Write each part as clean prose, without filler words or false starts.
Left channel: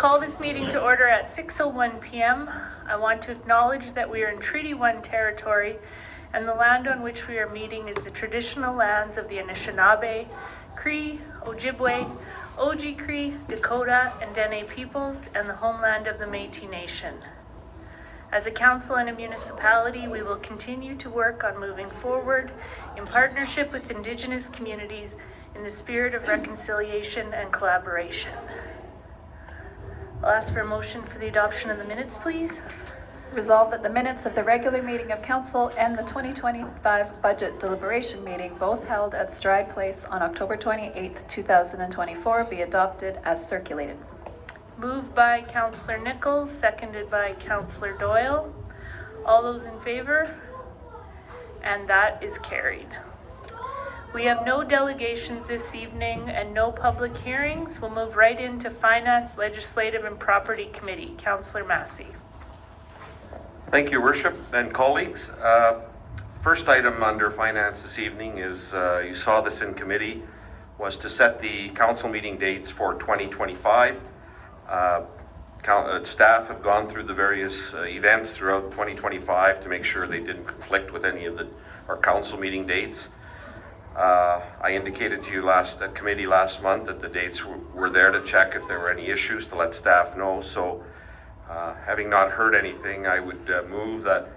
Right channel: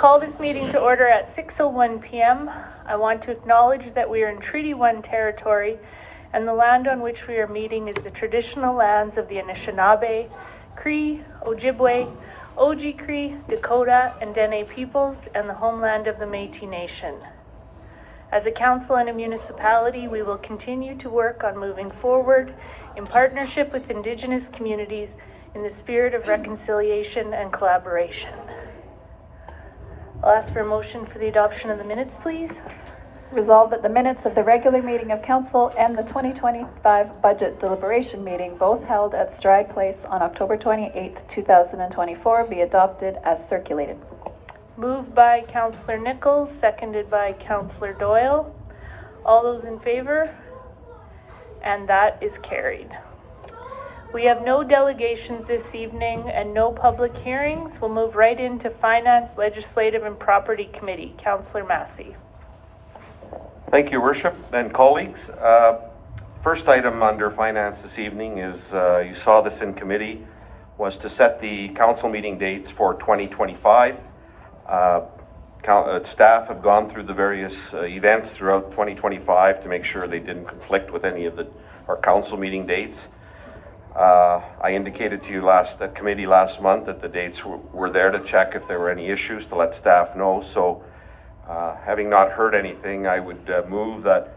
call this meeting to order at 6:01 p.m. I want to acknowledge that we are in Treaty 1 territory, and the land on which we are meeting is the traditional lands of the Anishinaabe, Cree, Ojibwe, Oji-Cree, Dakota, and Dene peoples, and the homeland of the Métis Nation. As a council and a municipality, we will continue to work on moving forward in partnership with Indigenous communities in the spirit of reconciliation and collaboration. I'll ask for a motion for the adoption of the minutes, please. Resolved that the minutes of the regular meeting of council and the 2025 budget deliberation meeting, both held at Stride Place on October 28th, 2024, be adopted as circulated. Moved by Councillor Nichols, seconded by Councillor Doyle. All those in favor? And that is carried. We have no delegations this evening and no public hearings. We'll move right into Finance, Legislative, and Property Committee. Councillor Massey. Thank you, Worship and colleagues. First item under Finance this evening is, you saw this in committee, was to set the council meeting dates for 2025. Staff have gone through the various events throughout 2025 to make sure they didn't conflict with any of our council meeting dates. I indicated to you at committee last month that the dates were there to check if there were any issues, to let staff know. So having not heard anything, I would move that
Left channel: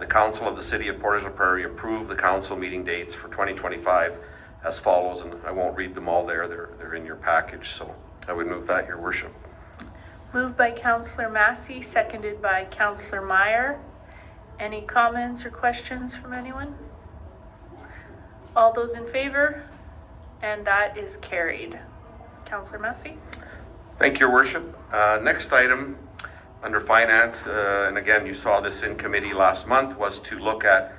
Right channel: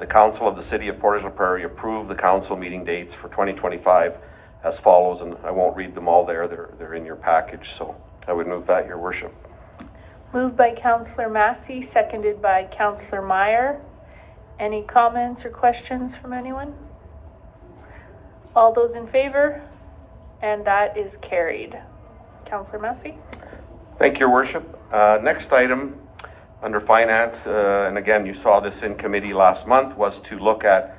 the Council of the City of Portage la Prairie approve the council meeting dates for 2025 as follows, and I won't read them all there. They're in your package, so I would move that, Your Worship. Moved by Councillor Massey, seconded by Councillor Meyer. Any comments or questions from anyone? All those in favor? And that is carried. Councillor Massey. Thank you, Your Worship. Next item under Finance, and again, you saw this in committee last month, was to look at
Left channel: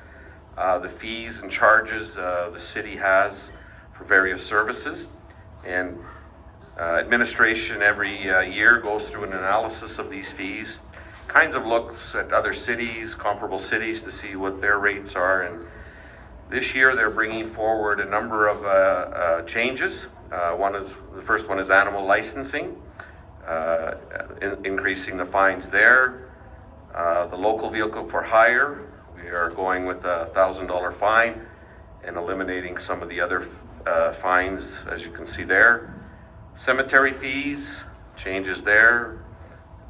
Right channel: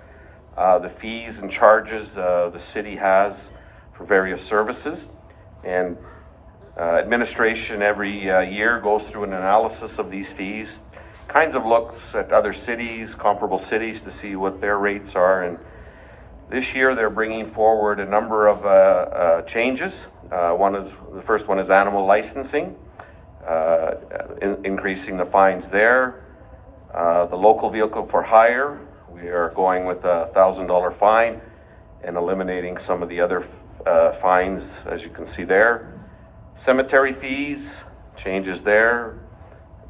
the fees and charges the city has for various services. And administration every year goes through an analysis of these fees, kinds of looks at other cities, comparable cities, to see what their rates are. And this year they're bringing forward a number of changes. The first one is animal licensing, increasing the fines there. The local vehicle for hire, we are going with a $1,000 fine and eliminating some of the other fines, as you can see there. Cemetery fees, changes there.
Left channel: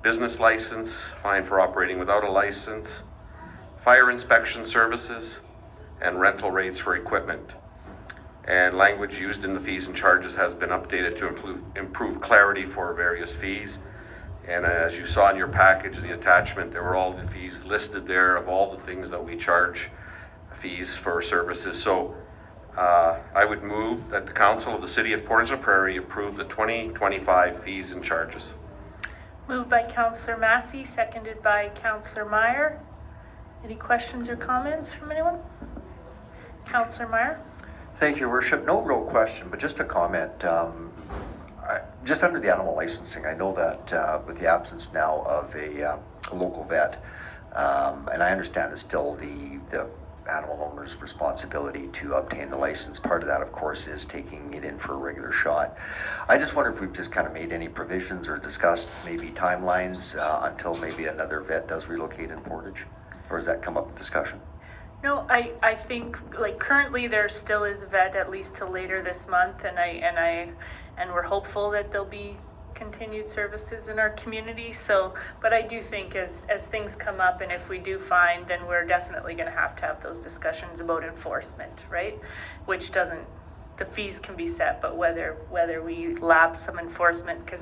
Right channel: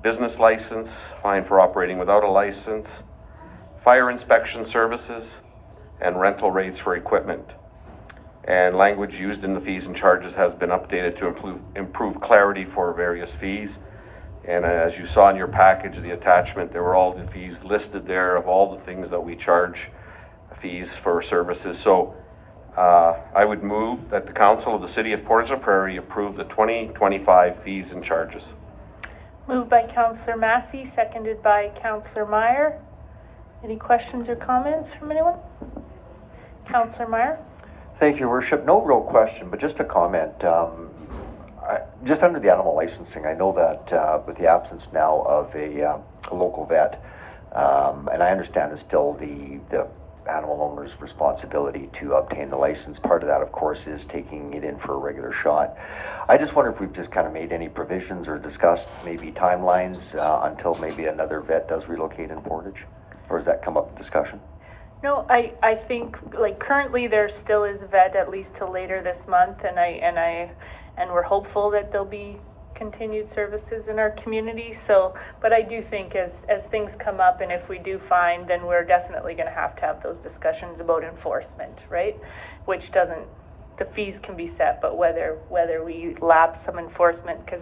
Business license, fine for operating without a license. Fire inspection services, and rental rates for equipment. And language used in the fees and charges has been updated to improve clarity for various fees. And as you saw in your package, the attachment, there were all the fees listed there of all the things that we charge fees for services. So I would move that the Council of the City of Portage la Prairie approve the 2025 fees and charges. Moved by Councillor Massey, seconded by Councillor Meyer. Any questions or comments from anyone? Councillor Meyer. Thank you, Worship. No real question, but just a comment. Just under the animal licensing, I know that with the absence now of a local vet, and I understand it's still the animal owner's responsibility to obtain the license. Part of that, of course, is taking it in for a regular shot. I just wonder if we've just kind of made any provisions or discussed maybe timelines until maybe another vet does relocate in Portage, or does that come up in discussion? No, I think like currently there still is a vet at least till later this month, and we're hopeful that there'll be continued services in our community. So, but I do think as things come up, and if we do find, then we're definitely going to have those discussions about enforcement, right? Which doesn't, the fees can be set, but whether we lapse some enforcement, because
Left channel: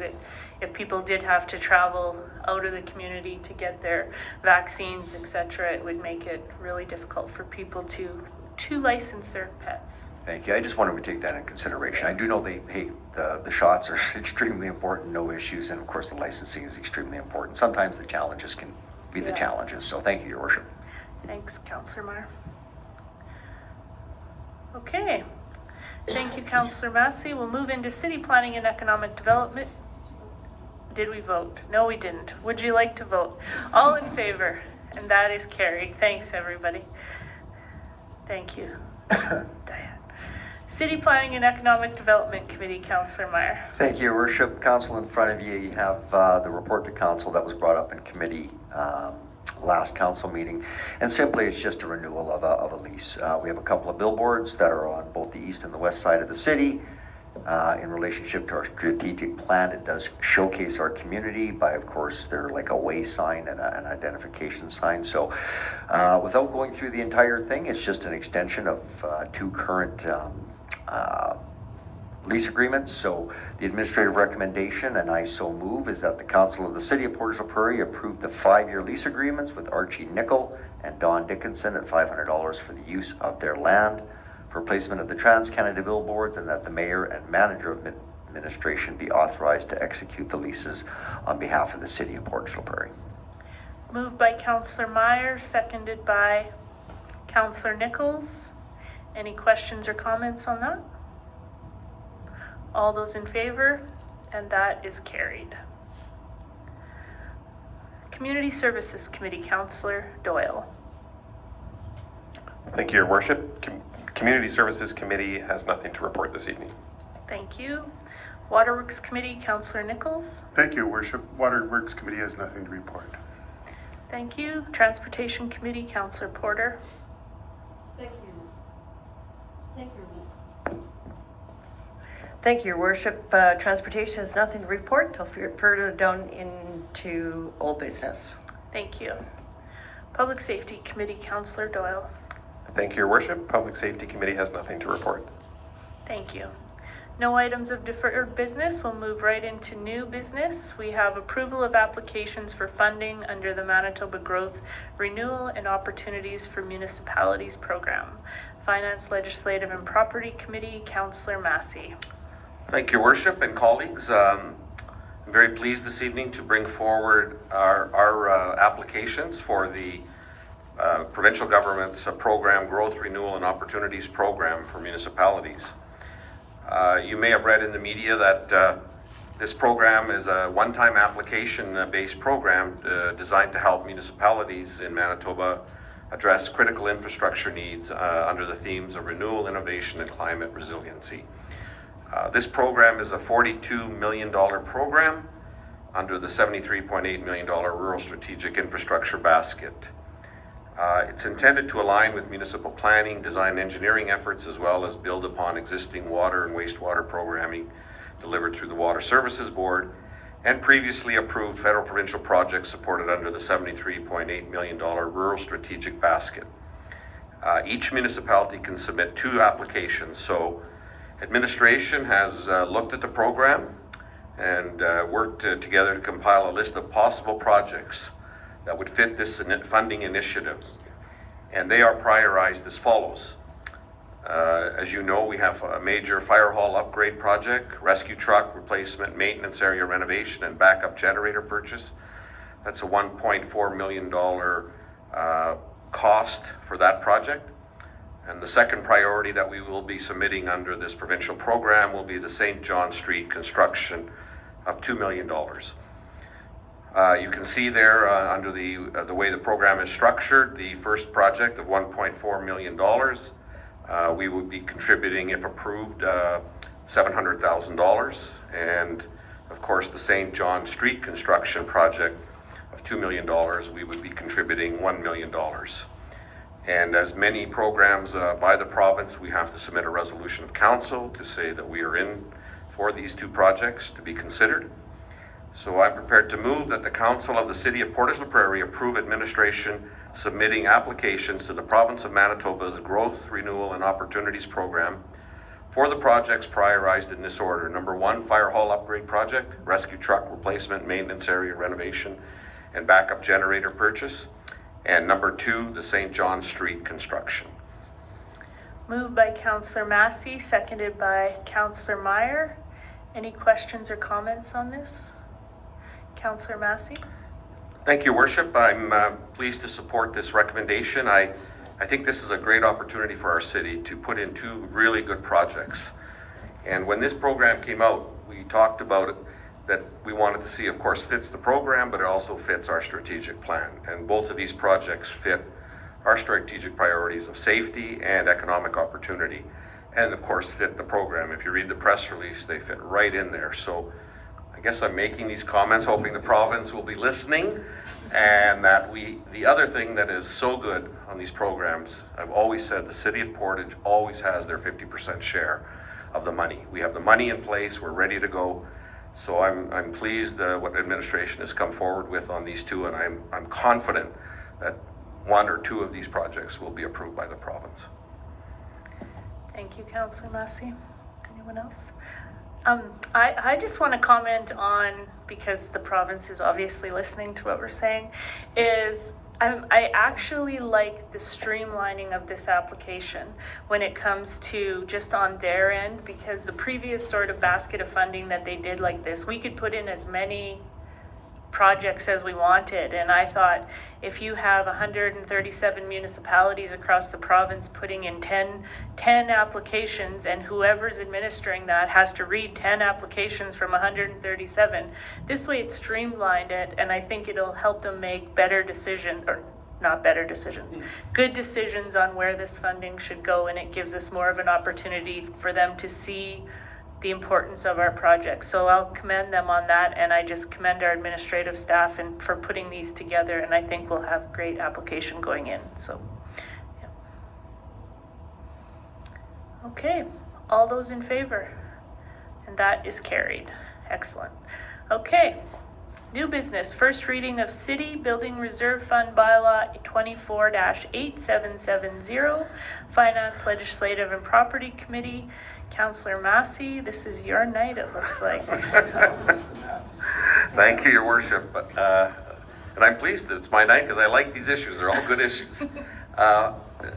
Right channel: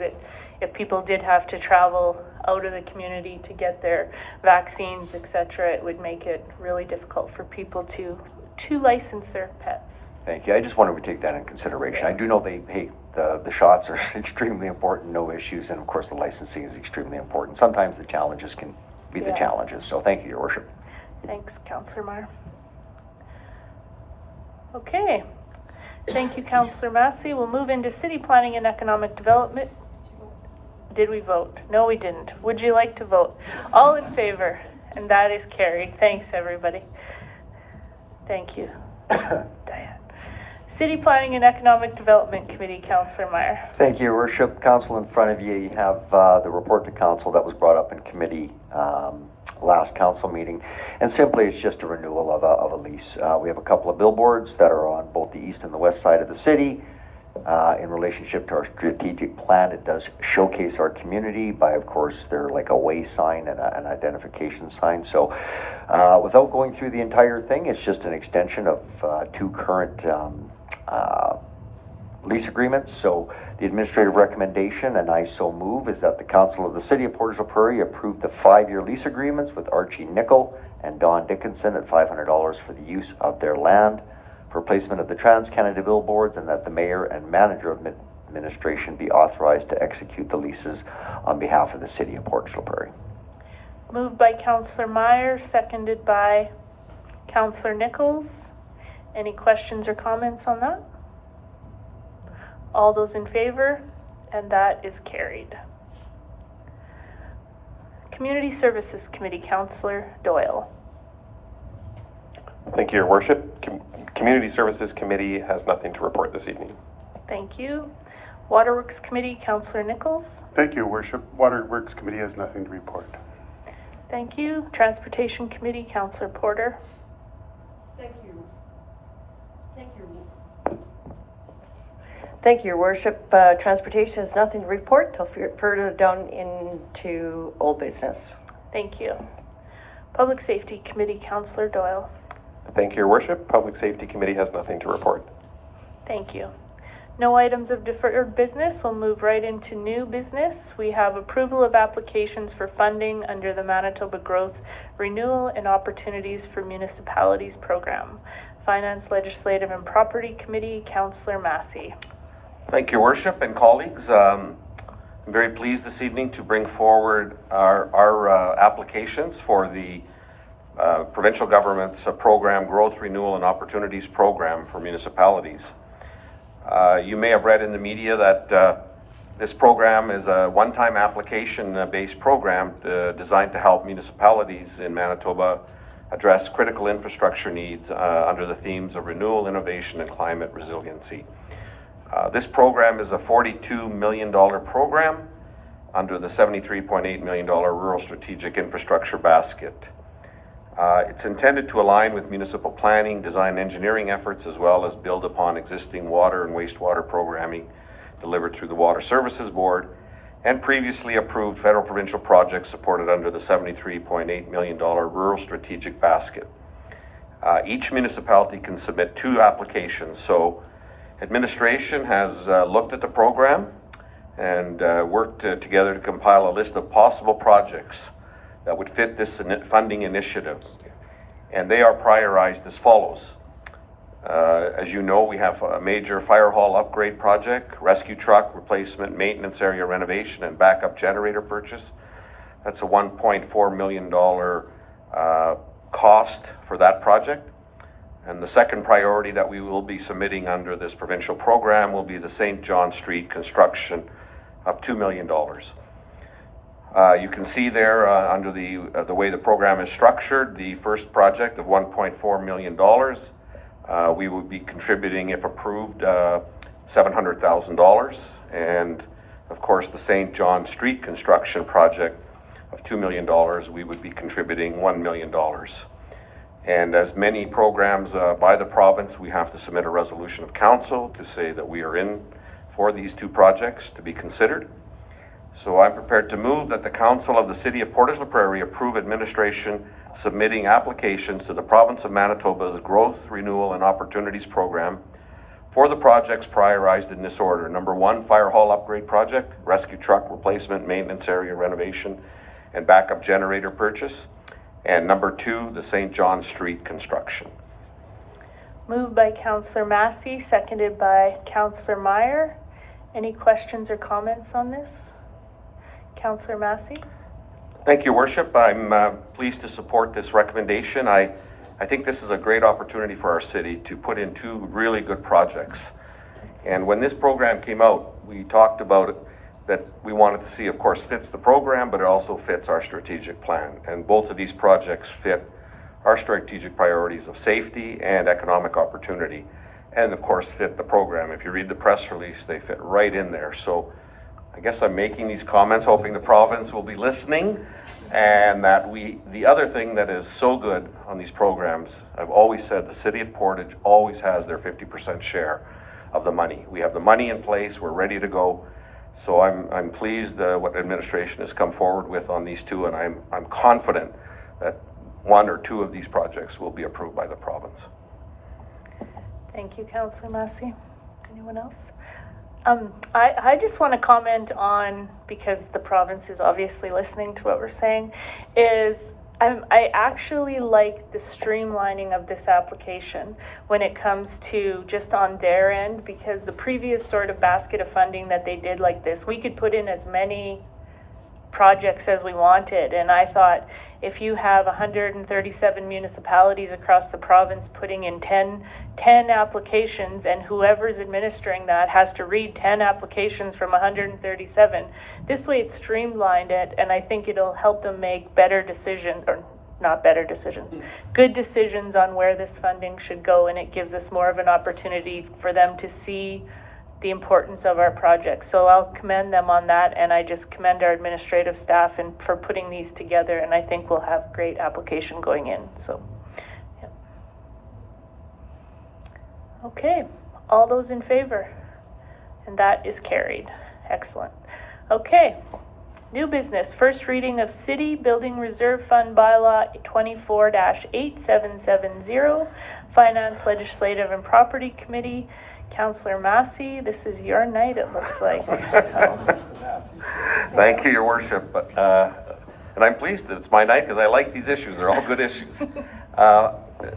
if people did have to travel out of the community to get their vaccines, etc., it would make it really difficult for people to license their pets. Thank you. I just wanted to take that in consideration. I do know the shots are extremely important, no issues, and of course the licensing is extremely important. Sometimes the challenges can be the challenges. So thank you, Your Worship. Thanks, Councillor Meyer. Okay. Thank you, Councillor Massey. We'll move into City Planning and Economic Development. Did we vote? No, we didn't. Would you like to vote? All in favor? And that is carried. Thanks, everybody. Thank you, Diane. City Planning and Economic Development Committee, Councillor Meyer. Thank you, Your Worship. Council, in front of you, you have the report to council that was brought up in committee last council meeting. And simply, it's just a renewal of a lease. We have a couple of billboards that are on both the east and the west side of the city. In relationship to our strategic plan, it does showcase our community by, of course, they're like a way sign and an identification sign. So without going through the entire thing, it's just an extension of two current lease agreements. So the administrative recommendation, and I so move, is that the Council of the City of Portage la Prairie approve the 5-year lease agreements with Archie Nickel and Don Dickinson at $500 for the use of their land for placement of the Trans-Canada billboards, and that the mayor and manager of administration be authorized to execute the leases on behalf of the City of Portage la Prairie. Moved by Councillor Meyer, seconded by Councillor Nichols. Any questions or comments on that? All those in favor, and that is carried. Community Services Committee, Councillor Doyle. Thank you, Your Worship. Community Services Committee has nothing to report this evening. Thank you. Waterworks Committee, Councillor Nichols. Thank you, Worship. Waterworks Committee has nothing to report. Thank you. Transportation Committee, Councillor Porter. Thank you, Your Worship. Transportation has nothing to report till further down into old business. Thank you. Public Safety Committee, Councillor Doyle. Thank you, Your Worship. Public Safety Committee has nothing to report. Thank you. No items of deferred business. We'll move right into new business. We have approval of applications for funding under the Manitoba Growth, Renewal and Opportunities for Municipalities Program. Finance, Legislative and Property Committee, Councillor Massey. Thank you, Your Worship and colleagues. I'm very pleased this evening to bring forward our applications for the provincial government's program, Growth, Renewal and Opportunities Program for municipalities. You may have read in the media that this program is a one-time application-based program designed to help municipalities in Manitoba address critical infrastructure needs under the themes of renewal, innovation, and climate resiliency. This program is a $42 million program under the $73.8 million Rural Strategic Infrastructure Basket. It's intended to align with municipal planning, design, and engineering efforts, as well as build upon existing water and wastewater programming delivered through the Water Services Board and previously approved federal provincial projects supported under the $73.8 million Rural Strategic Basket. Each municipality can submit 2 applications, so administration has looked at the program and worked together to compile a list of possible projects that would fit this funding initiative. And they are prioritized as follows. As you know, we have a major fire hall upgrade project, rescue truck replacement, maintenance area renovation, and backup generator purchase. That's a $1.4 million cost for that project. And the second priority that we will be submitting under this provincial program will be the St. John Street construction of $2 million. You can see there under the way the program is structured, the first project of $1.4 million, we would be contributing, if approved, $700,000. And of course, the St. John Street construction project of $2 million, we would be contributing $1 million. And as many programs by the province, we have to submit a resolution of council to say that we are in for these 2 projects to be considered. So I'm prepared to move that the Council of the City of Portage la Prairie approve administration submitting applications to the Province of Manitoba's Growth, Renewal and Opportunities Program for the projects prioritized in this order. Number 1, Fire Hall Upgrade Project, Rescue Truck Replacement, Maintenance Area Renovation, and Backup Generator Purchase. And number 2, the St. John Street construction. Moved by Councillor Massey, seconded by Councillor Meyer. Any questions or comments on this? Councillor Massey? Thank you, Worship. I'm pleased to support this recommendation. I think this is a great opportunity for our city to put in 2 really good projects. And when this program came out, we talked about it, that we wanted to see, of course, fits the program, but it also fits our strategic plan. And both of these projects fit our strategic priorities of safety and economic opportunity. and of course fit the program. If you read the press release, they fit right in there. So I guess I'm making these comments hoping the province will be listening, and that the other thing that is so good on these programs, I've always said the city of Portage always has their 50% share of the money. We have the money in place, we're ready to go. So I'm pleased what administration has come forward with on these two, and I'm confident that one or two of these projects will be approved by the province. Thank you, Councillor Massey. Anyone else? I just want to comment on, because the province is obviously listening to what we're saying, is I actually like the streamlining of this application when it comes to just on their end, because the previous sort of basket of funding that they did like this, we could put in as many projects as we wanted, and I thought if you have 137 municipalities across the province putting in 10 applications, and whoever's administering that has to read 10 applications from 137, this way it's streamlined it, and I think it'll help them make better decisions, or not better decisions, good decisions on where this funding should go, and it gives us more of an opportunity for them to see the importance of our project. So I'll commend them on that, and I just commend our administrative staff and for putting these together, and I think we'll have great application going in. So yeah. Okay, all those in favor? And that is carried. Excellent. Okay, new business, first reading of City Building Reserve Fund Bylaw 24-8770, Finance, Legislative and Property Committee. Councillor Massey, this is your night, it looks like. Thank you, Your Worship. And I'm pleased that it's my night because I like these issues. They're all good issues.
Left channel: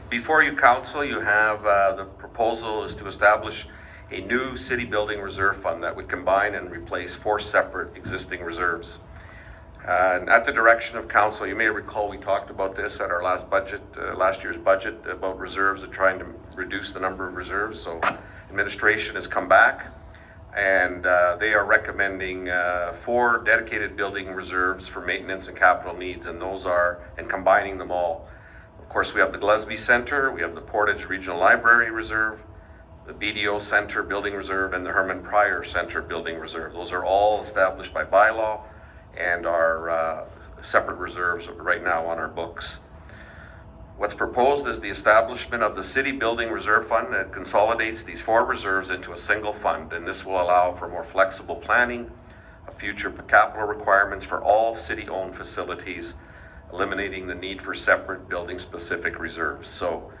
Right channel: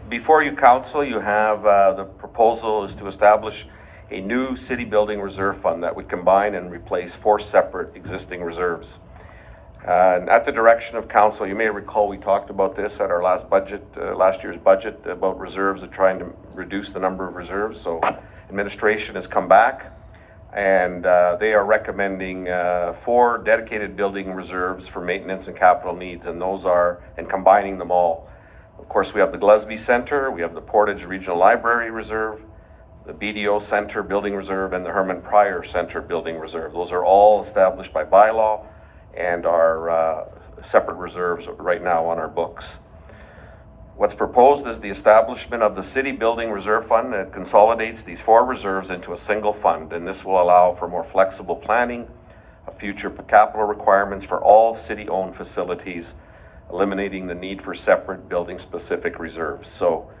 Before you, Council, you have the proposal is to establish a new city building reserve fund that would combine and replace 4 separate existing reserves. And at the direction of Council, you may recall we talked about this at our last year's budget, about reserves and trying to reduce the number of reserves. So administration has come back, and they are recommending 4 dedicated building reserves for maintenance and capital needs, and combining them all. Of course, we have the Gillespie Center, we have the Portage Regional Library Reserve, the BDO Center Building Reserve, and the Herman Pryor Center Building Reserve. Those are all established by bylaw and are separate reserves right now on our books. What's proposed is the establishment of the City Building Reserve Fund that consolidates these 4 reserves into a single fund, and this will allow for more flexible planning of future capital requirements for all city-owned facilities, eliminating the need for separate building-specific reserves. So,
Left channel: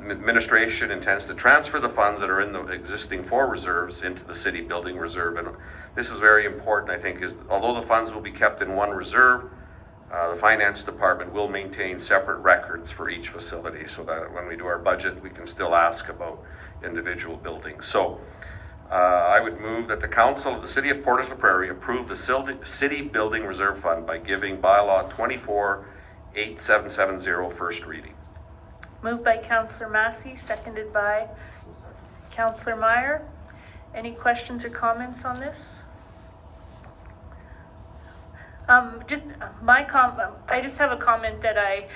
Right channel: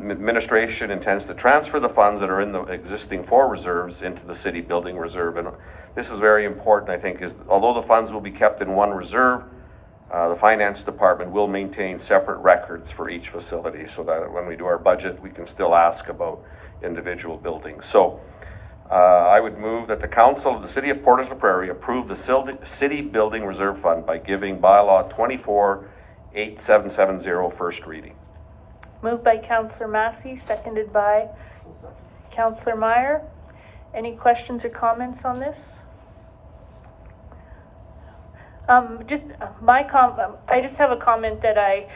administration intends to transfer the funds that are in the existing 4 reserves into the City Building Reserve, and this is very important, I think, is although the funds will be kept in one reserve, the Finance Department will maintain separate records for each facility so that when we do our budget, we can still ask about individual buildings. So I would move that the Council of the City of Portage la Prairie approve the City Building Reserve Fund by giving Bylaw 24-8770 first reading. Moved by Councillor Massey, seconded by Councillor Meyer. Any questions or comments on this? I just have a comment that I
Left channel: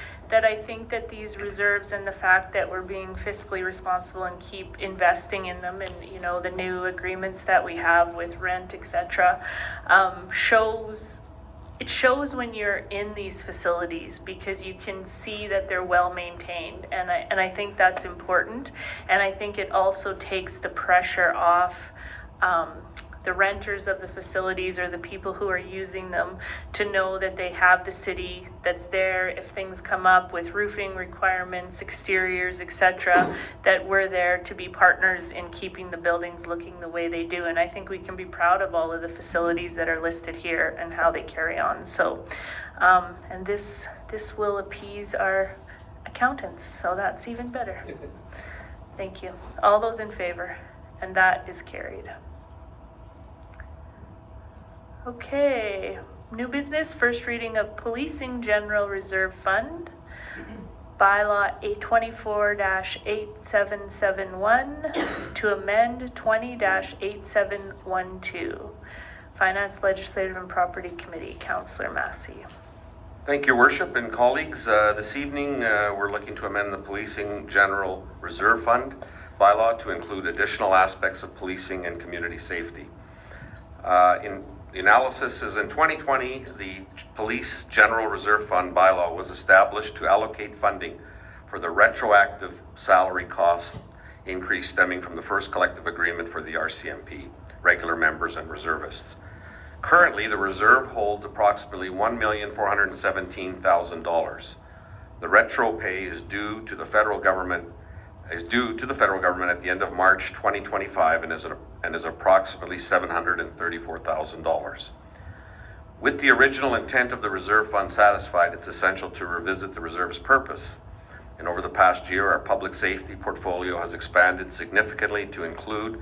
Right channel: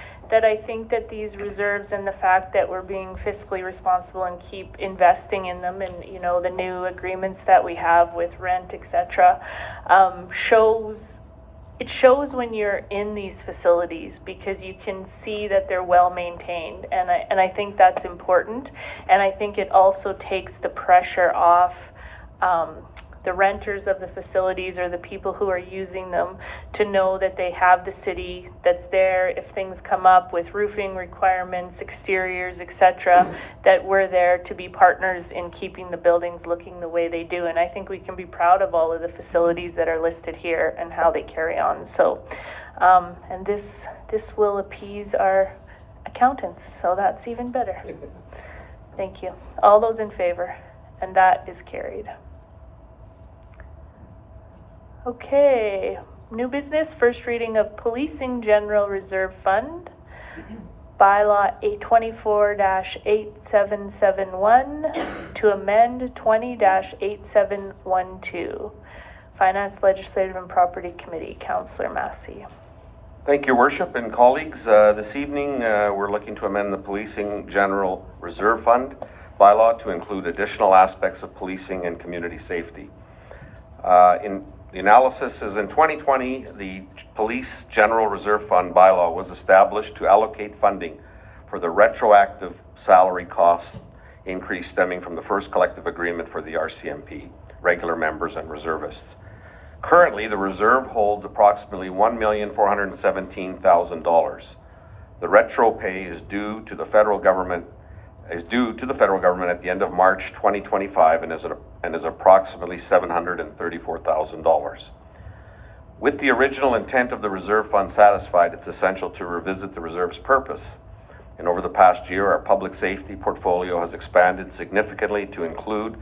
think that these reserves and the fact that we're being fiscally responsible and keep investing in them, and the new agreements that we have with rent, etc., shows when you're in these facilities, because you can see that they're well maintained, and I think that's important, and I think it also takes the pressure off the renters of the facilities or the people who are using them to know that they have the city that's there if things come up with roofing requirements, exteriors, etc., that we're there to be partners in keeping the buildings looking the way they do. And I think we can be proud of all of the facilities that are listed here and how they carry on. So, and this will appease our accountants, so that's even better. Thank you. All those in favor? And that is carried. Okay, new business, first reading of Policing General Reserve Fund, Bylaw 24-8771 to amend 20-8712. Finance, Legislative and Property Committee, Councillor Massey. Thank you, Worship and colleagues. This evening, we're looking to amend the Policing General Reserve Fund bylaw to include additional aspects of policing and community safety. In the analysis is in 2020, the Police General Reserve Fund bylaw was established to allocate funding for the retroactive salary cost increase stemming from the first collective agreement for the RCMP, regular members and reservists. Currently, the reserve holds approximately $1,417,000. The retro pay is due to the federal government at the end of March 2025 and is approximately $734,000. With the original intent of the reserve fund satisfied, it's essential to revisit the reserve's purpose. And over the past year, our public safety portfolio has expanded significantly to include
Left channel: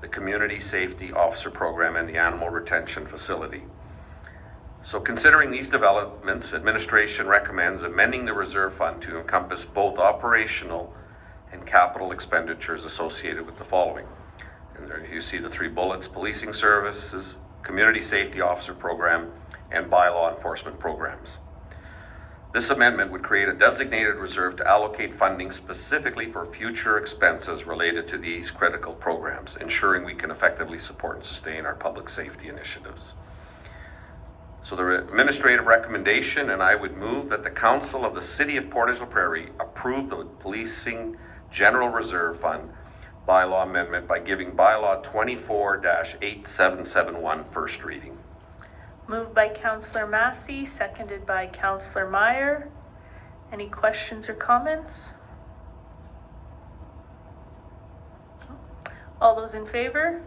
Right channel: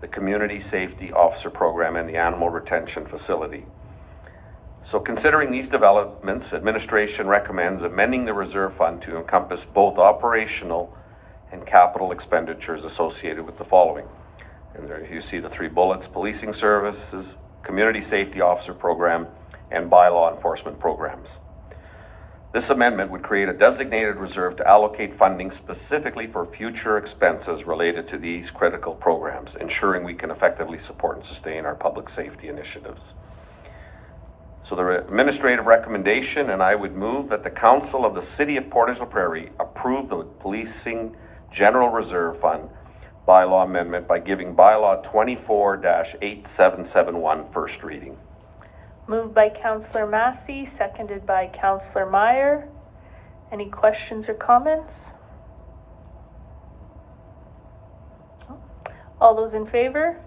the Community Safety Officer Program and the Animal Retention Facility. So considering these developments, administration recommends amending the reserve fund to encompass both operational and capital expenditures associated with the following. And there you see the three bullets: policing services, Community Safety Officer Program, and bylaw enforcement programs. This amendment would create a designated reserve to allocate funding specifically for future expenses related to these critical programs, ensuring we can effectively support and sustain our public safety initiatives. So the administrative recommendation, and I would move that the Council of the City of Portage la Prairie approve the Policing General Reserve Fund bylaw amendment by giving bylaw 24-8771 first reading. Moved by Councillor Massey, seconded by Councillor Meyer. Any questions or comments? All those in favor?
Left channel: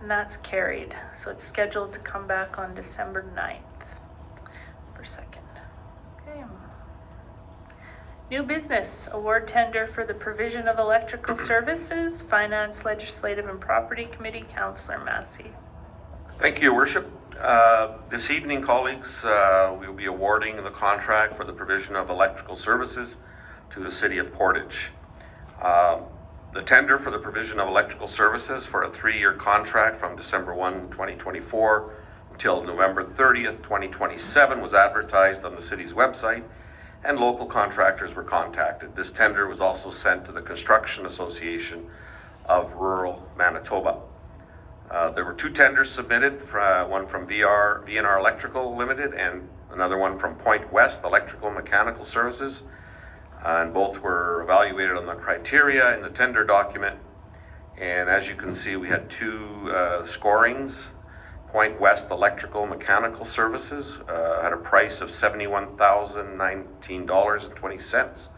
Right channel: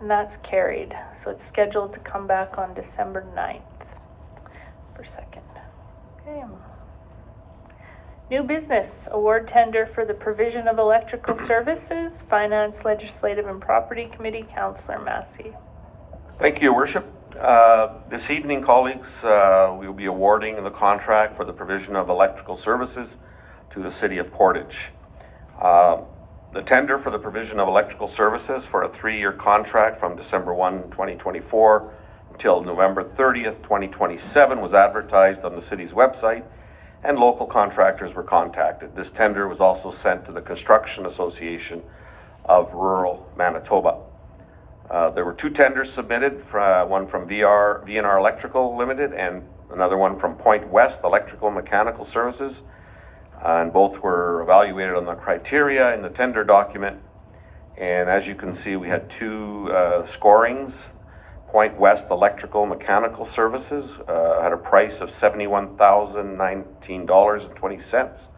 And that's carried. So it's scheduled to come back on December 9th for second. Okay. New business, award tender for the provision of electrical services, Finance, Legislative and Property Committee, Councillor Massey. Thank you, Your Worship. This evening, colleagues, we will be awarding the contract for the provision of electrical services to the City of Portage. The tender for the provision of electrical services for a 3-year contract from December 1, 2024 until November 30th, 2027 was advertised on the city's website and local contractors were contacted. This tender was also sent to the Construction Association of Rural Manitoba. There were 2 tenders submitted, one from VNR Electrical Limited and another one from Point West Electrical Mechanical Services. And both were evaluated on the criteria in the tender document. And as you can see, we had 2 scorings. Point West Electrical Mechanical Services had a price of $71,019.20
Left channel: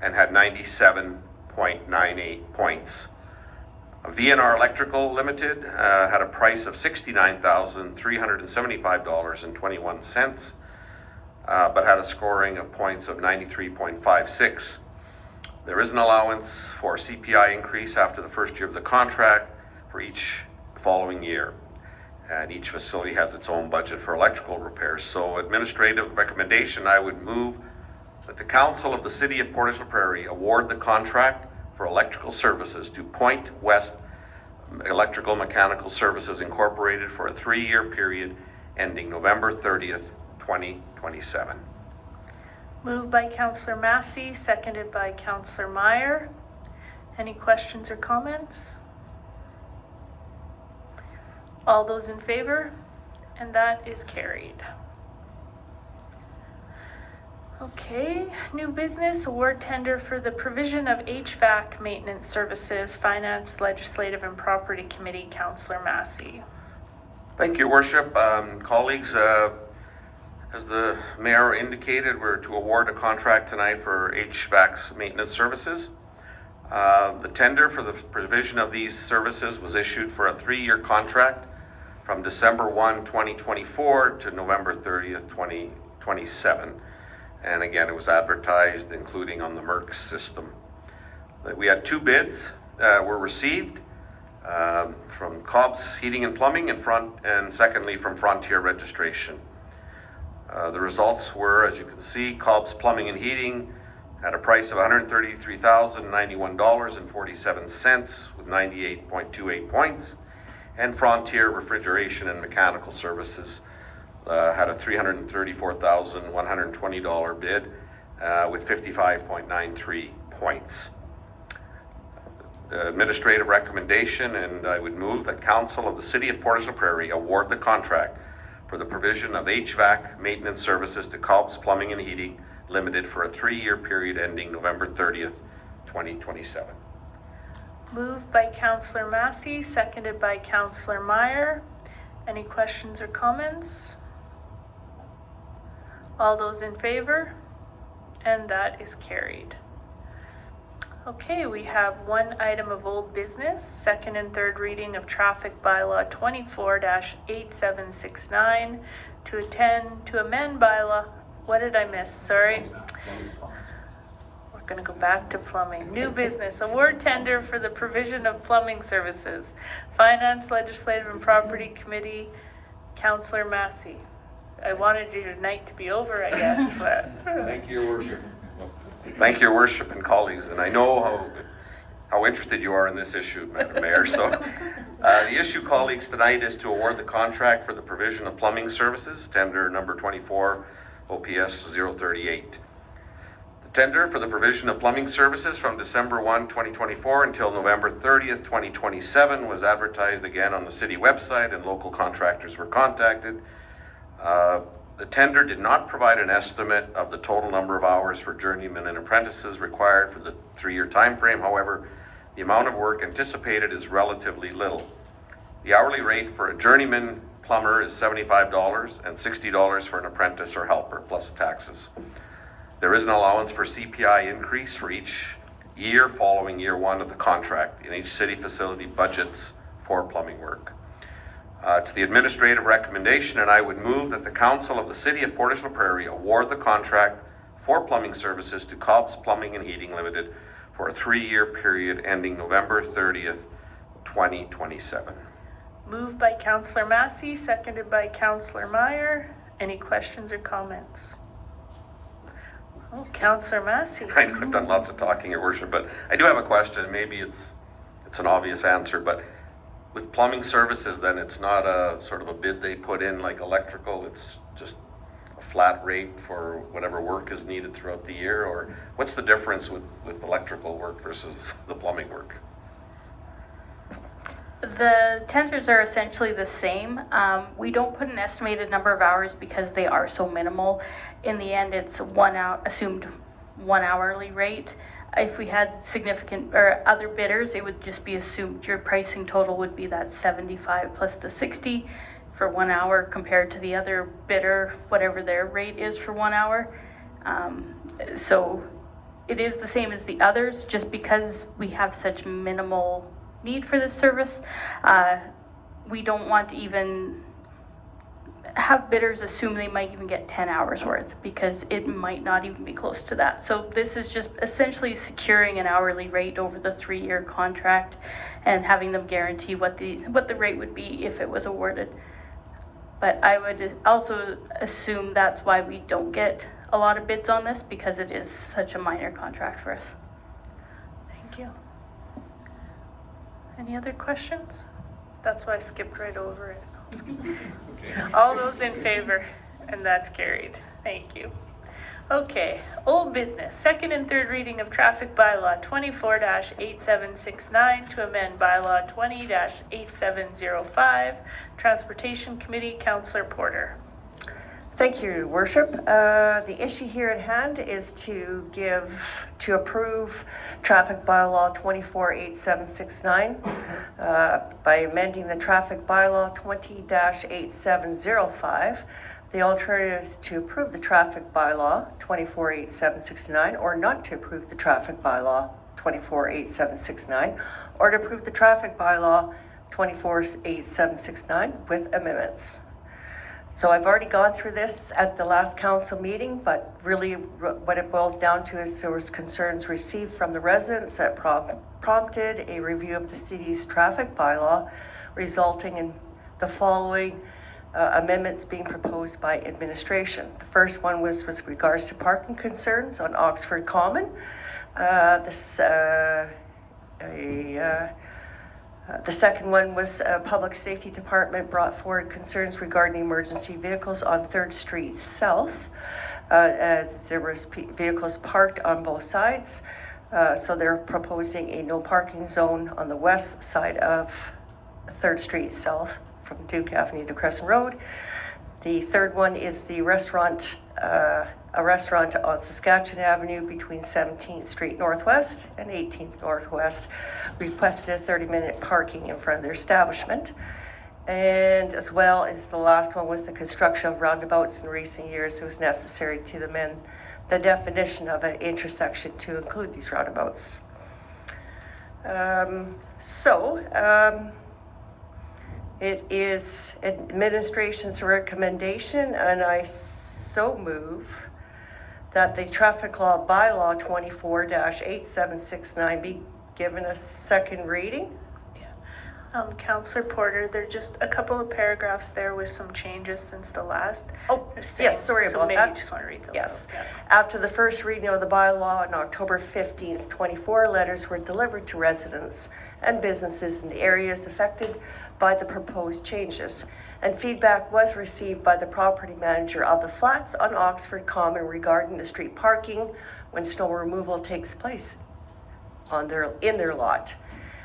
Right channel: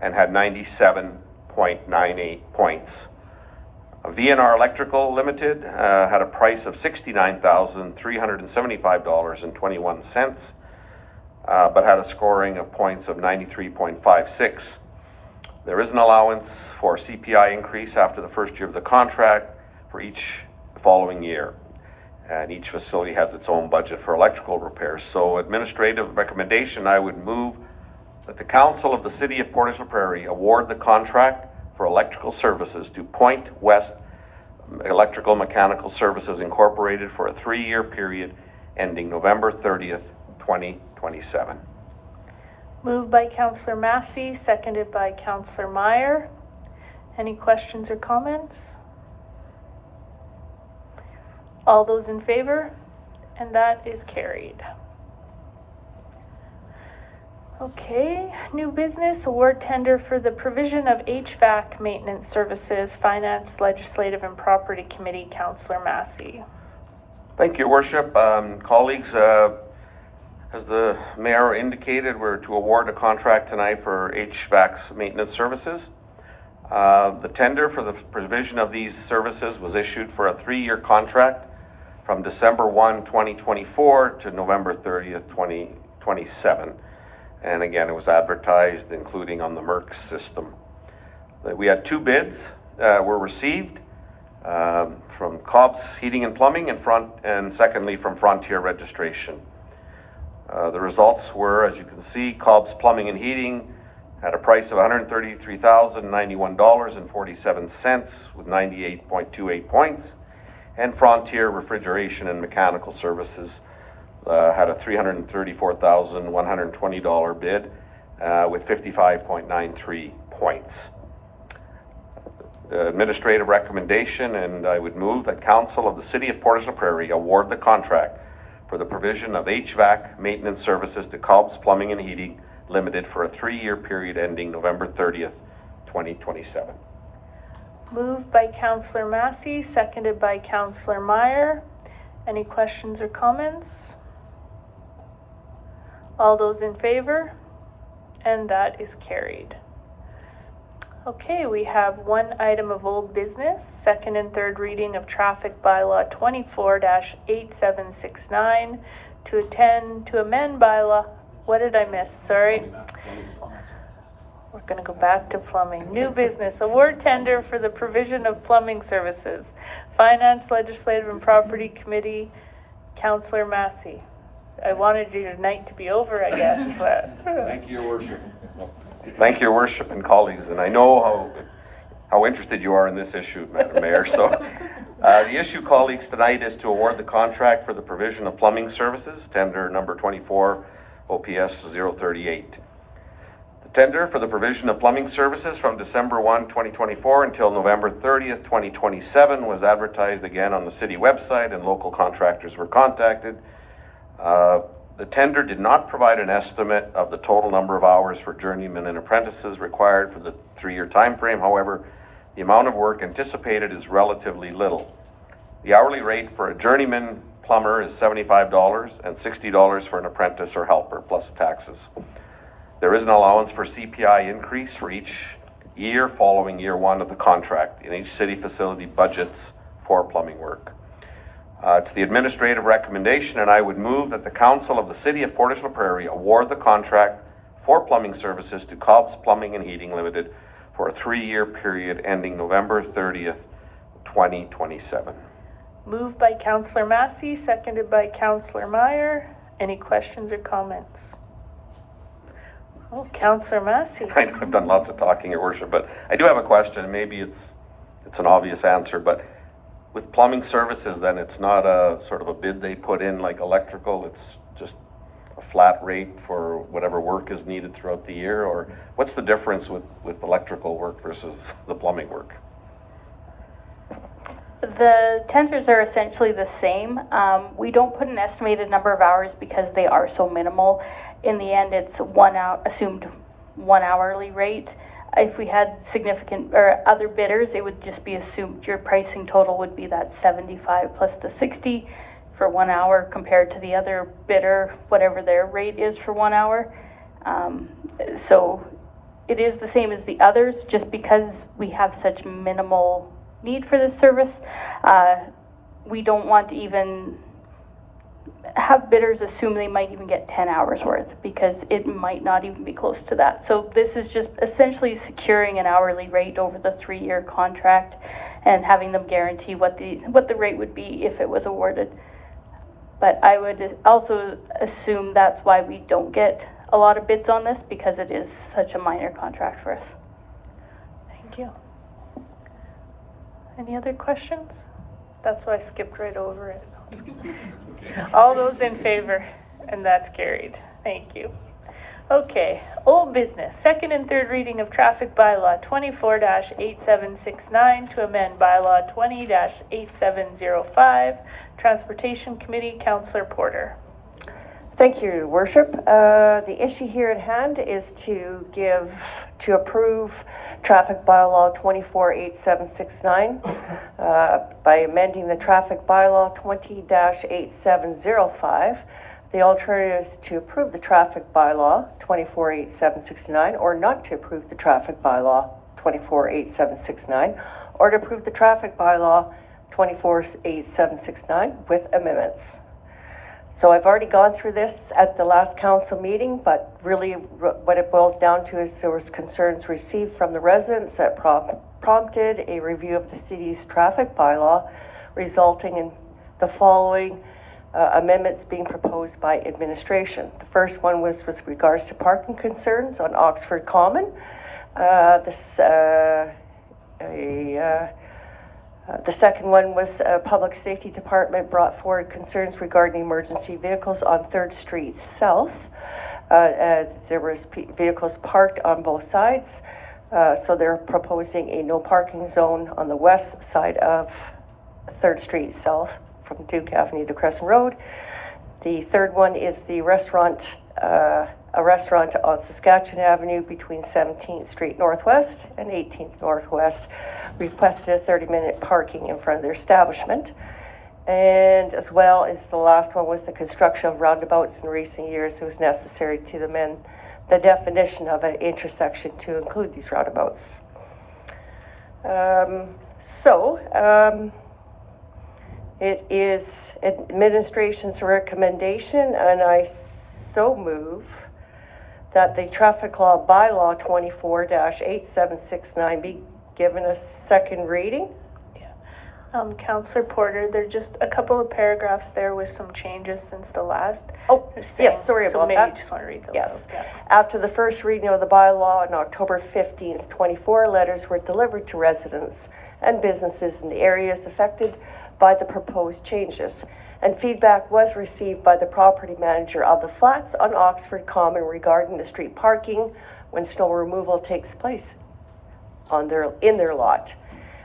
and had 97.98 points. VNR Electrical Limited had a price of $69,375.21, but had a scoring of points of 93.56. There is an allowance for CPI increase after the first year of the contract for each following year. And each facility has its own budget for electrical repairs. So administrative recommendation, I would move that the Council of the City of Portage la Prairie award the contract for electrical services to Point West Electrical Mechanical Services Incorporated for a 3-year period ending November 30th, 2027. Moved by Councillor Massey, seconded by Councillor Meyer. Any questions or comments? All those in favor? And that is carried. Okay, new business, award tender for the provision of HVAC maintenance services, Finance, Legislative and Property Committee, Councillor Massey. Thank you, Worship. Colleagues, as the Mayor indicated, we're to award a contract tonight for HVAC maintenance services. The tender for the provision of these services was issued for a 3-year contract from December 1, 2024 to November 30th, 2027. And again, it was advertised, including on the MERC system. We had 2 bids were received from Cobb's Heating and Plumbing and secondly from Frontier Registration. The results were, as you can see, Cobb's Plumbing and Heating had a price of $133,091.47 with 98.28 points, and Frontier Refrigeration and Mechanical Services had a $334,120 bid with 55.93 points. administrative recommendation, and I would move that Council of the City of Portage la Prairie award the contract for the provision of HVAC maintenance services to Cobb's Plumbing and Heating Limited for a 3-year period ending November 30th, 2027. Moved by Councillor Massey, seconded by Councillor Meyer. Any questions or comments? All those in favor? And that is carried. Okay, we have one item of old business, second and third reading of traffic bylaw 24-8769 to amend bylaw. What did I miss? Sorry. We're gonna go back to plumbing. New business, award tender for the provision of plumbing services. Finance, Legislative and Property Committee, Councillor Massey. I wanted you tonight to be over, I guess, but. Thank you, Your Worship. Thank you, Your Worship and colleagues, and I know how interested you are in this issue, Madam Mayor. So, the issue, colleagues, tonight is to award the contract for the provision of plumbing services, tender number 24 OPS 038. The tender for the provision of plumbing services from December 1, 2024 until November 30th, 2027 was advertised again on the city website, and local contractors were contacted. The tender did not provide an estimate of the total number of hours for journeymen and apprentices required for the 3-year time frame. However, the amount of work anticipated is relatively little. The hourly rate for a journeyman plumber is $75 and $60 for an apprentice or helper, plus taxes. There is an allowance for CPI increase for each year following year 1 of the contract, and each city facility budgets for plumbing work. It's the administrative recommendation, and I would move that the Council of the City of Portage la Prairie award the contract for plumbing services to Cobb's Plumbing and Heating Limited for a 3-year period ending November 30th, 2027. Moved by Councillor Massey, seconded by Councillor Meyer. Any questions or comments? Oh, Councillor Massey. I know I've done lots of talking, Your Worship, but I do have a question. Maybe it's an obvious answer, but with plumbing services, then it's not a sort of a bid they put in like electrical, it's just a flat rate for whatever work is needed throughout the year? Or what's the difference with electrical work versus the plumbing work? The tenders are essentially the same. We don't put an estimated number of hours because they are so minimal. In the end, it's assumed 1 hourly rate. If we had significant or other bidders, it would just be assumed your pricing total would be that 75 plus the 60 for 1 hour compared to the other bidder, whatever their rate is for 1 hour. So it is the same as the others, just because we have such minimal need for this service. We don't want to even have bidders assume they might even get 10 hours worth, because it might not even be close to that. So this is just essentially securing an hourly rate over the 3-year contract and having them guarantee what the rate would be if it was awarded. But I would also assume that's why we don't get a lot of bids on this, because it is such a minor contract for us. Thank you. Any other questions? That's why I skipped right over it. All those in favor, and that's carried. Thank you. Okay, old business, second and third reading of traffic bylaw 24-8769 to amend bylaw 20-8705. Transportation Committee, Councillor Porter. Thank you, Your Worship. The issue here at hand is to approve traffic bylaw 24-8769 by amending the traffic bylaw 20-8705. The alternative is to approve the traffic bylaw 24-8769, or not to approve the traffic bylaw 24-8769, or to approve the traffic bylaw 24-8769 with amendments. So I've already gone through this at the last council meeting, but really what it boils down to is there was concerns received from the residents that prompted a review of the city's traffic bylaw, resulting in the following amendments being proposed by administration. The first one was with regards to parking concerns on Oxford Common. The second one was Public Safety Department brought forward concerns regarding emergency vehicles on 3rd Street South. There was vehicles parked on both sides. So they're proposing a no parking zone on the west side of 3rd Street South from Duke Avenue to Crescent Road. The third one is the restaurant, a restaurant on Saskatchewan Avenue between 17th Street Northwest and 18th Northwest. Requested a 30-minute parking in front of their establishment. And as well as the last one was the construction of roundabouts in recent years. It was necessary to amend the definition of an intersection to include these roundabouts. It is administration's recommendation, and I so move that the traffic law bylaw 24-8769 be given a second reading. Councillor Porter, there are just a couple of paragraphs there with some changes since the last. Oh, yes, sorry so about maybe that. you just want to read those. Yes. out, yeah. After the first reading of the bylaw on October 15th, 24 letters were delivered to residents and businesses in the areas affected by the proposed changes, and feedback was received by the property manager of the flats on Oxford Common regarding the street parking when snow removal takes place in their lot.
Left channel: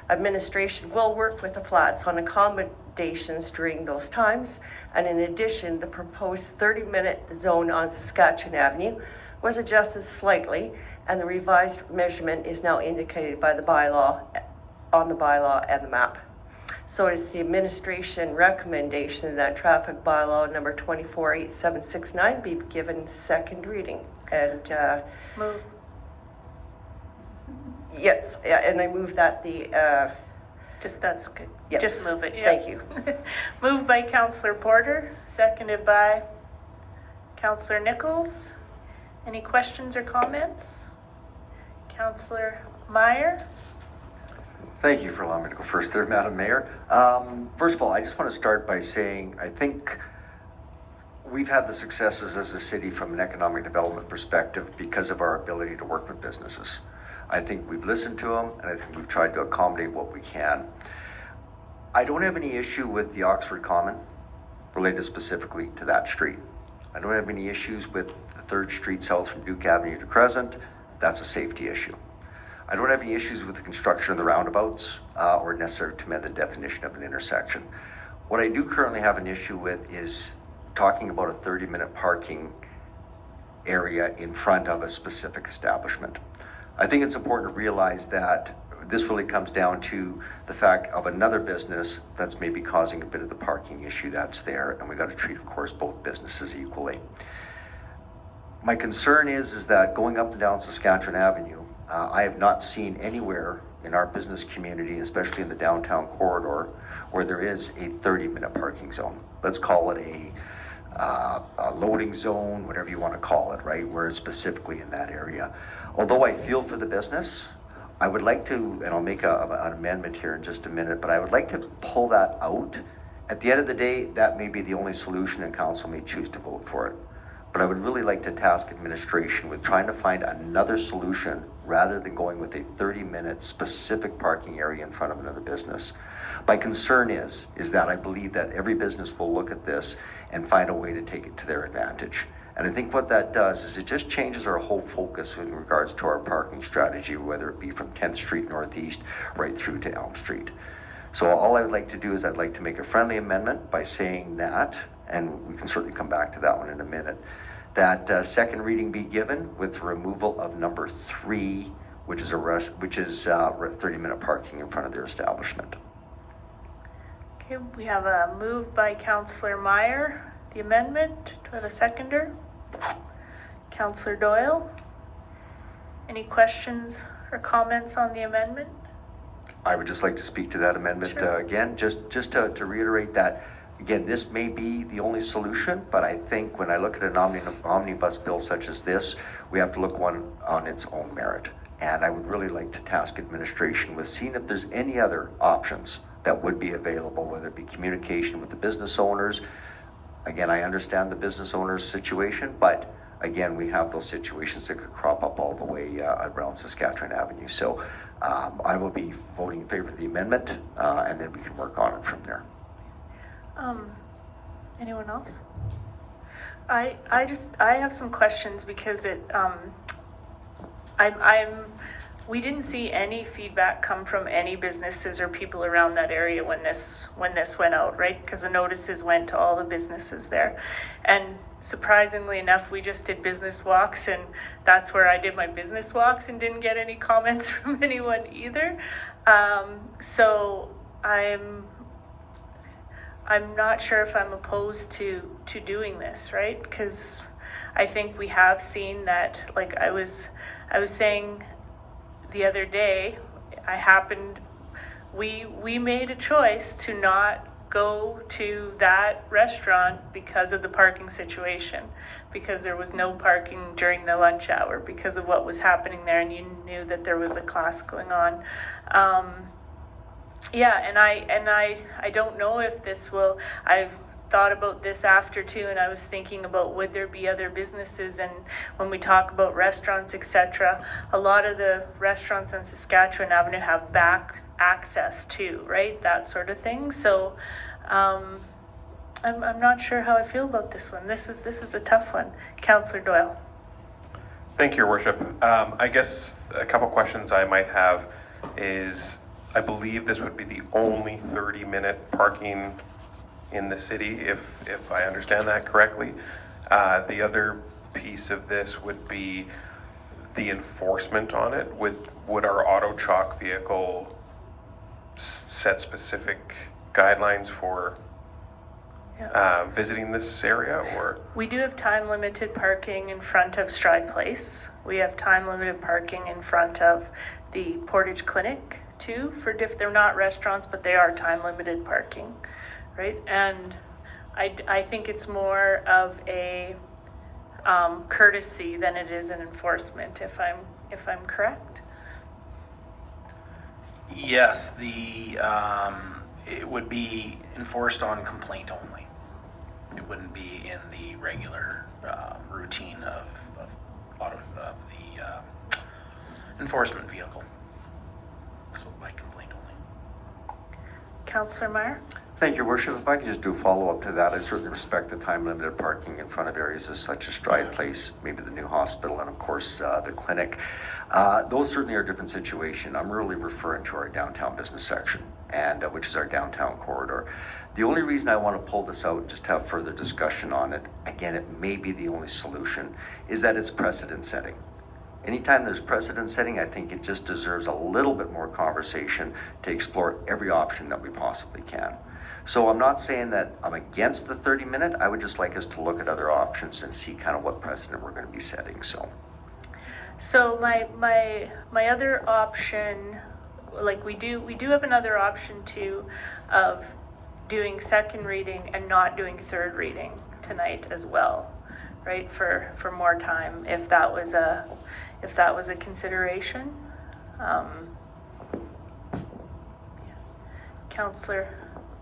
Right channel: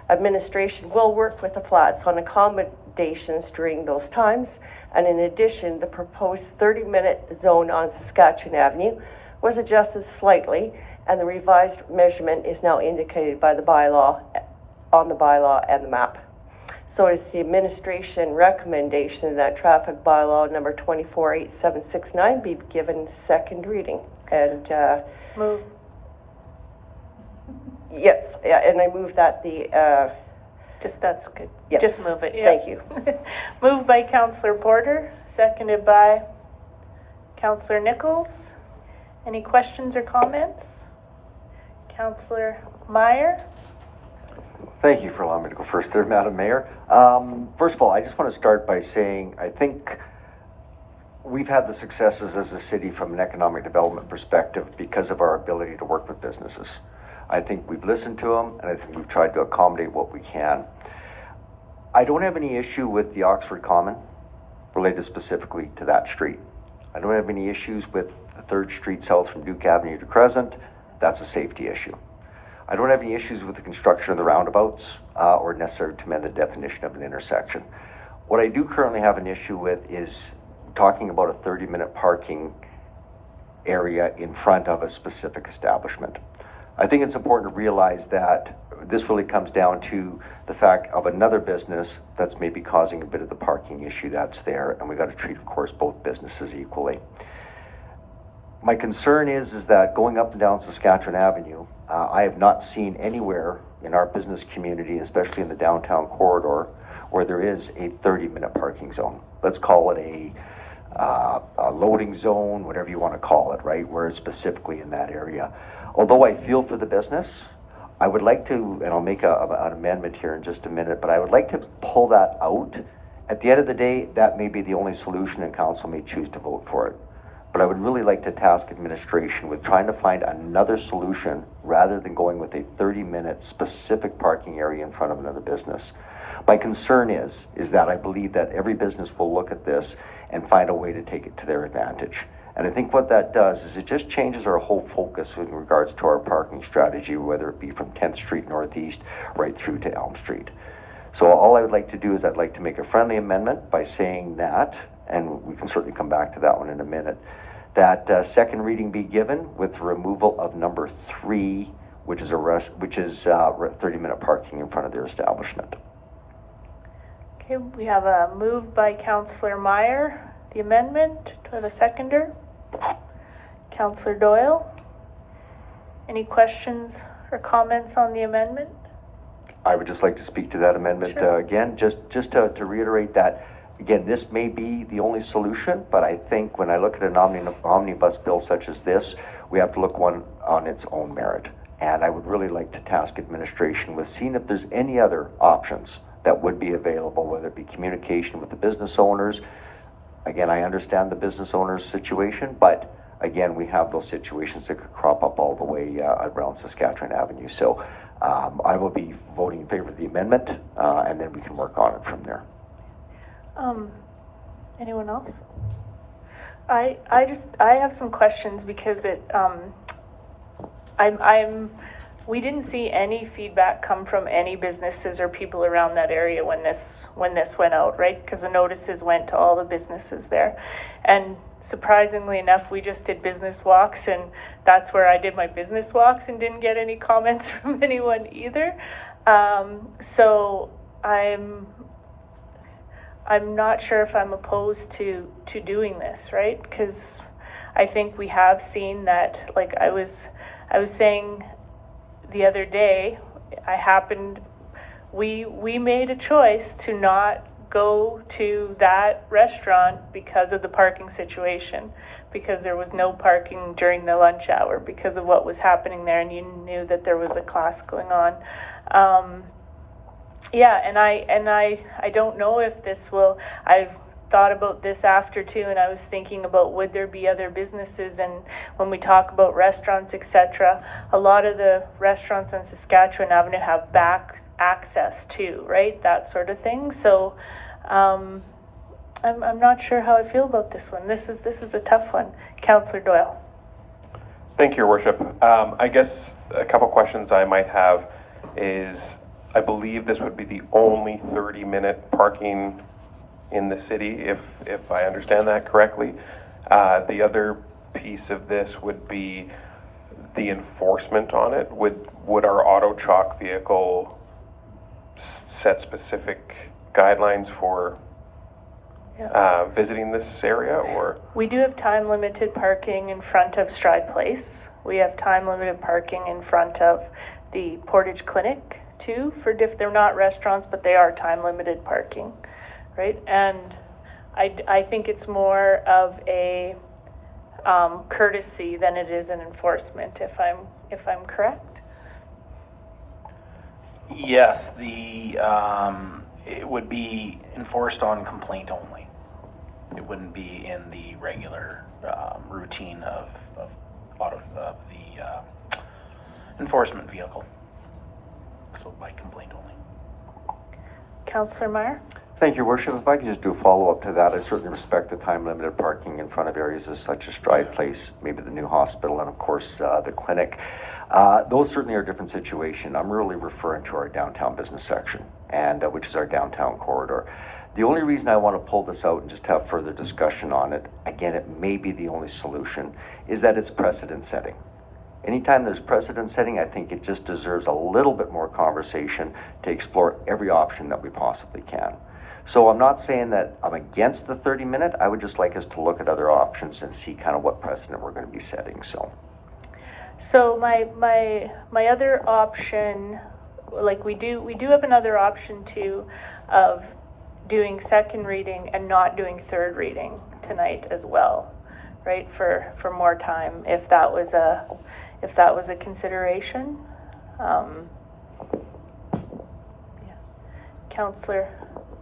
Administration will work with the flats on accommodations during those times, and in addition, the proposed 30-minute zone on Saskatchewan Avenue was adjusted slightly, and the revised measurement is now indicated by the bylaw, on the bylaw and the map. So it is the administration recommendation that traffic bylaw number 24-8769 be given second reading. And Move. yes, and I move that the That's good. yes. Just move it. Yeah. Thank you. Moved by Councillor Porter, seconded by Councillor Nichols. Any questions or comments? Councillor Meyer? Thank you for allowing me to go first there, Madam Mayor. First of all, I just want to start by saying I think we've had the successes as a city from an economic development perspective because of our ability to work with businesses. I think we've listened to them, and I think we've tried to accommodate what we can. I don't have any issue with the Oxford Common related specifically to that street. I don't have any issues with the 3rd Street South from Duke Avenue to Crescent. That's a safety issue. I don't have any issues with the construction of the roundabouts or necessary to amend the definition of an intersection. What I do currently have an issue with is talking about a 30-minute parking area in front of a specific establishment. I think it's important to realize that this really comes down to the fact of another business that's maybe causing a bit of the parking issue that's there, and we got to treat, of course, both businesses equally. My concern is that going up and down Saskatchewan Avenue, I have not seen anywhere in our business community, especially in the downtown corridor, where there is a 30-minute parking zone. Let's call it a loading zone, whatever you want to call it, right? Where it's specifically in that area. Although I feel for the business, I would like to, and I'll make an amendment here in just a minute, but I would like to pull that out. At the end of the day, that may be the only solution, and council may choose to vote for it. But I would really like to task administration with trying to find another solution rather than going with a 30-minute specific parking area in front of another business. My concern is that I believe that every business will look at this and find a way to take it to their advantage. And I think what that does is it just changes our whole focus in regards to our parking strategy, whether it be from 10th Street Northeast right through to Elm Street. So all I would like to do is I'd like to make a friendly amendment by saying that, and we can certainly come back to that one in a minute, that second reading be given with removal of number 3, which is 30-minute parking in front of their establishment. Okay, we have a move by Councillor Meyer, the amendment. Do we have a seconder? Councillor Doyle? Any questions or comments on the amendment? I would just like to speak to that amendment Sure. again, just to reiterate that, again, this may be the only solution, but I think when I look at an omnibus bill such as this, we have to look one on its own merit. And I would really like to task administration with seeing if there's any other options that would be available, whether it be communication with the business owners. Again, I understand the business owner's situation, but again, we have those situations that could crop up all the way around Saskatchewan Avenue. So I will be voting in favor of the amendment, and then we can work on it from there. Anyone else? I have some questions because I'm we didn't see any feedback come from any businesses or people around that area when this went out, right? Because the notices went to all the businesses there. And surprisingly enough, we just did business walks, and that's where I did my business walks and didn't get any comments from anyone either. So I'm not sure if I'm opposed to doing this, right? Because I think we have seen that, like I was saying the other day, we made a choice to not go to that restaurant because of the parking situation, because there was no parking during the lunch hour because of what was happening there, and you knew that there was a class going on. Yeah, and I don't know if this will. I've thought about this after too, and I was thinking about would there be other businesses, and when we talk about restaurants, etc., a lot of the restaurants on Saskatchewan Avenue have back access too, right? That sort of thing. So I'm not sure how I feel about this one. This is a tough one. Councillor Doyle. Thank you, Your Worship. I guess a couple questions I might have is, I believe this would be the only 30-minute parking in the city, if I understand that correctly. The other piece of this would be the enforcement on it. Would our auto chalk vehicle set specific guidelines for visiting this area, or? We do have time limited parking in front of Stride Place. We have time limited parking in front of the Portage Clinic too, they're not restaurants, but they are time limited parking, right? And I think it's more of a courtesy than it is an enforcement, if I'm correct. Yes, it would be enforced on complaint only. It wouldn't be in the regular routine of the enforcement vehicle. So by complaint only. Councillor Meyer? Thank you, Worship. If I could just do a follow-up to that, I certainly respect the time-limited parking in front of areas such as Stride Place, maybe the new hospital, and of course the clinic. Those certainly are a different situation. I'm really referring to our downtown business section, and which is our downtown corridor. The only reason I want to pull this out and just have further discussion on it, again, it may be the only solution, is that it's precedent setting. Anytime there's precedent setting, I think it just deserves a little bit more conversation to explore every option that we possibly can. So I'm not saying that I'm against the 30-minute. I would just like us to look at other options and see kind of what precedent we're going to be setting. So my other option, like we do have another option too, of doing second reading and not doing third reading tonight as well, right? For more time, if that was a consideration. Councillor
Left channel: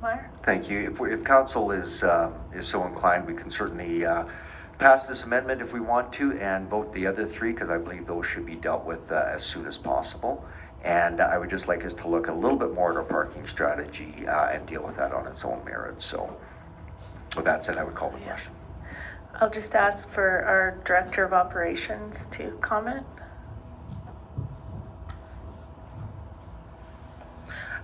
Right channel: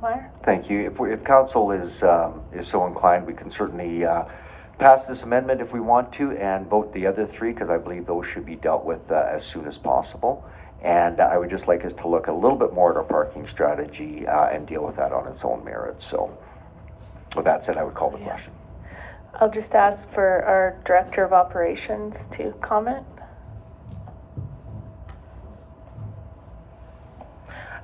Meyer? thank you. If council is so inclined, we can certainly pass this amendment if we want to, and vote the other three, because I believe those should be dealt with as soon as possible. And I would just like us to look a little bit more at our parking strategy and deal with that on its own merits. So with that said, I would call the question. I'll just ask for our Director of Operations to comment.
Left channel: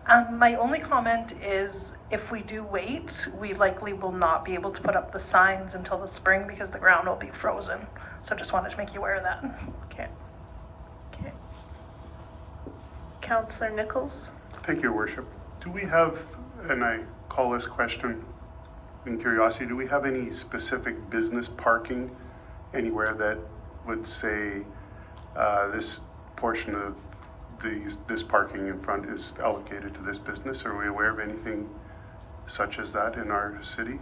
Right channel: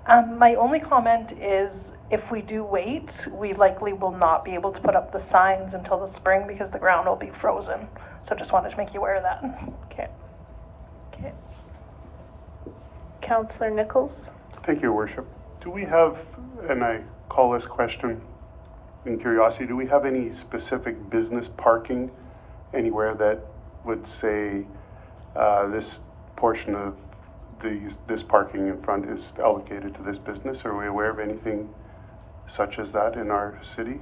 My only comment is if we do wait, we likely will not be able to put up the signs until the spring because the ground will be frozen. So just wanted to make you aware of that. Okay. Councillor Nichols? Thank you, Your Worship. Do we have, and I call this question in curiosity, do we have any specific business parking anywhere that would say this portion of this parking in front is allocated to this business? Are we aware of anything such as that in our city?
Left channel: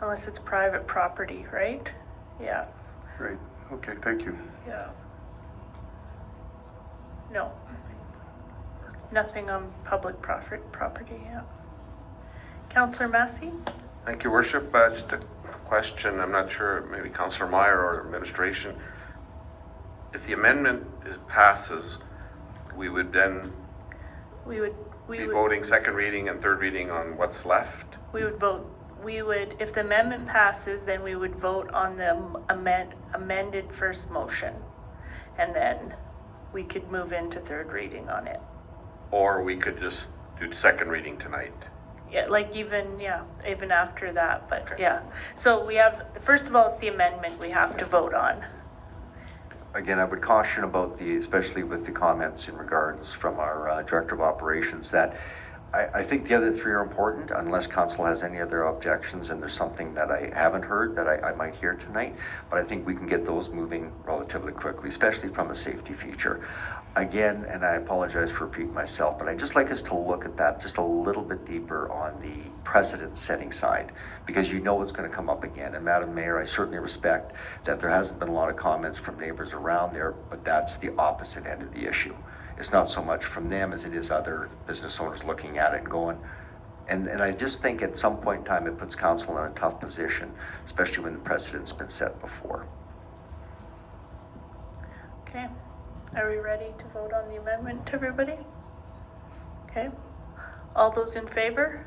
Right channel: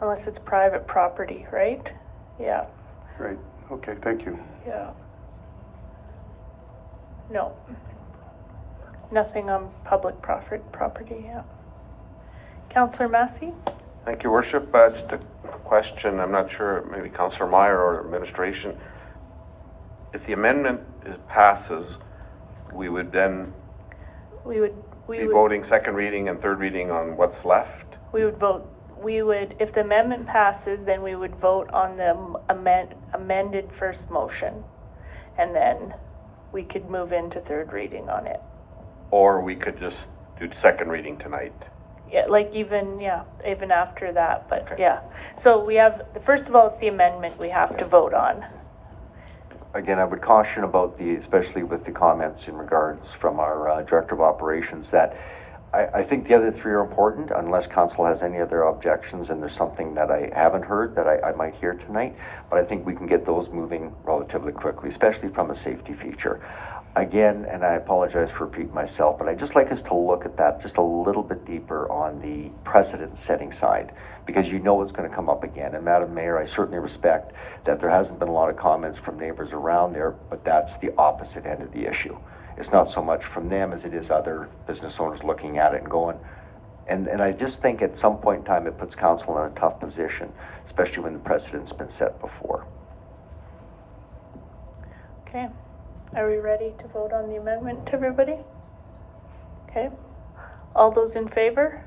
Unless it's private property, right? Yeah. Right. Okay, thank you. Yeah. No. Nothing on public property, yeah. Councillor Massey? Thank you, Worship. Just a question. I'm not sure, maybe Councillor Meyer or administration. If the amendment passes, we would then We would be voting second reading and third reading on what's left? we would vote we would, if the amendment passes, then we would vote on the amended first motion. And then we could move into third reading on it. Or we could just do second reading tonight. Yeah, like even after that, but Okay. yeah. So we have, first of all, it's the amendment we have to vote on. Again, I would caution about especially with the comments in regards from our Director of Operations, that I think the other three are important unless council has any other objections and there's something that I haven't heard that I might hear tonight. But I think we can get those moving relatively quickly, especially from a safety feature. Again, and I apologize for repeating myself, but I'd just like us to look at that just a little bit deeper on the precedent setting side, because you know it's going to come up again. And Madam Mayor, I certainly respect that there hasn't been a lot of comments from neighbors around there, but that's the opposite end of the issue. It's not so much from them as it is other business owners looking at it and going, and I just think at some point in time it puts council in a tough position, especially when the precedent's been set before. Okay. Are we ready to vote on the amendment, everybody? Okay. All those in favor?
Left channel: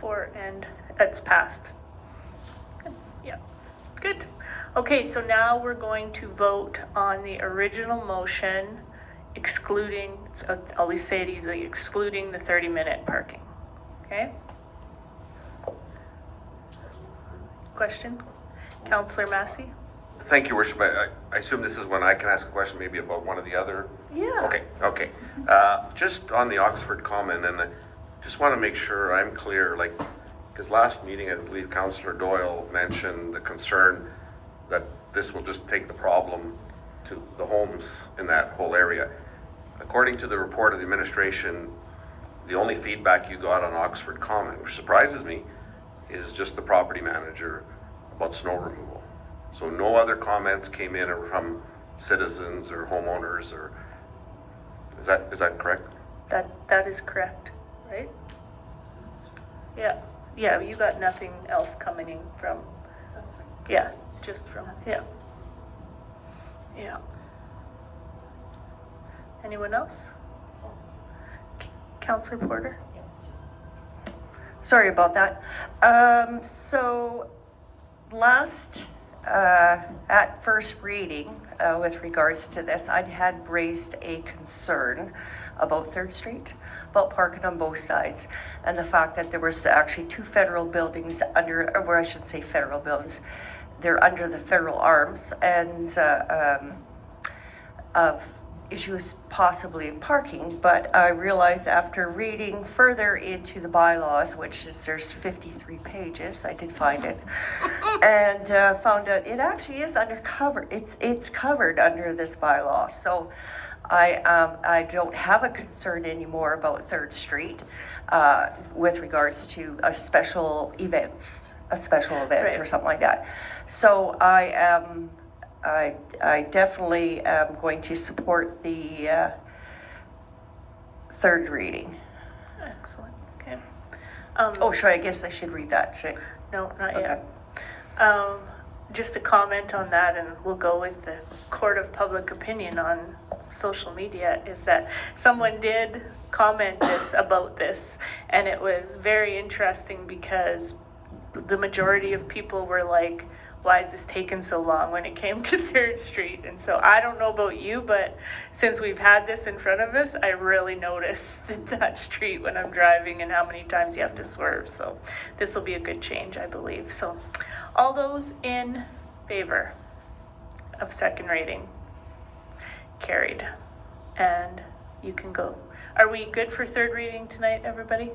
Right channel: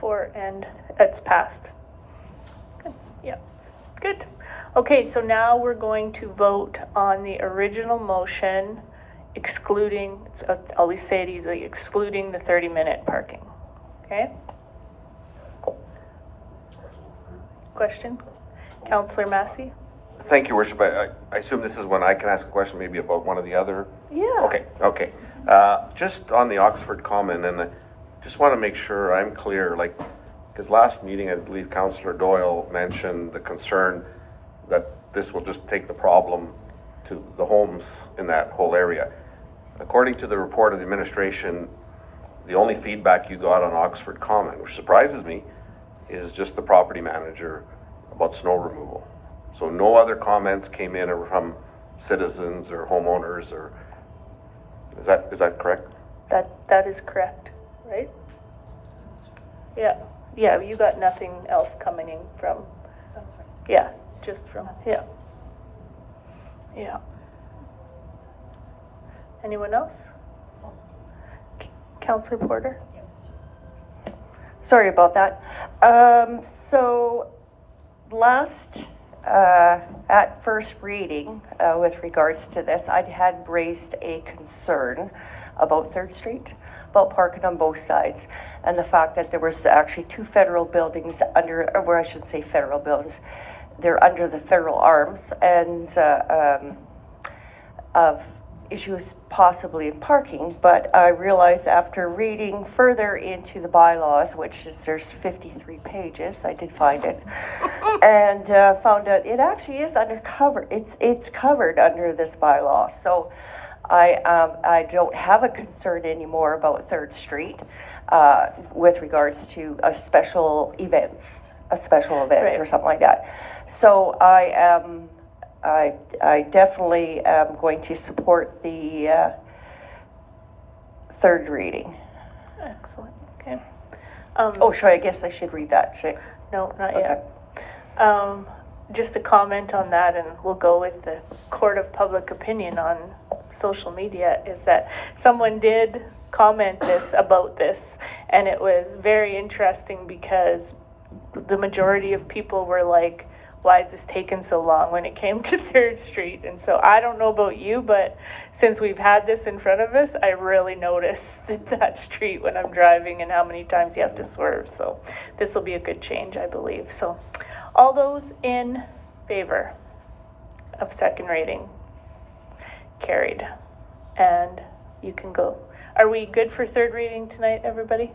4, and it's passed. Good. Yeah. Good. Okay, so now we're going to vote on the original motion excluding, so I'll at least say it easily, excluding the 30-minute parking. Okay? Question? Councillor Massey? Thank you, Worship. I assume this is when I can ask a question maybe about one of the other? Yeah. Okay. Just on the Oxford comment, and I just want to make sure I'm clear, like, because last meeting, I believe Councillor Doyle mentioned the concern that this will just take the problem to the homes in that whole area. According to the report of the administration, the only feedback you got on Oxford comment, which surprises me, is just the property manager about snow removal. So no other comments came in from citizens or homeowners, or is that correct? That is correct, right? Yeah, you got nothing else coming in from, That's right. yeah, just from, yeah. Anyone else? Councillor Porter? Sorry about that. So last, at first reading, with regards to this, I had raised a concern about 3rd Street, about parking on both sides, and the fact that there was actually 2 federal buildings under, or I should say federal buildings, they're under the federal arms, and of issues possibly in parking. But I realized after reading further into the bylaws, which is, there's 53 pages, I did find it, and found out it actually is it's covered under this bylaw. So I don't have a concern anymore about 3rd Street with regards to a special event Right. or something like that. So I definitely am going to support the 3rd reading. Excellent, okay. I guess I should read that, should I? No, not Okay. yet. Just a comment on that, and we'll go with the court of public opinion on social media, is that someone did comment about this, and it was very interesting because the majority of people were like, why is this taking so long when it came to 3rd Street? And so I don't know about you, but since we've had this in front of us, I really noticed that street when I'm driving and how many times you have to swerve. So this will be a good change, I believe. So all those in favor of 2nd reading? Carried. And you can go. Are we good for 3rd reading tonight, everybody?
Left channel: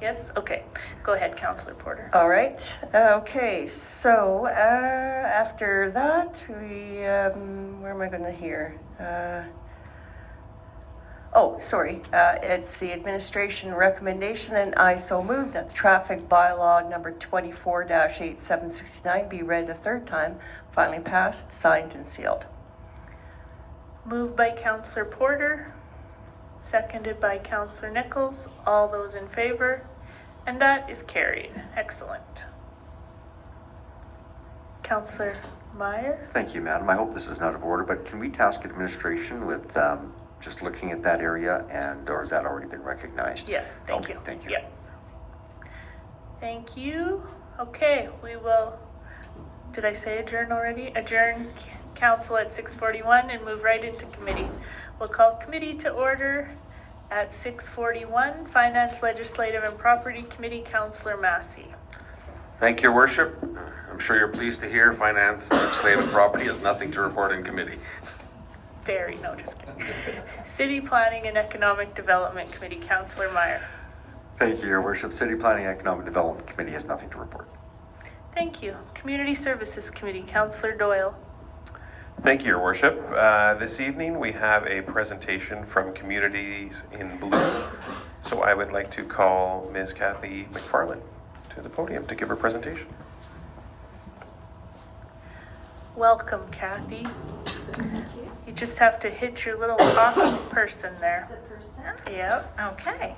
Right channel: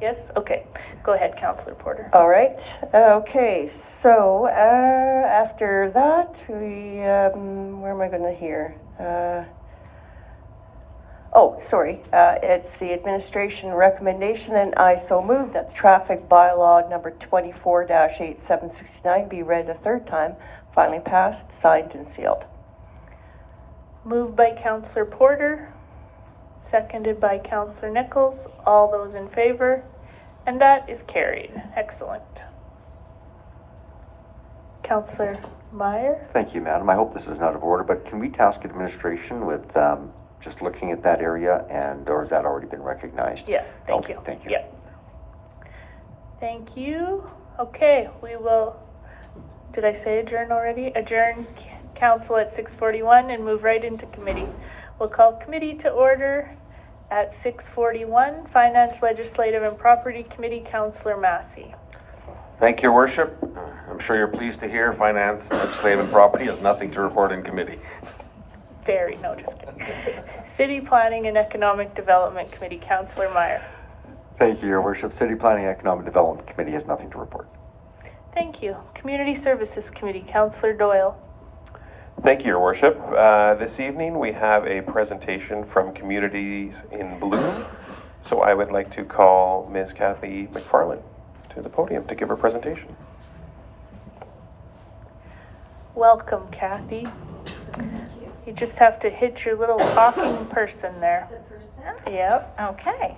Yes? Okay. Go ahead, Councillor Porter. All right. Okay. So after that, we where am I going to hear? It's the administration recommendation, and I so move that the traffic bylaw number 24-8769 be read a 3rd time, finally passed, signed, and sealed. Moved by Councillor Porter, seconded by Councillor Nichols. All those in favor? And that is carried. Excellent. Councillor Meyer? Thank you, Madam. I hope this is not out of order, but can we task administration with just looking at that area, and or has that already been recognized? Yeah, thank Okay, you. thank you. Yeah. Thank you. Okay, we will, did I say adjourn already? Adjourn council at 6:41 and move right into committee. We'll call committee to order at 6:41. Finance, Legislative and Property Committee, Councillor Massey. Thank you, Your Worship. I'm sure you're pleased to hear Finance, Legislative and Property has nothing to report in committee. Very, no, just kidding. City Planning and Economic Development Committee, Councillor Meyer. Thank you, Your Worship. City Planning Economic Development Committee has nothing to report. Thank you. Community Services Committee, Councillor Doyle. Thank you, Your Worship. This evening we have a presentation from Communities in Bloom. So I would like to call Ms. Kathy McFarland to the podium to give her presentation. Welcome, Kathy. You just have to hit your little talking person there. Yep. Okay.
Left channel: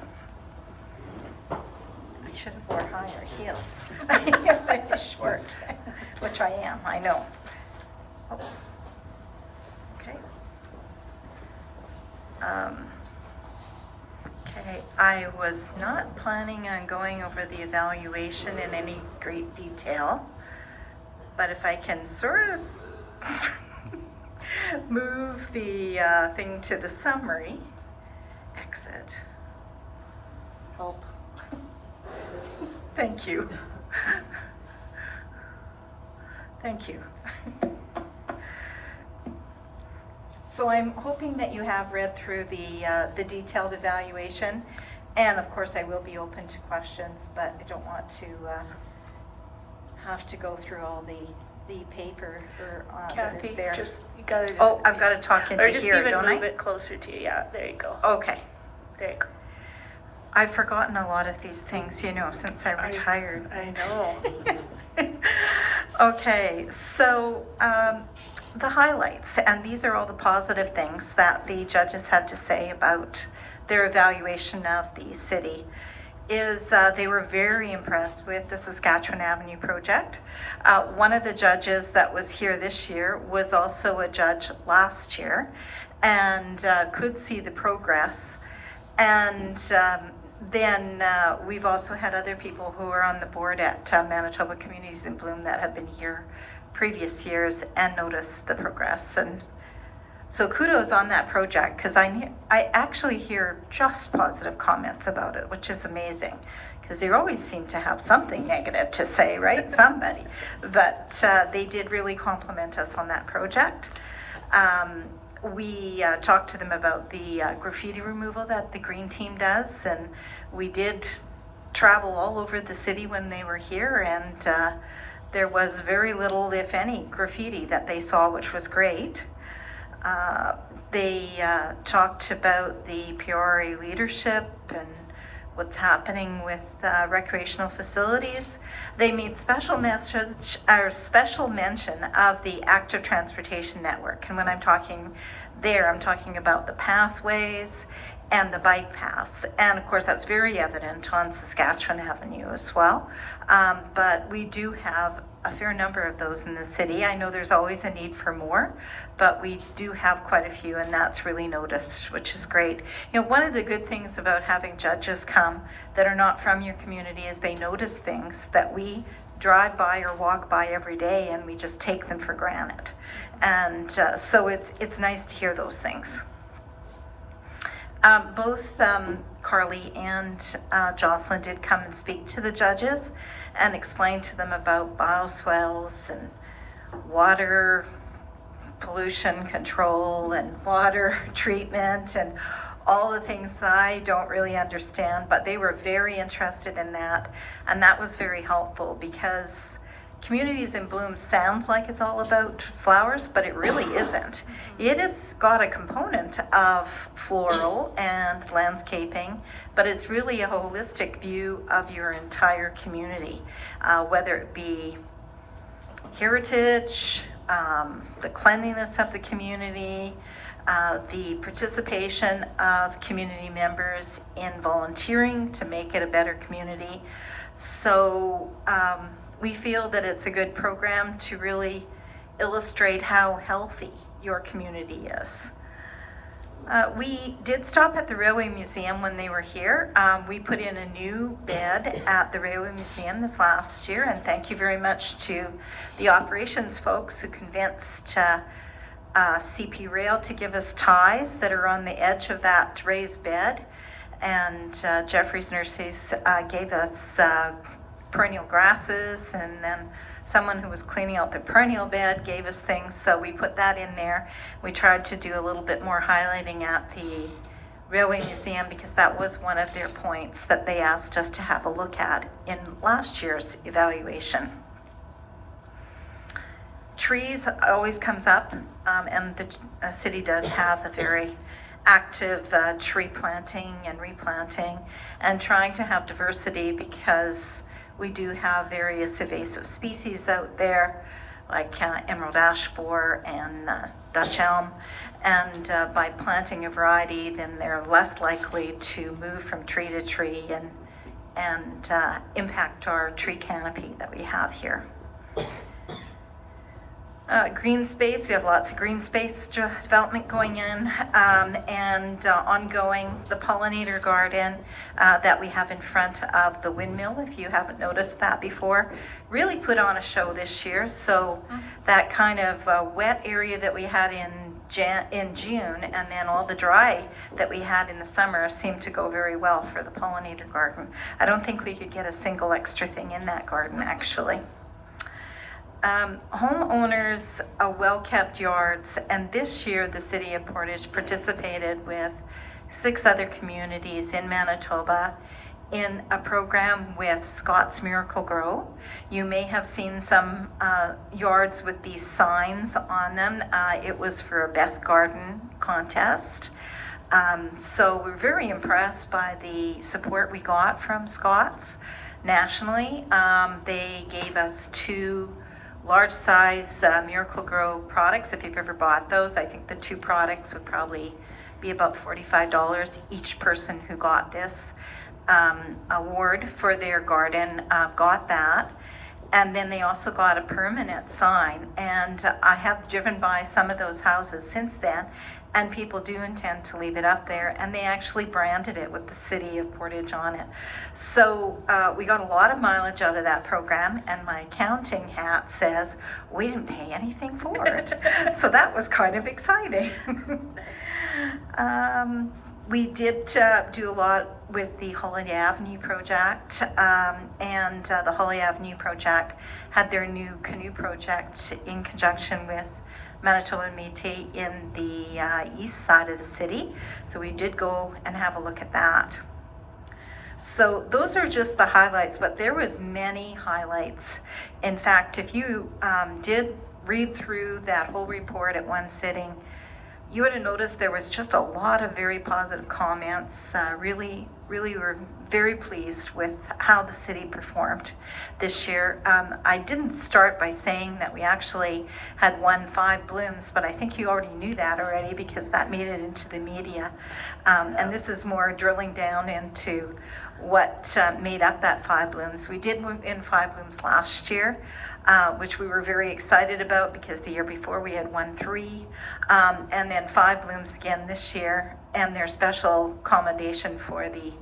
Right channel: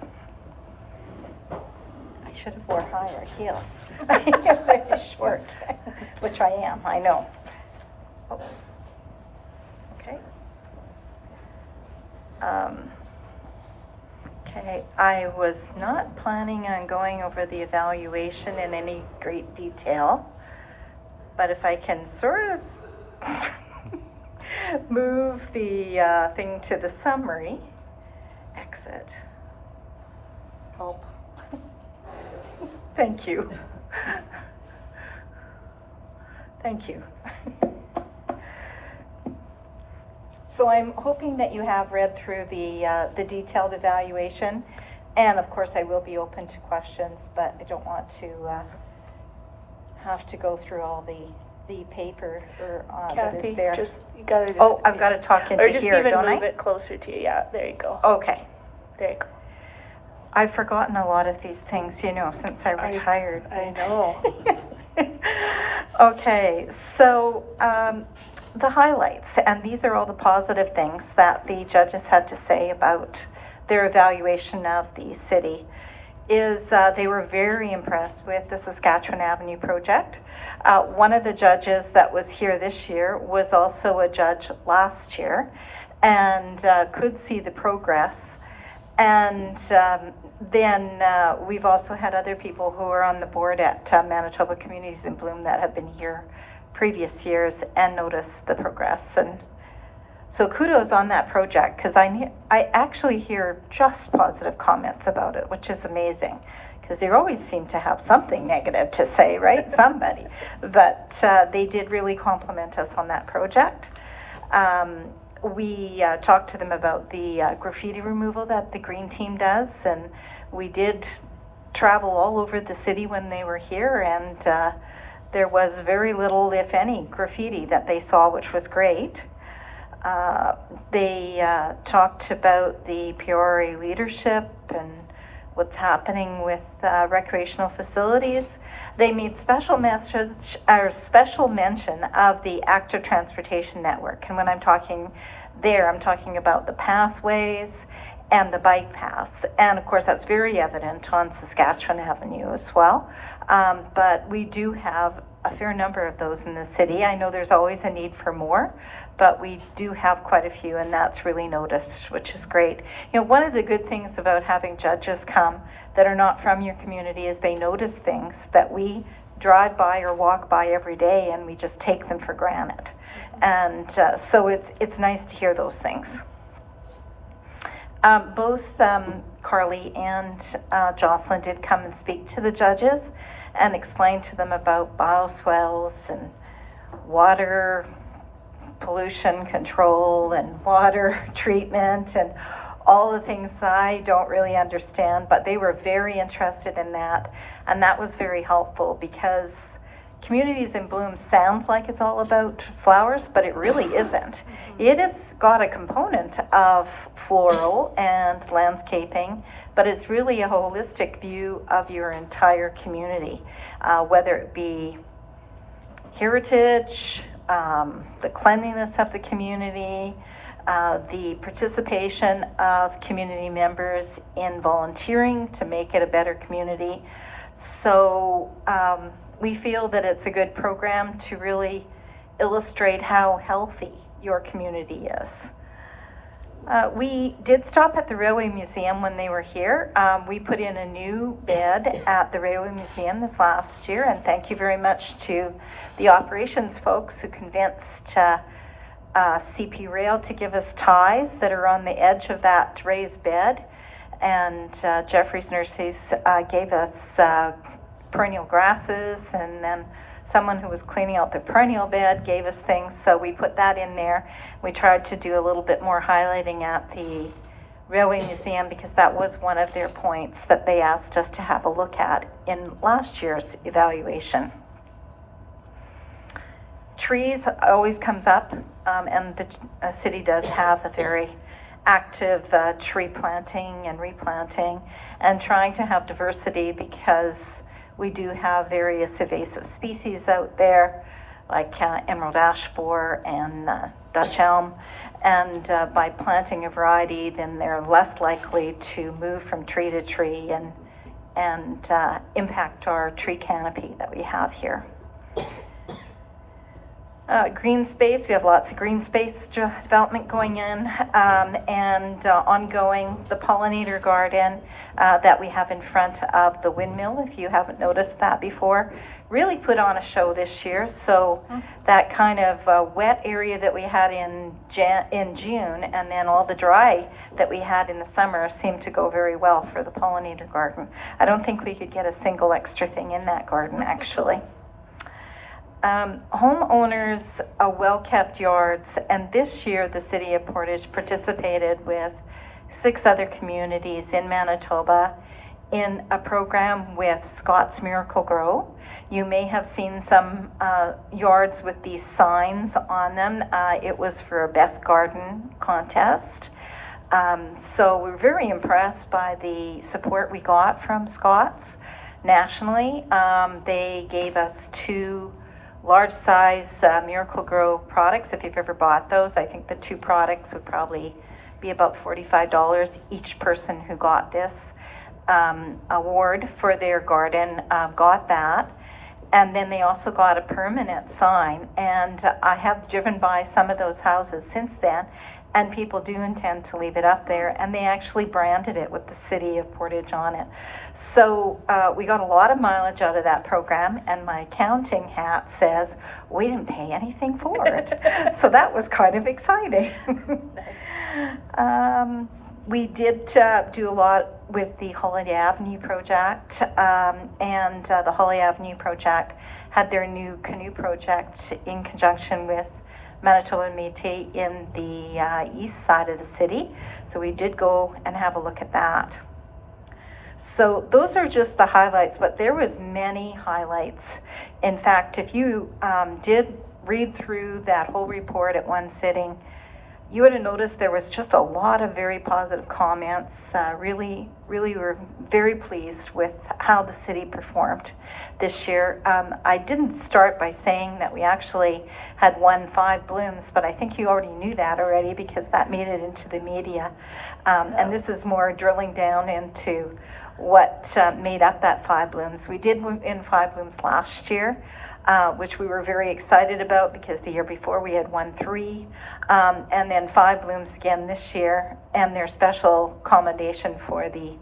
I should have worn higher heels. They're short, which I am, I know. Oh. Okay. Okay, I was not planning on going over the evaluation in any great detail, but if I can sort of move the thing to the summary, exit, help. Thank you. Thank you. So I'm hoping that you have read through the detailed evaluation, and of course I will be open to questions, but I don't want to have to go through all the paper that Kathy, is there. you gotta just. Oh, I've got to talk into Or just here, even don't move I? it closer to you. Yeah, there you go. Okay. There you go. I've forgotten a lot of these things, since I retired. I know. Okay, so the highlights, and these are all the positive things that the judges had to say about their evaluation of the city, is they were very impressed with the Saskatchewan Avenue project. One of the judges that was here this year was also a judge last year and could see the progress. And then we've also had other people who are on the board at Manitoba Communities in Bloom that have been here previous years and noticed the progress. And so kudos on that project, because I actually hear just positive comments about it, which is amazing, because you always seem to have something negative to say, right? Somebody. But they did really compliment us on that project. We talked to them about the graffiti removal that the green team does, and we did travel all over the city when they were here, and there was very little, if any, graffiti that they saw, which was great. They talked about the Peoria leadership and what's happening with recreational facilities. They made special mention of the active transportation network. And when I'm talking there, I'm talking about the pathways and the bike paths. And of course, that's very evident on Saskatchewan Avenue as well. But we do have a fair number of those in the city. I know there's always a need for more, but we do have quite a few, and that's really noticed, which is great. One of the good things about having judges come that are not from your community is they notice things that we drive by or walk by every day, and we just take them for granted. And so it's nice to hear those things. Both Carly and Jocelyn did come and speak to the judges and explain to them about bioswales and water pollution control and water treatment and all the things I don't really understand, but they were very interested in that, and that was very helpful, because Communities in Bloom sounds like it's all about flowers, but it really isn't. It has got a component of floral and landscaping, but it's really a holistic view of your entire community, whether it be heritage, the cleanliness of the community, the participation of community members in volunteering to make it a better community. So we feel that it's a good program to really illustrate how healthy your community is. We did stop at the Railway Museum when they were here. We put in a new bed at the Railway Museum this last year, and thank you very much to the operations folks who convinced CP Rail to give us ties that are on the edge of that raised bed. And Jeffrey's Nurseries gave us perennial grasses, and then someone who was cleaning out the perennial bed gave us things, so we put that in there. We tried to do a little bit more highlighting at the Railway Museum because that was one of their points that they asked us to have a look at in last year's evaluation. Trees always comes up, and the city does have a very active tree planting and replanting and trying to have diversity because we do have various invasive species out there, like emerald ash borer and Dutch elm. And by planting a variety, then they're less likely to move from tree to tree and impact our tree canopy that we have here. Green space, we have lots of green space development going in, and ongoing. The pollinator garden that we have in front of the windmill, if you haven't noticed that before, really put on a show this year. So that kind of wet area that we had in June, and then all the dry that we had in the summer seemed to go very well for the pollinator garden. I don't think we could get a single extra thing in that garden, actually. Homeowners, well-kept yards, and this year the City of Portage participated with 6 other communities in Manitoba in a program with Scott's Miracle Grow. You may have seen some yards with these signs on them. It was for a best garden contest. So we're very impressed by the support we got from Scott's nationally. They gave us 2 large size Miracle Grow products. If you've ever bought those, I think the 2 products would probably be about $45 each person who got this award for their garden got that. And then they also got a permanent sign, and I have driven by some of those houses since then, and people do intend to leave it up there, and they actually branded it with the City of Portage on it. So we got a lot of mileage out of that program, and my accounting hat says we didn't pay anything for it. So that was kind of exciting. We did do a lot with the Holiday Avenue project, and the Holiday Avenue project had their new canoe project in conjunction with Manitoba Métis in the east side of the city. So we did go and have a look at that. So those are just the highlights, but there was many highlights. In fact, if you did read through that whole report at one sitting, you would have noticed there was just a lot of very positive comments. Really were very pleased with how the city performed this year. I didn't start by saying that we actually had won 5 blooms, but I think you already knew that already because that made it into the media. And this is more drilling down into what made up that 5 blooms. We did win 5 blooms last year, which we were very excited about because the year before we had won 3, and then 5 blooms again this year, and their special commendation for the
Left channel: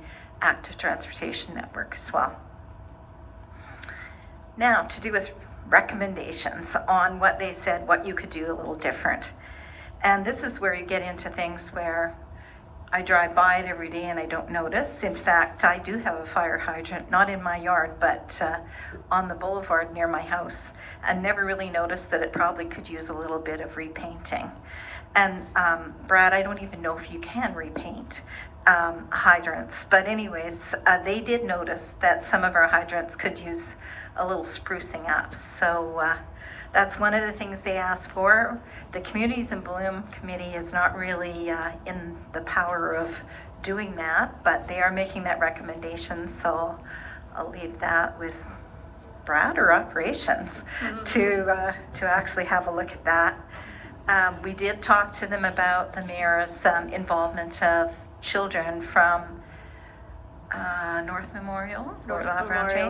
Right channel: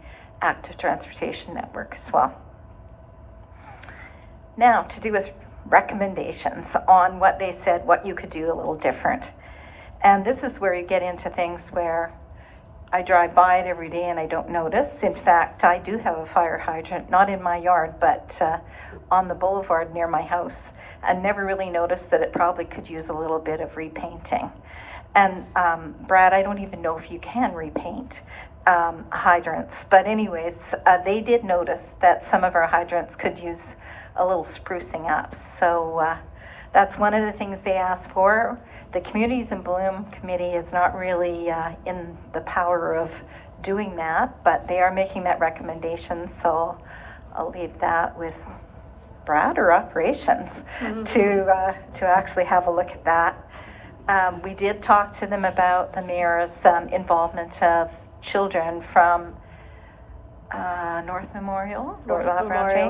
Active Transportation Network as well. Now, to do with recommendations on what they said, what you could do a little different. And this is where you get into things where I drive by it every day and I don't notice. In fact, I do have a fire hydrant, not in my yard, but on the boulevard near my house. I never really noticed that it probably could use a little bit of repainting. And Brad, I don't even know if you can repaint hydrants, but anyways, they did notice that some of our hydrants could use a little sprucing up. So that's one of the things they asked for. The Communities in Bloom Committee is not really in the power of doing that, but they are making that recommendation, so I'll leave that with Brad or Operations to actually have a look at that. We did talk to them about the mayor's involvement of children from North Memorial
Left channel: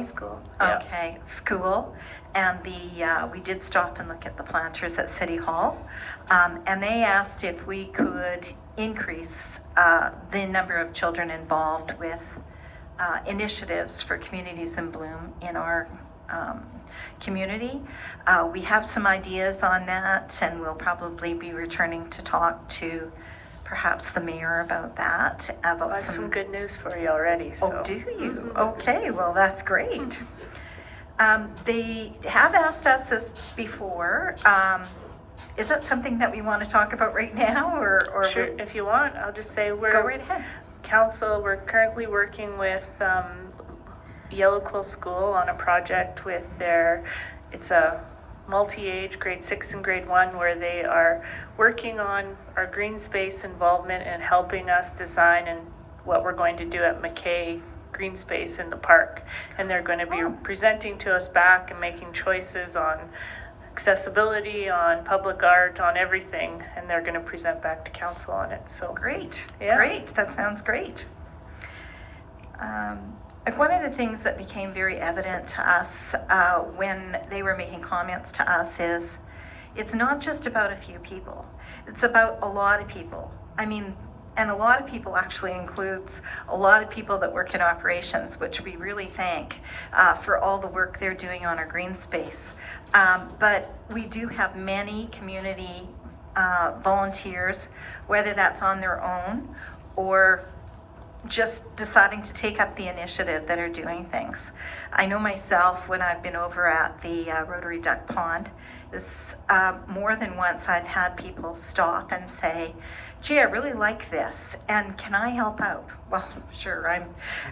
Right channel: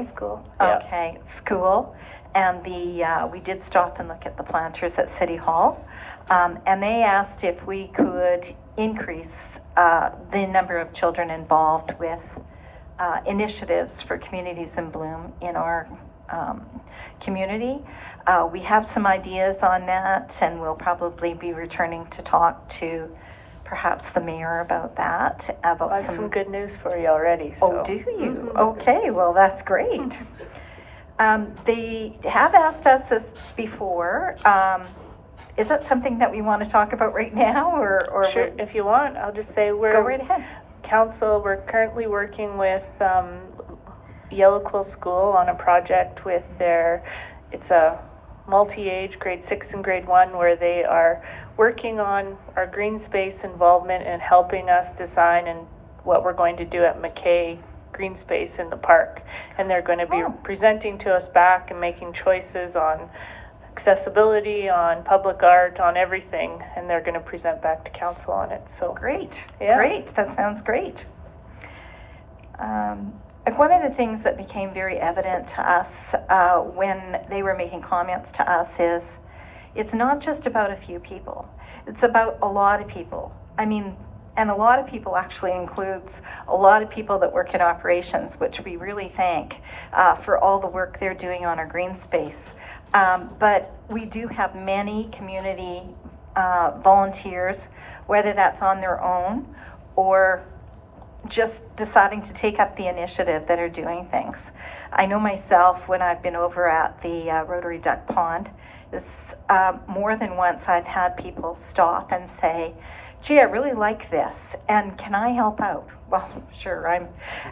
School. Okay, school. And we did stop and look at the planters at City Hall. And they asked if we could increase the number of children involved with initiatives for communities in bloom in our community. We have some ideas on that, and we'll probably be returning to talk to perhaps the mayor about that. About I have some good news for you already. So. Oh, do you? Okay, well, that's great. They have asked us this before. Is that something that we want to talk about right now, or Sure, if you want, I'll just say go right ahead. Council, we're currently working with Yellow Quill School on a project with it's a multi-age grade 6 and grade 1 where they are working on our green space involvement and helping us design and what we're going to do at McKay Green Space in the park. And they're going to be presenting to us back and making choices on accessibility, on public art, on everything, and they're going to present back to council on it. So Great, yeah. Great, that sounds great. One of the things that became very evident to us when they were making comments to us is it's not just about a few people, it's about a lot of people. I mean, and a lot of people actually includes a lot of people that work in operations, which we really thank for all the work they're doing on our green space. But we do have many community volunteers, whether that's on their own or just deciding to take up the initiative, that are doing things. I know myself, when I've been over at the Rotary Duck Pond, more than once I've had people stop and say, gee, I really like this, and can I help out? Well, sure,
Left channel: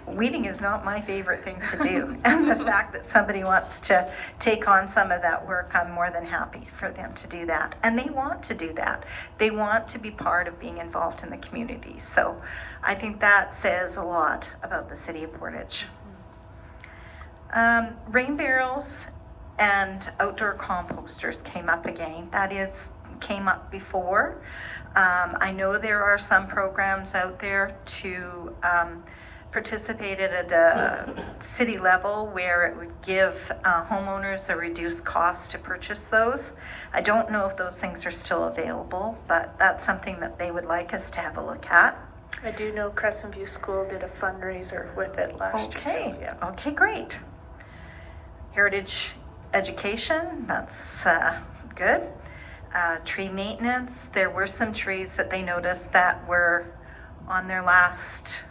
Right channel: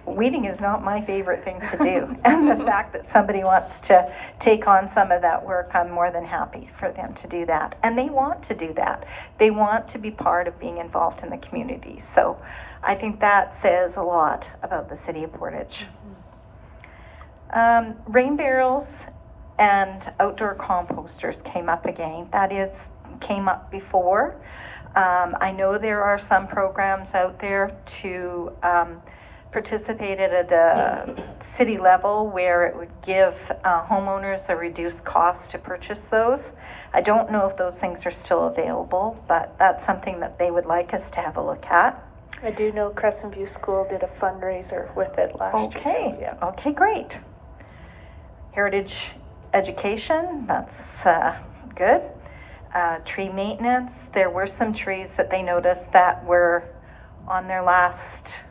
weeding is not my favorite thing to do. And the fact that somebody wants to take on some of that work, I'm more than happy for them to do that. And they want to do that. They want to be part of being involved in the community. So I think that says a lot about the city of Portage. Rain barrels and outdoor composters came up again. Came up before. I know there are some programs out there to participate at a city level where it would give homeowners a reduced cost to purchase those. I don't know if those things are still available, but that's something that they would like us to have a look at. I do know Crescent View School did a fundraiser with it last year. So, yeah. Okay, great. Heritage education, that's good. Tree maintenance, there were some trees that they noticed that were on their last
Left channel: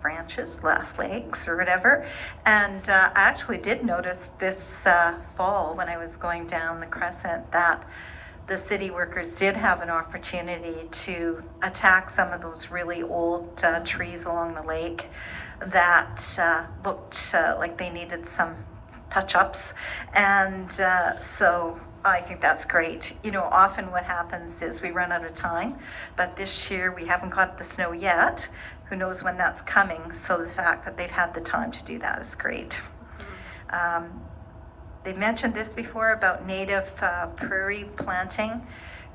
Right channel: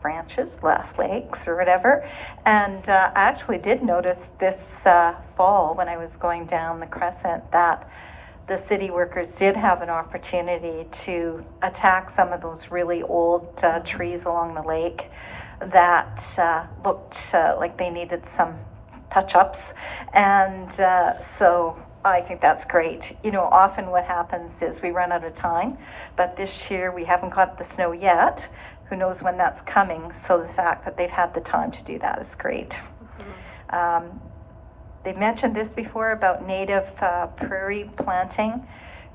branches, last legs or whatever. And I actually did notice this fall when I was going down the Crescent that the city workers did have an opportunity to attack some of those really old trees along the lake that looked like they needed some touch-ups. And so I think that's great. You know, often what happens is we run out of time, but this year we haven't got the snow yet. Who knows when that's coming? So the fact that they've had the time to do that is great. They mentioned this before about native prairie planting.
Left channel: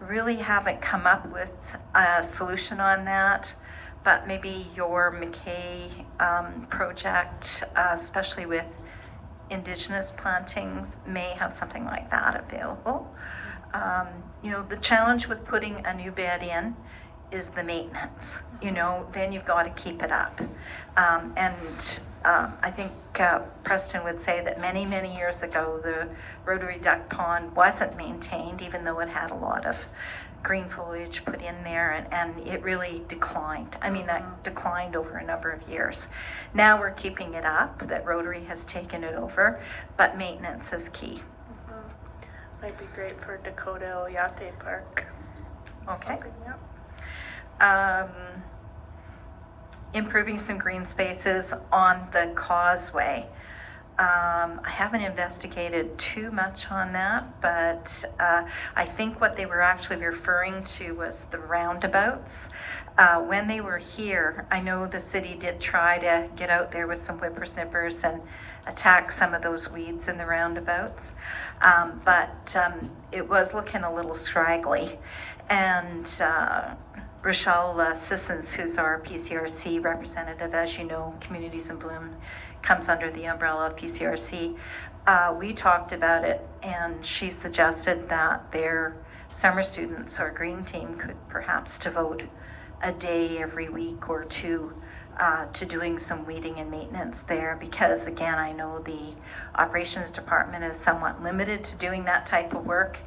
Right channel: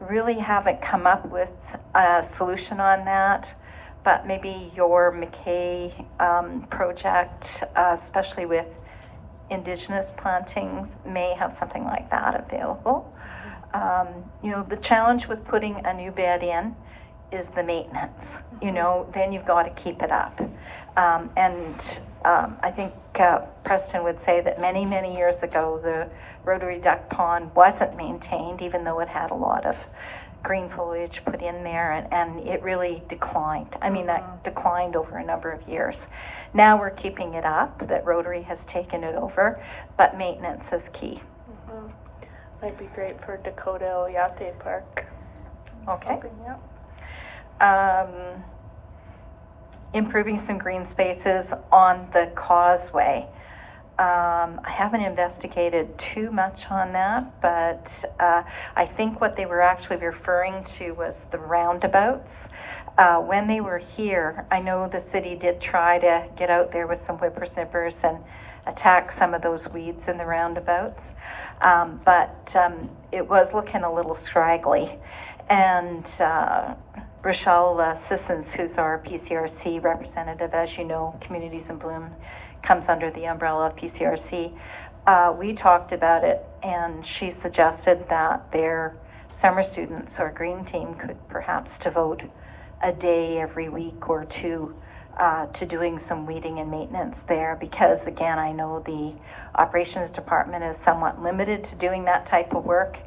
Really haven't come up with a solution on that, but maybe your McKay project, especially with Indigenous plantings, may have something like that available. You know, the challenge with putting a new bed in is the maintenance. You know, then you've got to keep it up. I think Preston would say that many, many years ago, the Rotary Duck Pond wasn't maintained, even though it had a lot of green foliage put in there, and it really declined. I mean, that declined over a number of years. Now we're keeping it up, that Rotary has taken it over, but maintenance is key. Might be great for Dakota Oyate Park. Okay. Improving some green spaces on the causeway. I haven't investigated too much on that, but I think what they were actually referring to was the roundabouts. When they were here, I know the city did try to get out there with some whippersnippers and attack some of those weeds in the roundabouts, but it was looking a little scraggly. And Rochelle Sissons, who's our PCRC representative, as you know, Communities in Bloom comes under the umbrella of PCRC. We talked about it, and she suggested that their summer students or green team could perhaps devote a day every week or two to doing some weeding and maintenance there, because again, I know the operations department is somewhat limited to doing that type of work.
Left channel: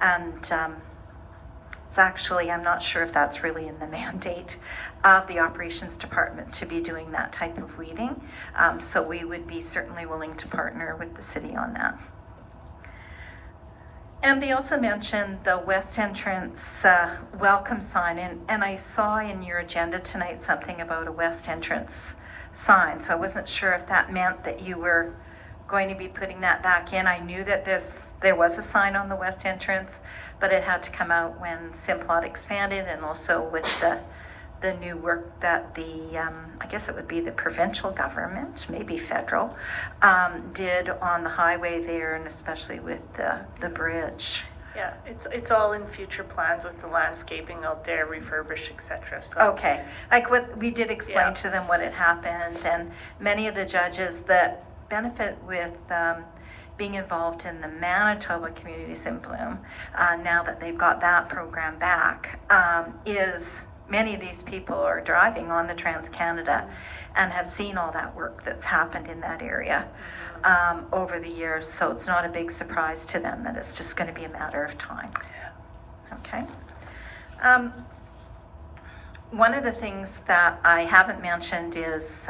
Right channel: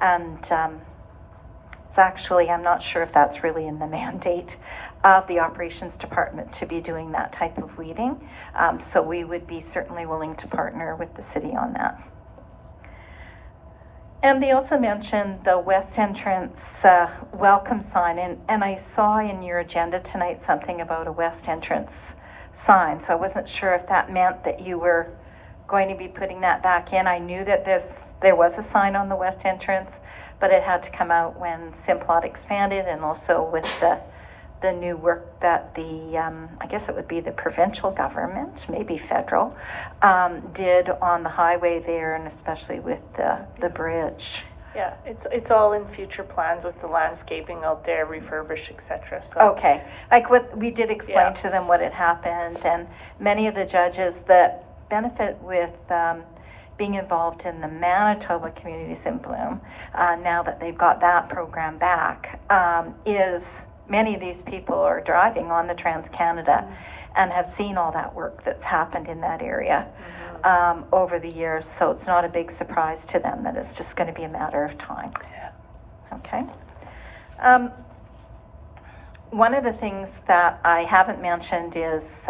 And it's actually, I'm not sure if that's really in the mandate of the operations department to be doing that type of weeding. So we would be certainly willing to partner with the city on that. And they also mentioned the west entrance welcome sign, and I saw in your agenda tonight something about a west entrance sign, so I wasn't sure if that meant that you were going to be putting that back in. I knew that there was a sign on the west entrance, but it had to come out when Simplot expanded, and also with the new work that the, I guess it would be the provincial government, maybe federal, did on the highway there, and especially with the bridge. Yeah, it's all in future plans with the landscaping out there, refurbish, etc. So Okay, like what we did explain to them what had happened, and many of the judges that benefit with being involved in the Manitoba Communities in Bloom, now that they've got that program back, is many of these people are driving on the Trans-Canada and have seen all that work that's happened in that area over the years. So it's not a big surprise to them that it's just going to be a matter of time. Okay. One of the things that I haven't mentioned is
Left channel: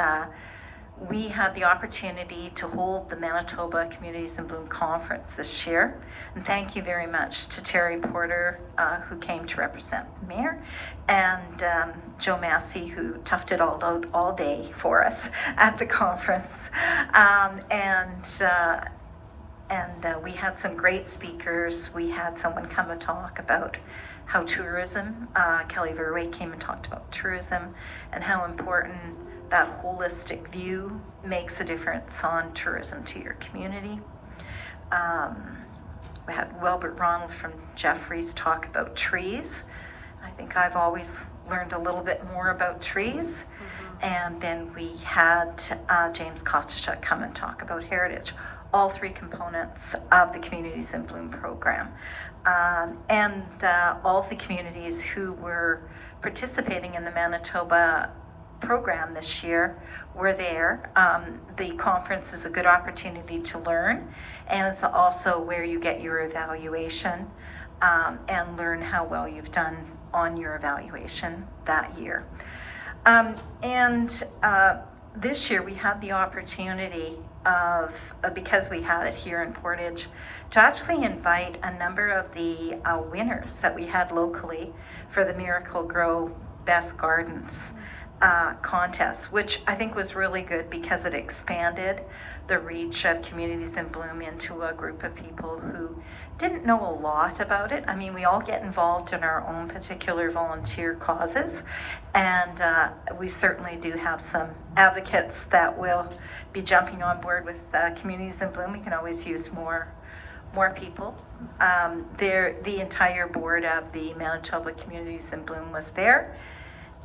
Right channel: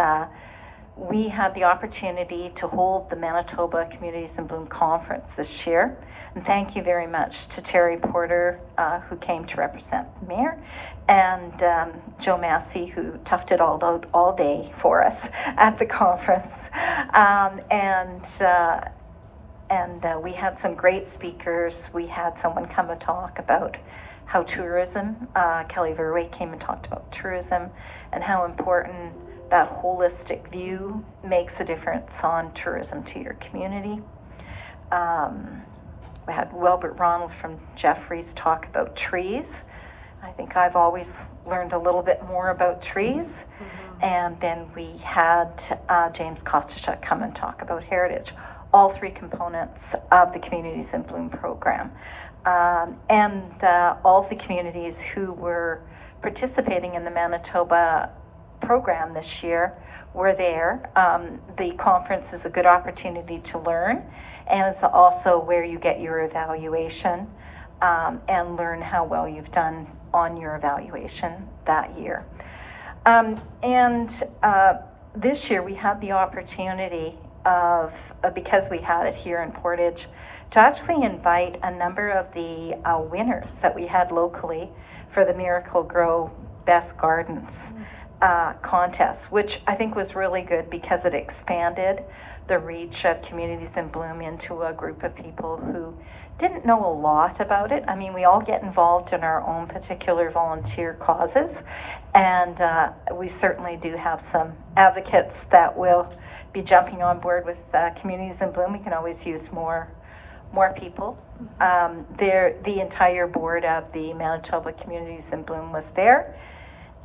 we had the opportunity to hold the Manitoba Communities in Bloom Conference this year. And thank you very much to Terry Porter, who came to represent the mayor, and Joe Massey, who toughed it all out all day for us at the conference. And we had some great speakers. We had someone come and talk about how tourism, Kelly Verway came and talked about tourism and how important that holistic view makes a difference on tourism to your community. We had Wilbert Ronald from Jeffries talk about trees. I think I've always learned a little bit more about trees. And then we had James Kostachuk come and talk about heritage, all three components of the Communities in Bloom program. And all of the communities who were participating in the Manitoba program this year were there. The conference is a good opportunity to learn, and it's also where you get your evaluation and learn how well you've done on your evaluation that year. This year we had the opportunity of, because we had it here in Portage, to actually invite a number of the winners that we had locally for the Miracle Grow Best Gardens contest, which I think was really good because it expanded the reach of Communities in Bloom into a group of people who didn't know a lot about it. I mean, we all get involved in our own particular volunteer causes, and we certainly do have some advocates that will be jumping on board with Communities in Bloom. We can always use more people. The entire board of the Manitoba Communities in Bloom was there.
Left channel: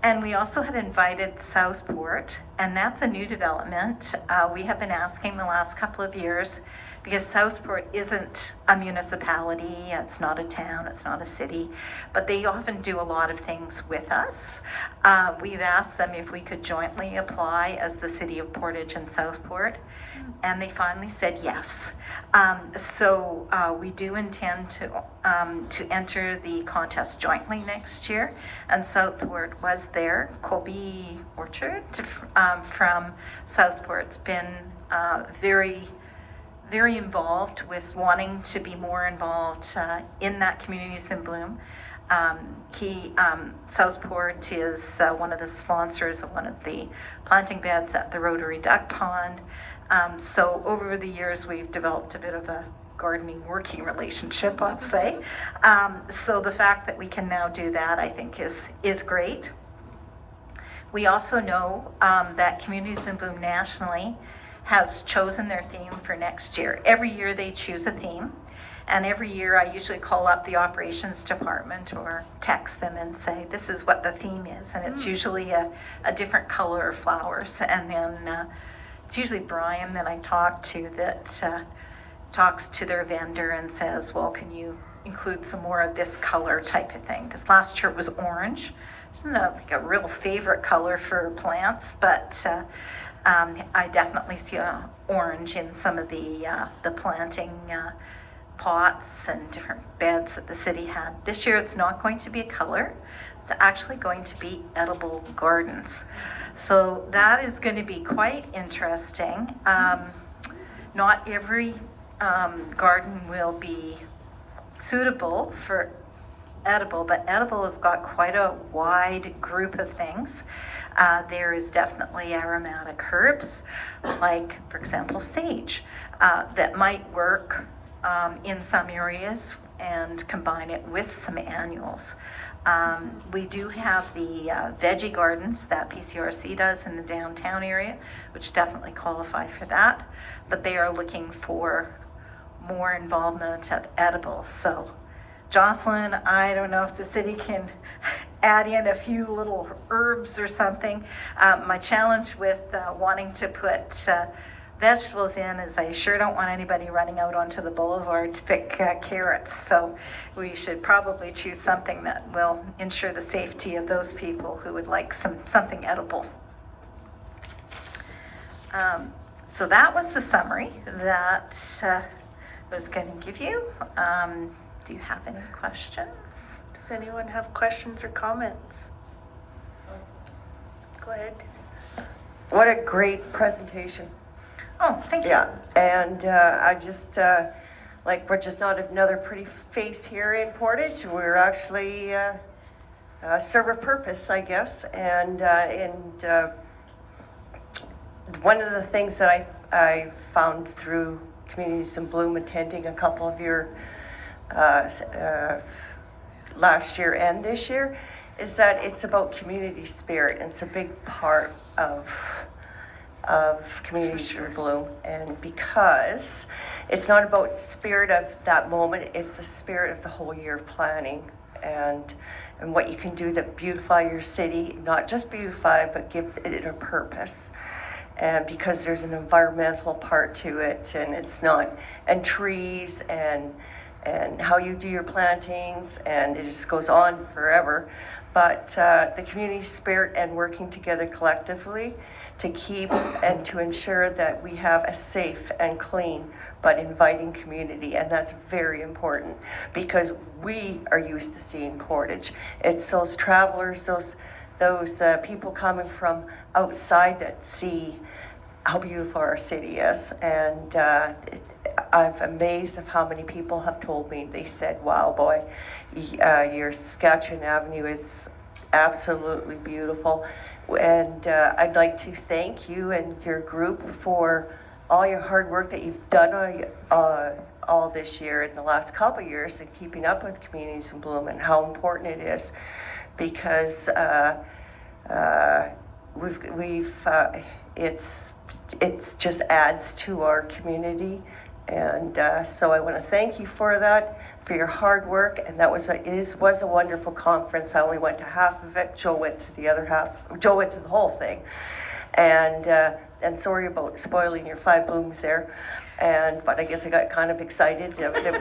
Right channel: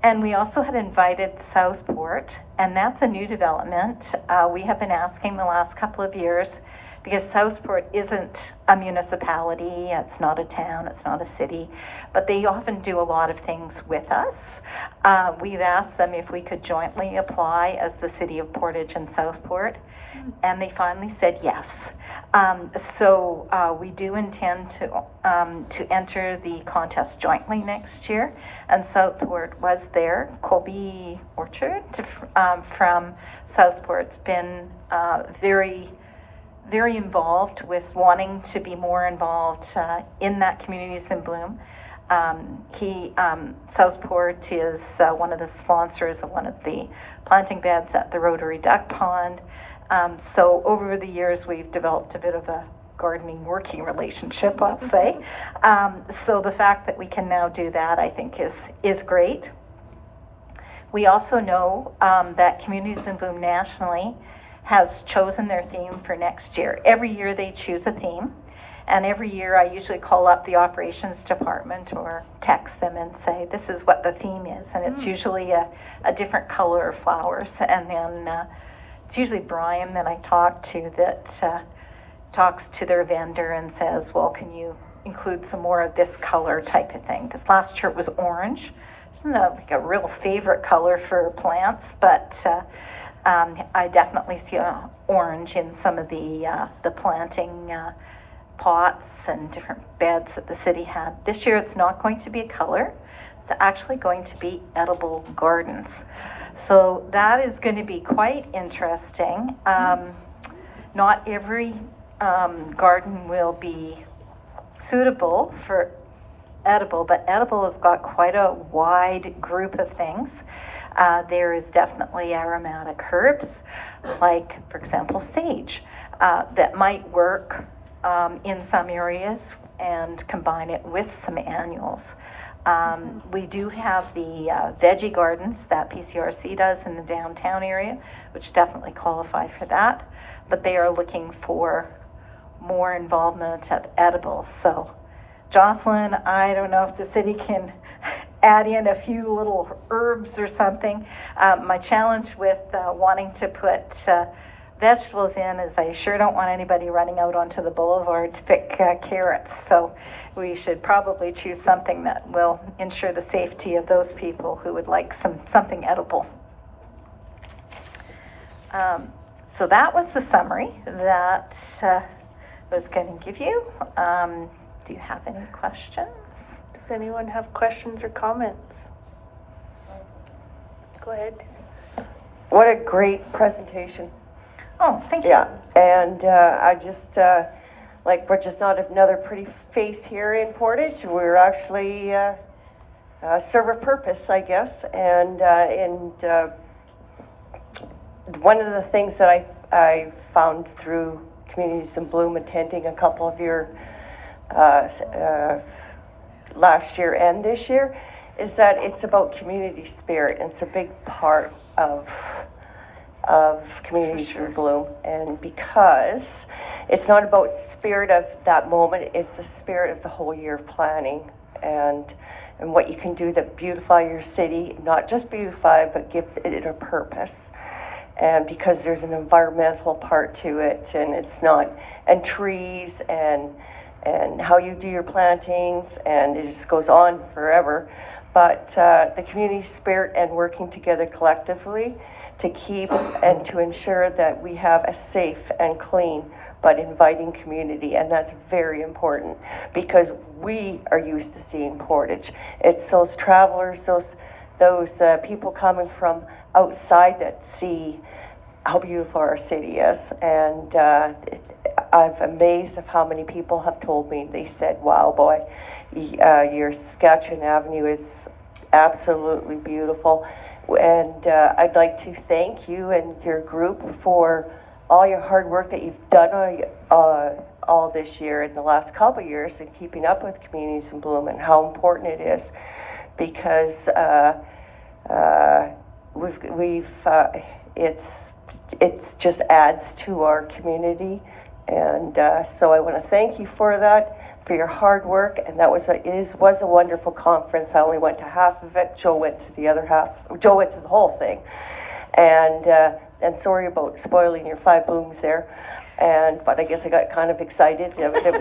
And we also had invited Southport, and that's a new development. We have been asking the last couple of years, because Southport isn't a municipality, it's not a town, it's not a city, but they often do a lot of things with us. We've asked them if we could jointly apply as the city of Portage and Southport, and they finally said yes. So we do intend to enter the contest jointly next year, and Southport was there. Colby Orchard from Southport's been very involved with wanting to be more involved in that Communities in Bloom. Southport is one of the sponsors of one of the planting beds at the Rotary Duck Pond. So over the years, we've developed a bit of a gardening working relationship, I'll say. So the fact that we can now do that, I think, is great. We also know that Communities in Bloom nationally has chosen their theme for next year. Every year they choose a theme, and every year I usually call up the operations department or text them and say, this is what the theme is, and it's usually a different color of flowers, and then it's usually Brian that I talk to that talks to their vendor and says, well, can you include some more of this color type of thing? This last year it was orange, it's not like a real favorite color for plants, but I definitely see orange in some of the planting pots and different beds that the city had. This year it's not going to be a color, it's actually going to be edible gardens. So that is going to be quite interesting. Not every garden will be suitable for edible, but edible has got quite a wide group of things. There is definitely aromatic herbs, like, for example, sage, that might work in some areas and combine it with some annuals. We do have the veggie gardens that PCRC does in the downtown area, which definitely qualify for that, but they are looking for more involvement of edibles. So, Jocelyn, I don't know if the city can add in a few little herbs or something. My challenge with wanting to put vegetables in is I sure don't want anybody running out onto the boulevard to pick carrots. So we should probably choose something that will ensure the safety of those people who would like something edible. So that was the summary that I was going to give you. Do you have any questions? Does anyone have questions or comments? Go ahead. What a great presentation. Oh, thank you. Yeah, and I just, we're just not another pretty face here in Portage. We're actually serve a purpose, I guess. And one of the things that I found through Communities in Bloom, attending a couple of your last year and this year, is that it's about community spirit. And it's a big part of Communities in Bloom, and because it's not about spirit of that moment, it's the spirit of the whole year of planning and what you can do that beautify your city, not just beautify, but give it a purpose. And because there's an environmental part to it, and it's not, and trees and how you do your plantings, and it just goes on forever. But the community spirit and working together collectively to keep and to ensure that we have a safe and clean but inviting community, and that's very important because we are used to seeing Portage. It's those travelers, those people coming from outside that see how beautiful our city is, and I'm amazed of how many people have told me. They said, "Wow, boy, your Saskatchewan Avenue is absolutely beautiful." And I'd like to thank you and your group for all your hard work that you've done all this year and the last couple of years in keeping up with Communities in Bloom and how important it is, because it's just adds to our community, and so I want to thank you for that, for your hard work, and that was a wonderful conference. I only went to half of it. Joe went to the other half. Joe went to the whole thing, and sorry about spoiling your 5 blooms there, but I guess I got kind of excited that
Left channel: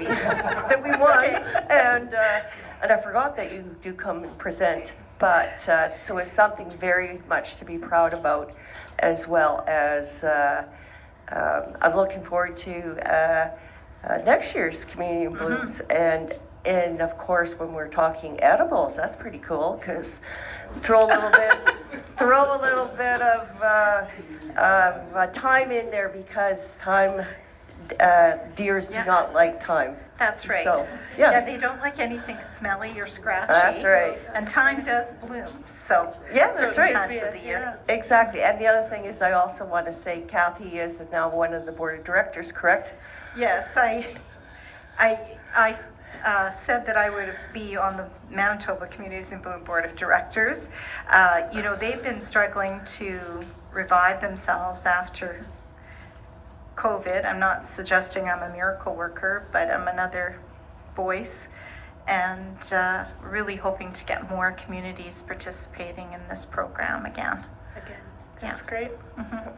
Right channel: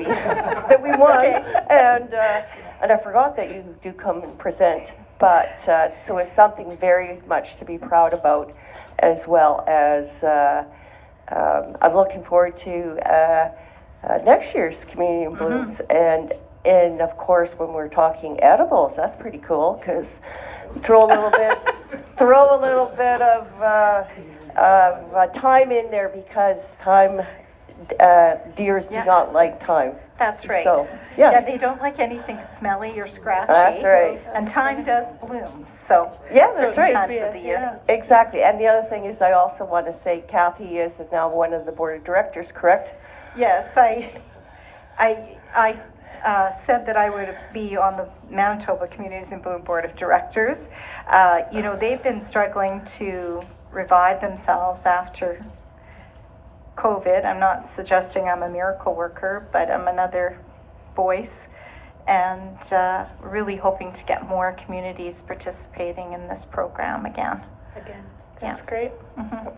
we won, and I forgot that you do come and present, but so it's something very much to be proud about, as well as I'm looking forward to next year's Community in Blooms, and of course when we're talking edibles, that's pretty cool because throw a little bit of thyme in there, because deers do not like thyme. That's right. So, yeah, they don't like anything smelly or scratchy. That's right. And thyme does bloom, so yeah, that's right. Times of the year. Exactly. And the other thing is, I also want to say Kathy is now one of the board of directors, correct? Yes, I said that I would be on the Manitoba Communities in Bloom Board of Directors. They've been struggling to revive themselves after COVID. I'm not suggesting I'm a miracle worker, but I'm another voice, and really hoping to get more communities participating in this program again. That's great. Mm-hmm.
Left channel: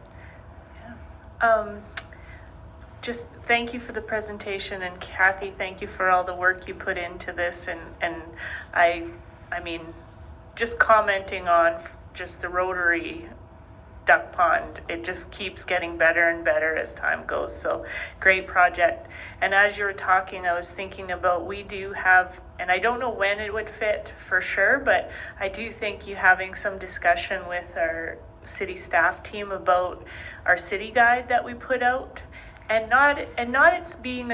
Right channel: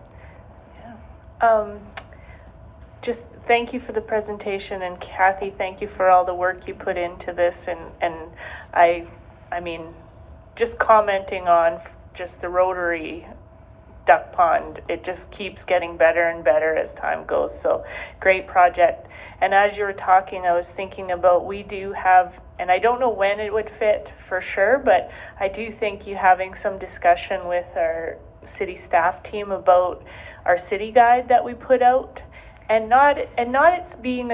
Just thank you for the presentation, and Kathy, thank you for all the work you put into this, and I mean, just commenting on just the Rotary duck pond, it just keeps getting better and better as time goes. So great project. And as you were talking, I was thinking about, we do have, and I don't know when it would fit for sure, but I do think you having some discussion with our city staff team about our city guide that we put out, and not it's being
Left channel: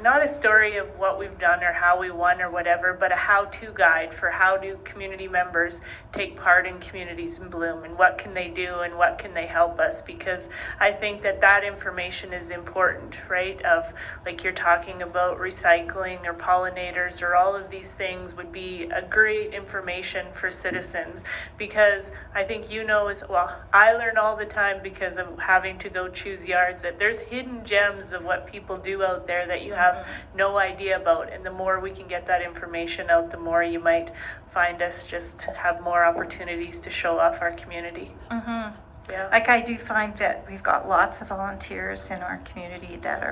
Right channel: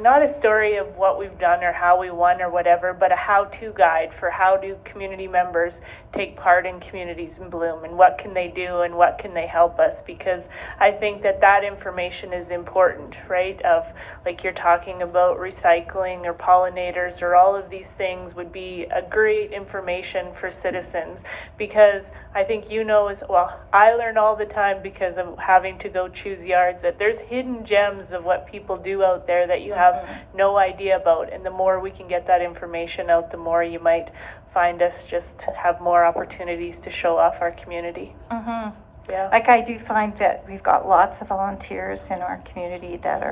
not a story of what we've done or how we won or whatever, but a how-to guide for how do community members take part in Communities in Bloom, and what can they do and what can they help us, because I think that information is important, right? Of, like you're talking about recycling or pollinators or all of these things would be a great information for citizens, because I think as well, I learn all the time because of having to go choose yards that there's hidden gems of what people do out there that you have no idea about, and the more we can get that information out, the more you might find us just have more opportunities to show off our community. Yeah. Like, I do find that we've got lots of volunteers in our community that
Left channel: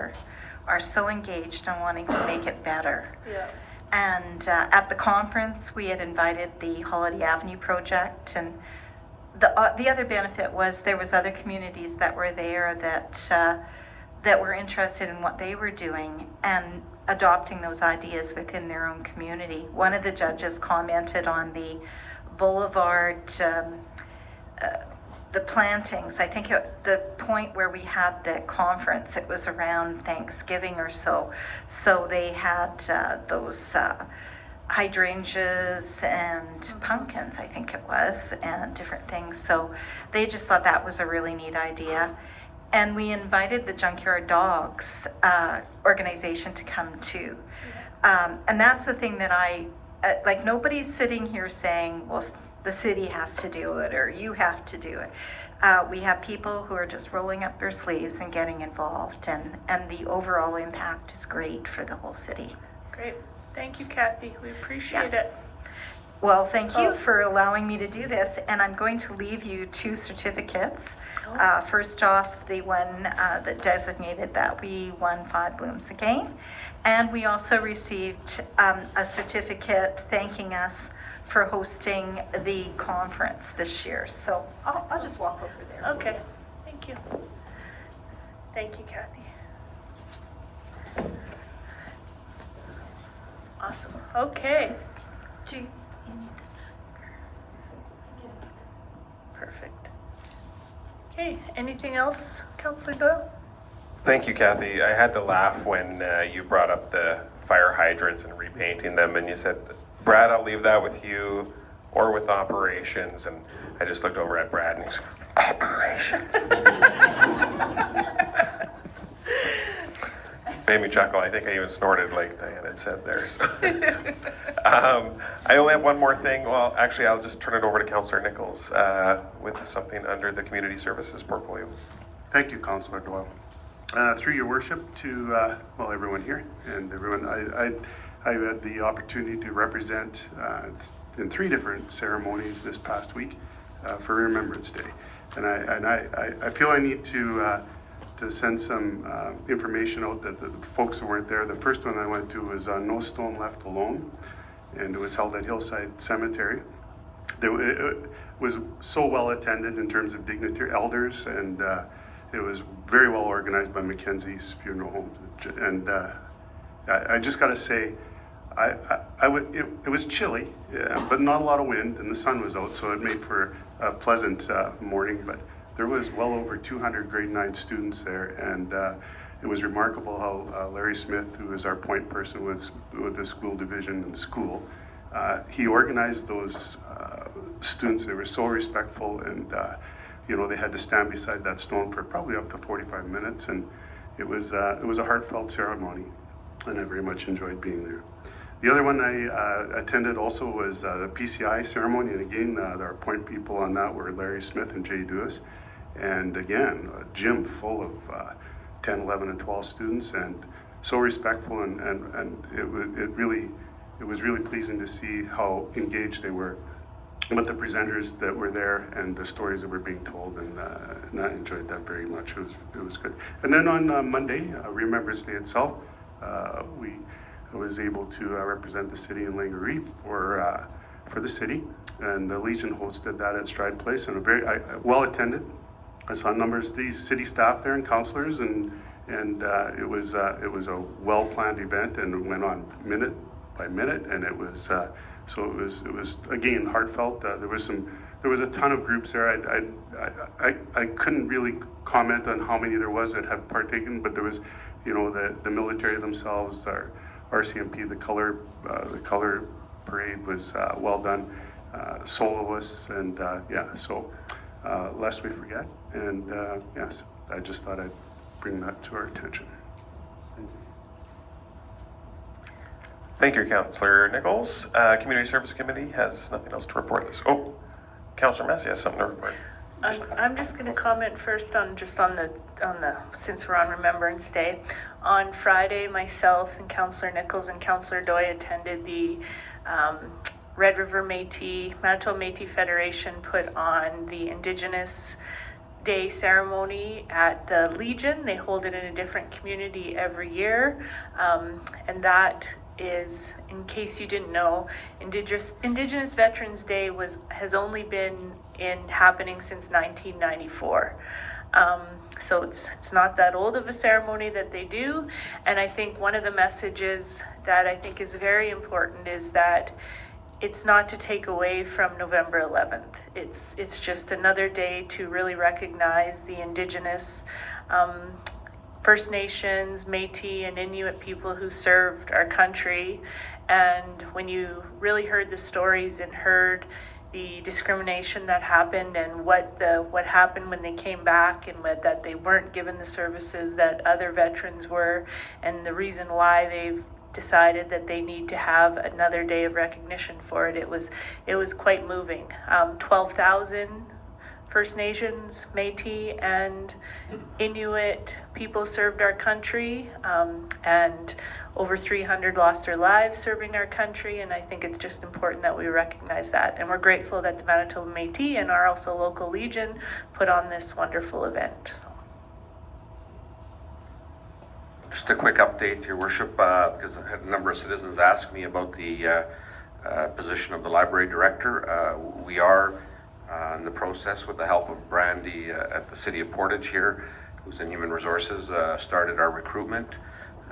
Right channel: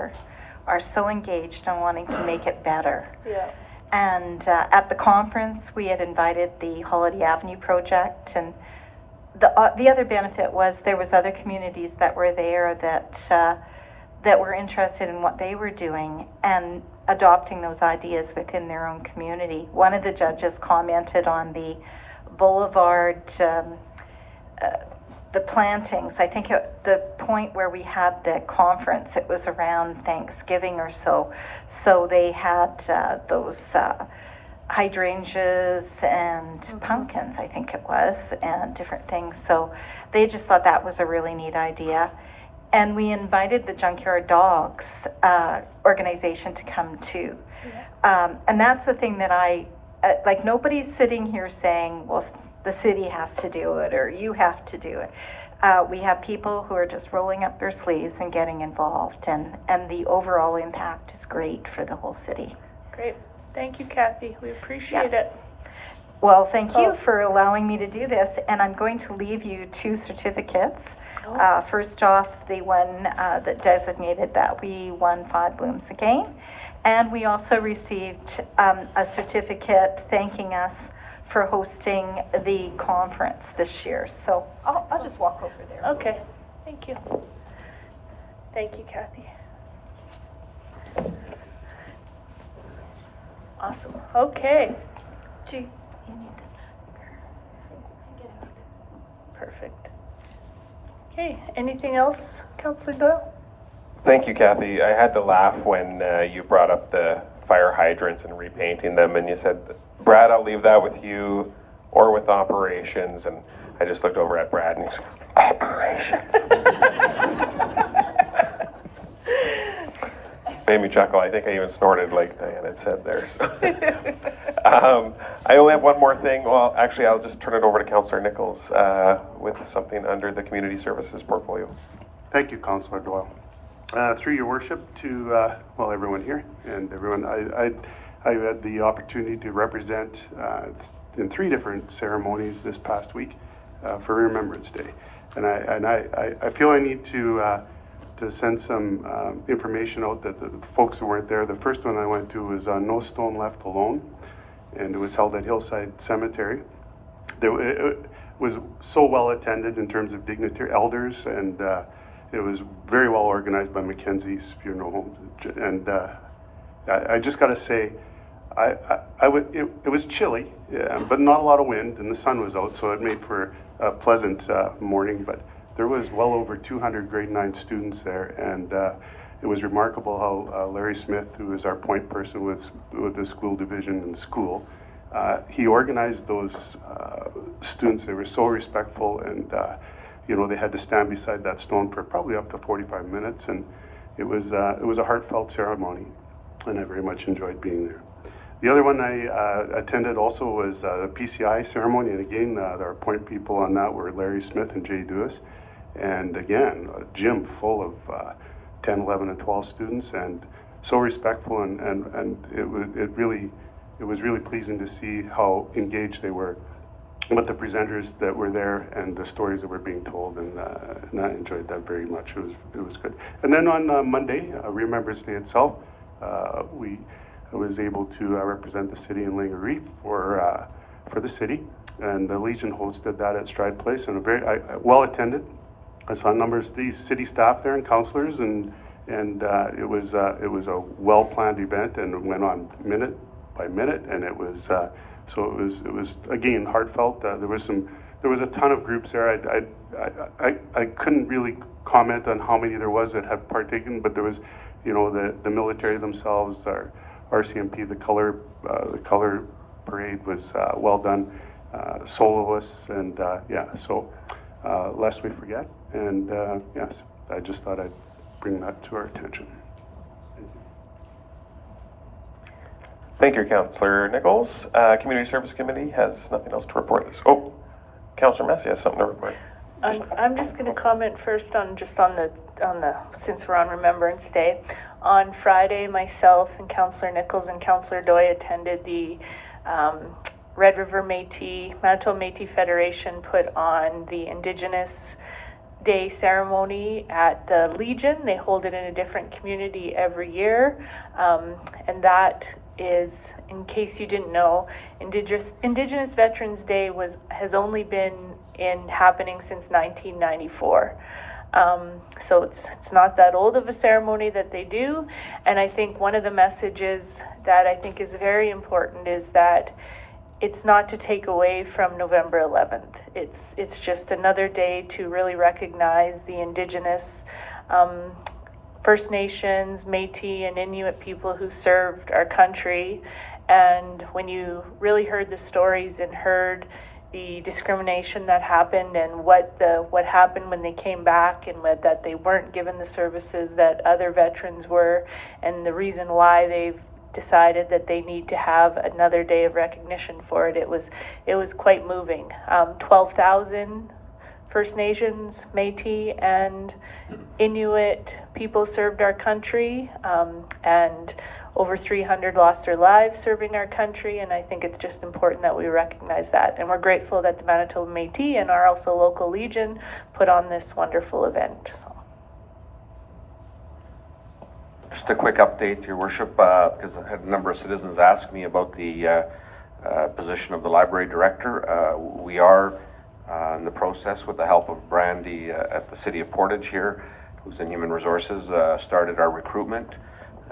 are so engaged and wanting to make it better. Yeah. And at the conference, we had invited the Holiday Avenue project, and the other benefit was there was other communities that were there that were interested in what they were doing and adopting those ideas within their own community. One of the judges commented on the boulevard, the plantings. I think the point where we had the conference, it was around Thanksgiving or so. So they had those hydrangeas and pumpkins, I think it was, and different things. So they just thought that was a really neat idea. And we invited the Junkyard Dogs organization to come too. And that's the thing that like, nobody's sitting here saying, well, the city has to do it or you have to do it. We have people who are just rolling up their sleeves and getting involved, and the overall impact is great for the whole city. Great. Thank you, Kathy. We appreciate it. Well, thank you for allowing me to do this, and I'm going to leave you 2 certificates. First off, the one that designated that we won 5 blooms again, and we also received a certificate thanking us for hosting the conference this year. So I'll just walk over there. Okay. Thank you. Thank you, Kathy. Awesome. Okay. Perfect. Okay. Anything else, Councillor Doyle? Thank you, Kathy. I had to laugh when you brought up the fire hydrants and repainting them, and you said, Brad, I'll leave that with you or with operations. And I just looked over at Brad and he's like, operations. Made me chuckle. I think I even snorted like Diana had said there. So. I only have one more thing. Well, actually, I'll just turn it over to Councillor Nichols with something under the community services portfolio. Thank you, Councillor Doyle. Through your worship to, everyone here and everyone, I had the opportunity to represent in 3 different ceremonies this past week for Remembrance Day. And I feel I need to send some information out that the folks who weren't there. The first one I went to was No Stone Left Alone, and it was held at Hillside Cemetery. It was so well attended in terms of dignitary elders, and it was very well organized by Mackenzie's Funeral Home. And I just got to say, it was chilly, but not a lot of wind, and the sun was out, so it made for a pleasant morning. But there was well over 200 grade 9 students there, and it was remarkable how Larry Smith, who is our point person with the school division in the school, he organized those students. They were so respectful, and they had to stand beside that stone for probably up to 45 minutes, and it was a heartfelt ceremony, and I very much enjoyed being there. The other one I attended also was the PCI ceremony, and again, our point people on that were Larry Smith and Jay Dewis, and again, a gym full of 10, 11, and 12 students, and so respectful, and it was really pleasing to see how engaged they were with the presenters that were there and the stories that were being told, and I enjoyed that very much. It was good. And then on Monday, Remembrance Day itself, I was able to represent the city in Langaree for for the city, and the Legion hosted that at Stride Place, and a very well attended. I saw numbers of the city staff there and councillors, and it was a well planned event, and it went on minute by minute, and it was so it was again heartfelt. There was a ton of groups there. I couldn't really comment on how many there was that had partaken, but there was, you know, the military themselves, our RCMP, the color parade was well done. Soloists and yeah, so lest we forget, and yes, I just thought I'd bring that to our attention. Thank you, Councillor Nichols. Community Service Committee has nothing else to report this. Oh, Councillor Massey has something to report. I'm just going to comment first on the since we're on Remembrance Day. On Friday, myself and Councillor Nichols and Councillor Doy attended the Red River Manitoba Métis Federation put on the Indigenous Day ceremony at the Legion. They hold it in a different community every year, and that is, in case you didn't know, Indigenous Veterans Day has only been happening since 1994. So it's not that old of a ceremony that they do, and I think one of the messages that I think is very important is that it's not to take away from November 11th. It's just another day to really recognize the Indigenous First Nations, Métis, and Inuit people who served our country. And when you really heard the stories and heard the discrimination that happened and what happened when they came back, and that they weren't given the services that other veterans were, and the reason why they've decided that they need to have another day of recognition for it, it was quite moving. 12,000 First Nations, Métis, and Inuit people served our country, and over 300 lost their lives serving our country, and I think it's just important that we recognize that. And we're grateful that the Manitoba Métis and our also local Legion put on this wonderful event. So. Just a quick update, Your Worship, because I had a number of citizens ask me about the position of the library director. We are in the process, with the help of Brandy at the City of Portage here, who's in Human Resources, started our recruitment.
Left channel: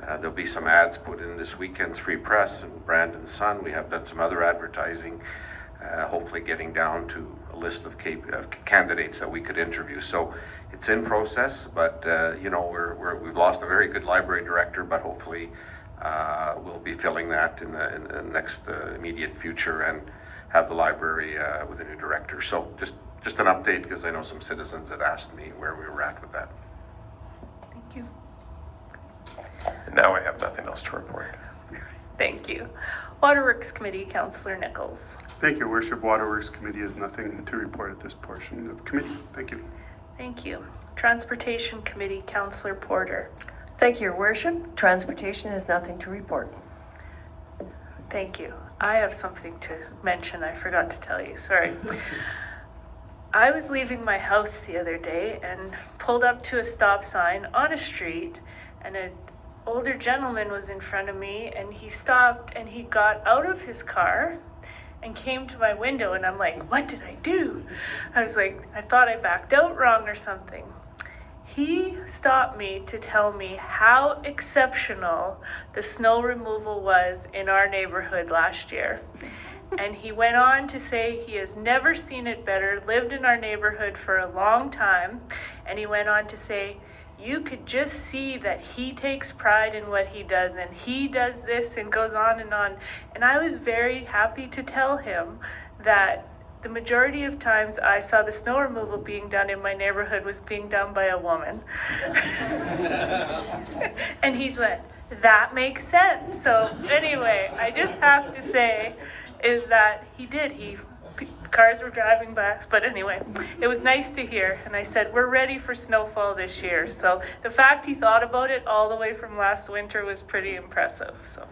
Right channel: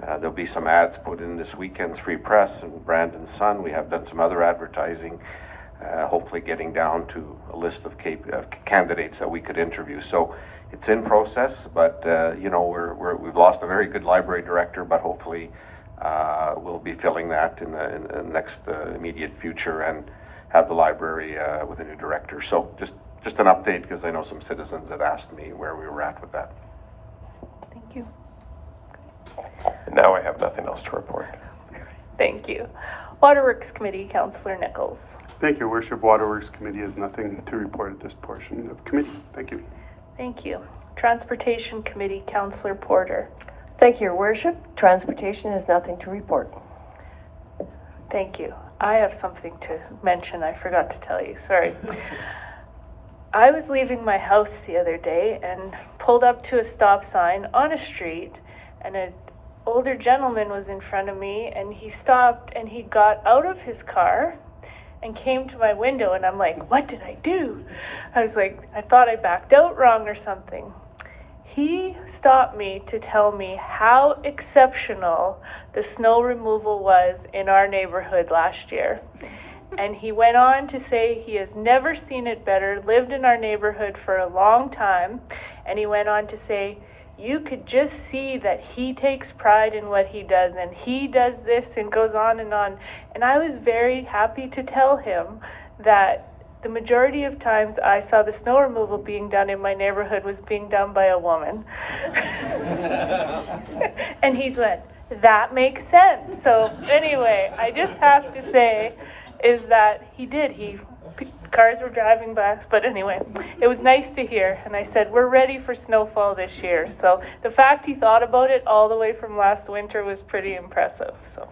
There'll be some ads put in this weekend's Free Press and Brandon's Sun. We have done some other advertising, hopefully getting down to a list of candidates that we could interview. So it's in process, but you know, we've lost a very good library director, but hopefully we'll be filling that in the next immediate future and have the library with a new director. So just an update, because I know some citizens had asked me where we were at with that. Thank you. And now I have nothing else to report. Thank you. Waterworks Committee, Councillor Nichols. Thank you, Your Worship. Waterworks Committee has nothing to report at this portion of committee. Thank you. Thank you. Transportation Committee, Councillor Porter. Thank you, Your Worship. Transportation has nothing to report. Thank you. I have something to mention. I forgot to tell you. Sorry. I was leaving my house the other day and pulled up to a stop sign on a street, and an older gentleman was in front of me, and he stopped and he got out of his car and came to my window, and I'm like, what did I do? I was like, I thought I backed out wrong or something. He stopped me to tell me how exceptional the snow removal was in our neighborhood last year. And he went on to say he has never seen it better, lived in our neighborhood for a long time, and he went on to say, you could just see that he takes pride in what he does, and he does this, and goes on. And I was very happy to tell him that the majority of times I saw the snow removal being done in my neighborhood was being done by a woman. And he's like, that makes sense. So anyway, I just have to say is that he did. Cars were driving back, but anyway, it was nice to hear. And I said, we're ready for snowfall this year. So the fact he thought about it all the way from last winter was pretty impressive. So,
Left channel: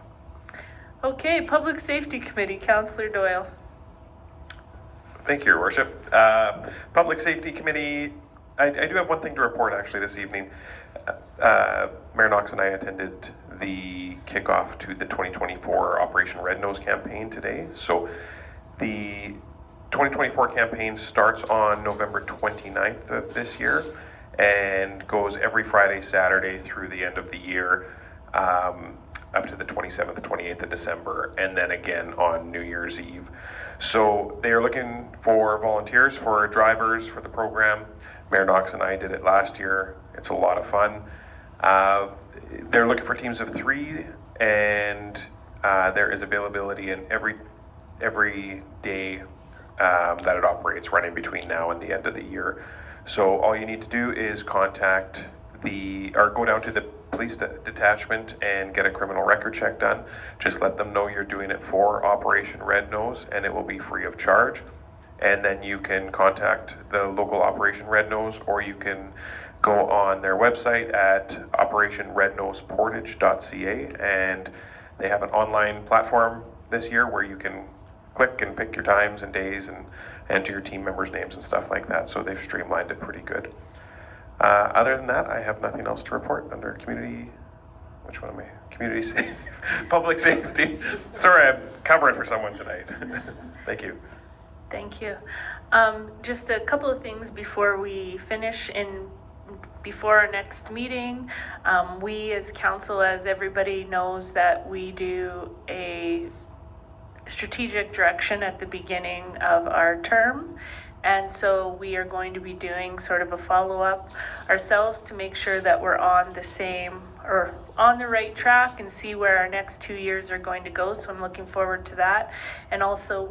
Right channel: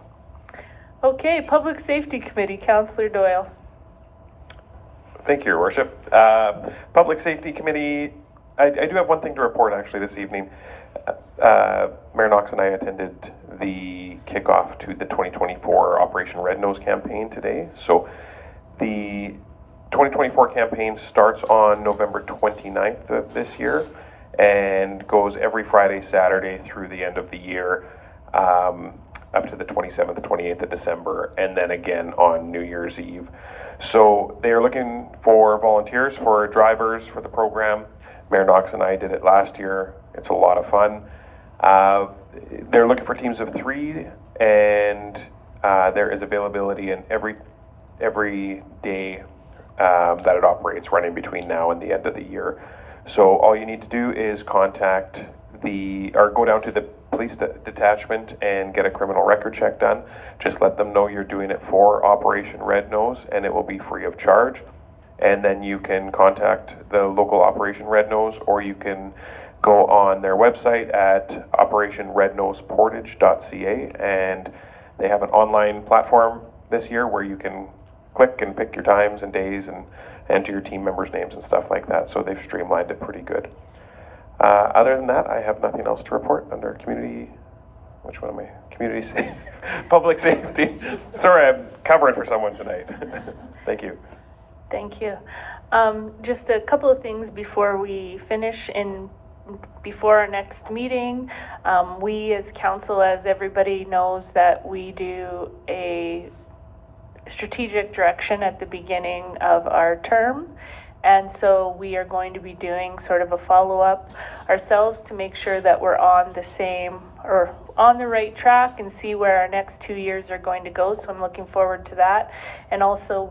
okay, Public Safety Committee, Councillor Doyle. Thank you, Your Worship. Public Safety Committee, I do have one thing to report actually this evening. Mayor Knox and I attended the kickoff to the 2024 Operation Red Nose campaign today. So The 2024 campaign starts on November 29th of this year and goes every Friday, Saturday through the end of the year, up to the 27th, 28th of December, and then again on New Year's Eve. So they are looking for volunteers, for drivers for the program. Mayor Knox and I did it last year. It's a lot of fun. They're looking for teams of 3, and there is availability in every day that it operates, running between now and the end of the year. So all you need to do is go down to the police detachment and get a criminal record check done. Just let them know you're doing it for Operation Red Nose, and it will be free of charge. And then you can contact the local Operation Red Nose, or you can go on their website at operationrednoseportage.ca, and they have an online platform this year where you can click and pick your times and days and enter your team members' names and stuff like that. So they've streamlined it pretty good. Other than that, I have nothing else to report under community. Which one am I? Community public safety. Sorry, I'm covering for someone tonight. Thank you. Thank you. Just a couple of things before we finish before our next meeting. We as council, as everybody knows, that we do a strategic direction at the beginning of our term. And so we are going to be doing sort of a follow-up ourselves to make sure that we're on the same or on the right track and see where our next 2 years are going to go. So I'm looking forward to that. And also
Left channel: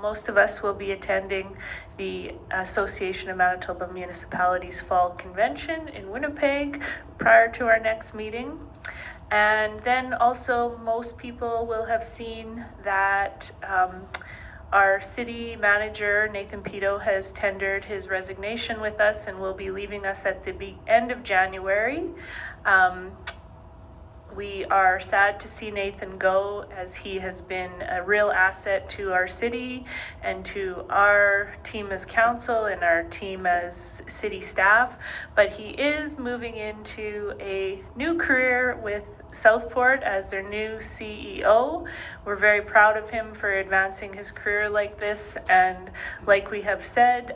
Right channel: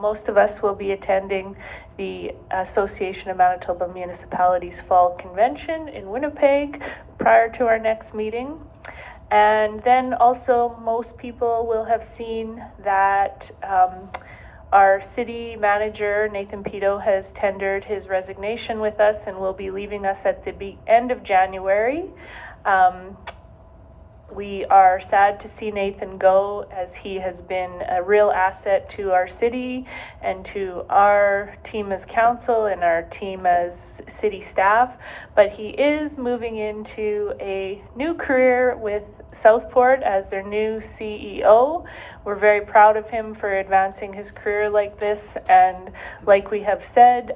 most of us will be attending the Association of Manitoba Municipalities Fall Convention in Winnipeg prior to our next meeting. And then also most people will have seen that our city manager, Nathan Pito, has tendered his resignation with us and will be leaving us at the end of January. We are sad to see Nathan go, as he has been a real asset to our city and to our team as council and our team as city staff. But he is moving into a new career with Southport as their new CEO. We're very proud of him for advancing his career like this, and like we have said,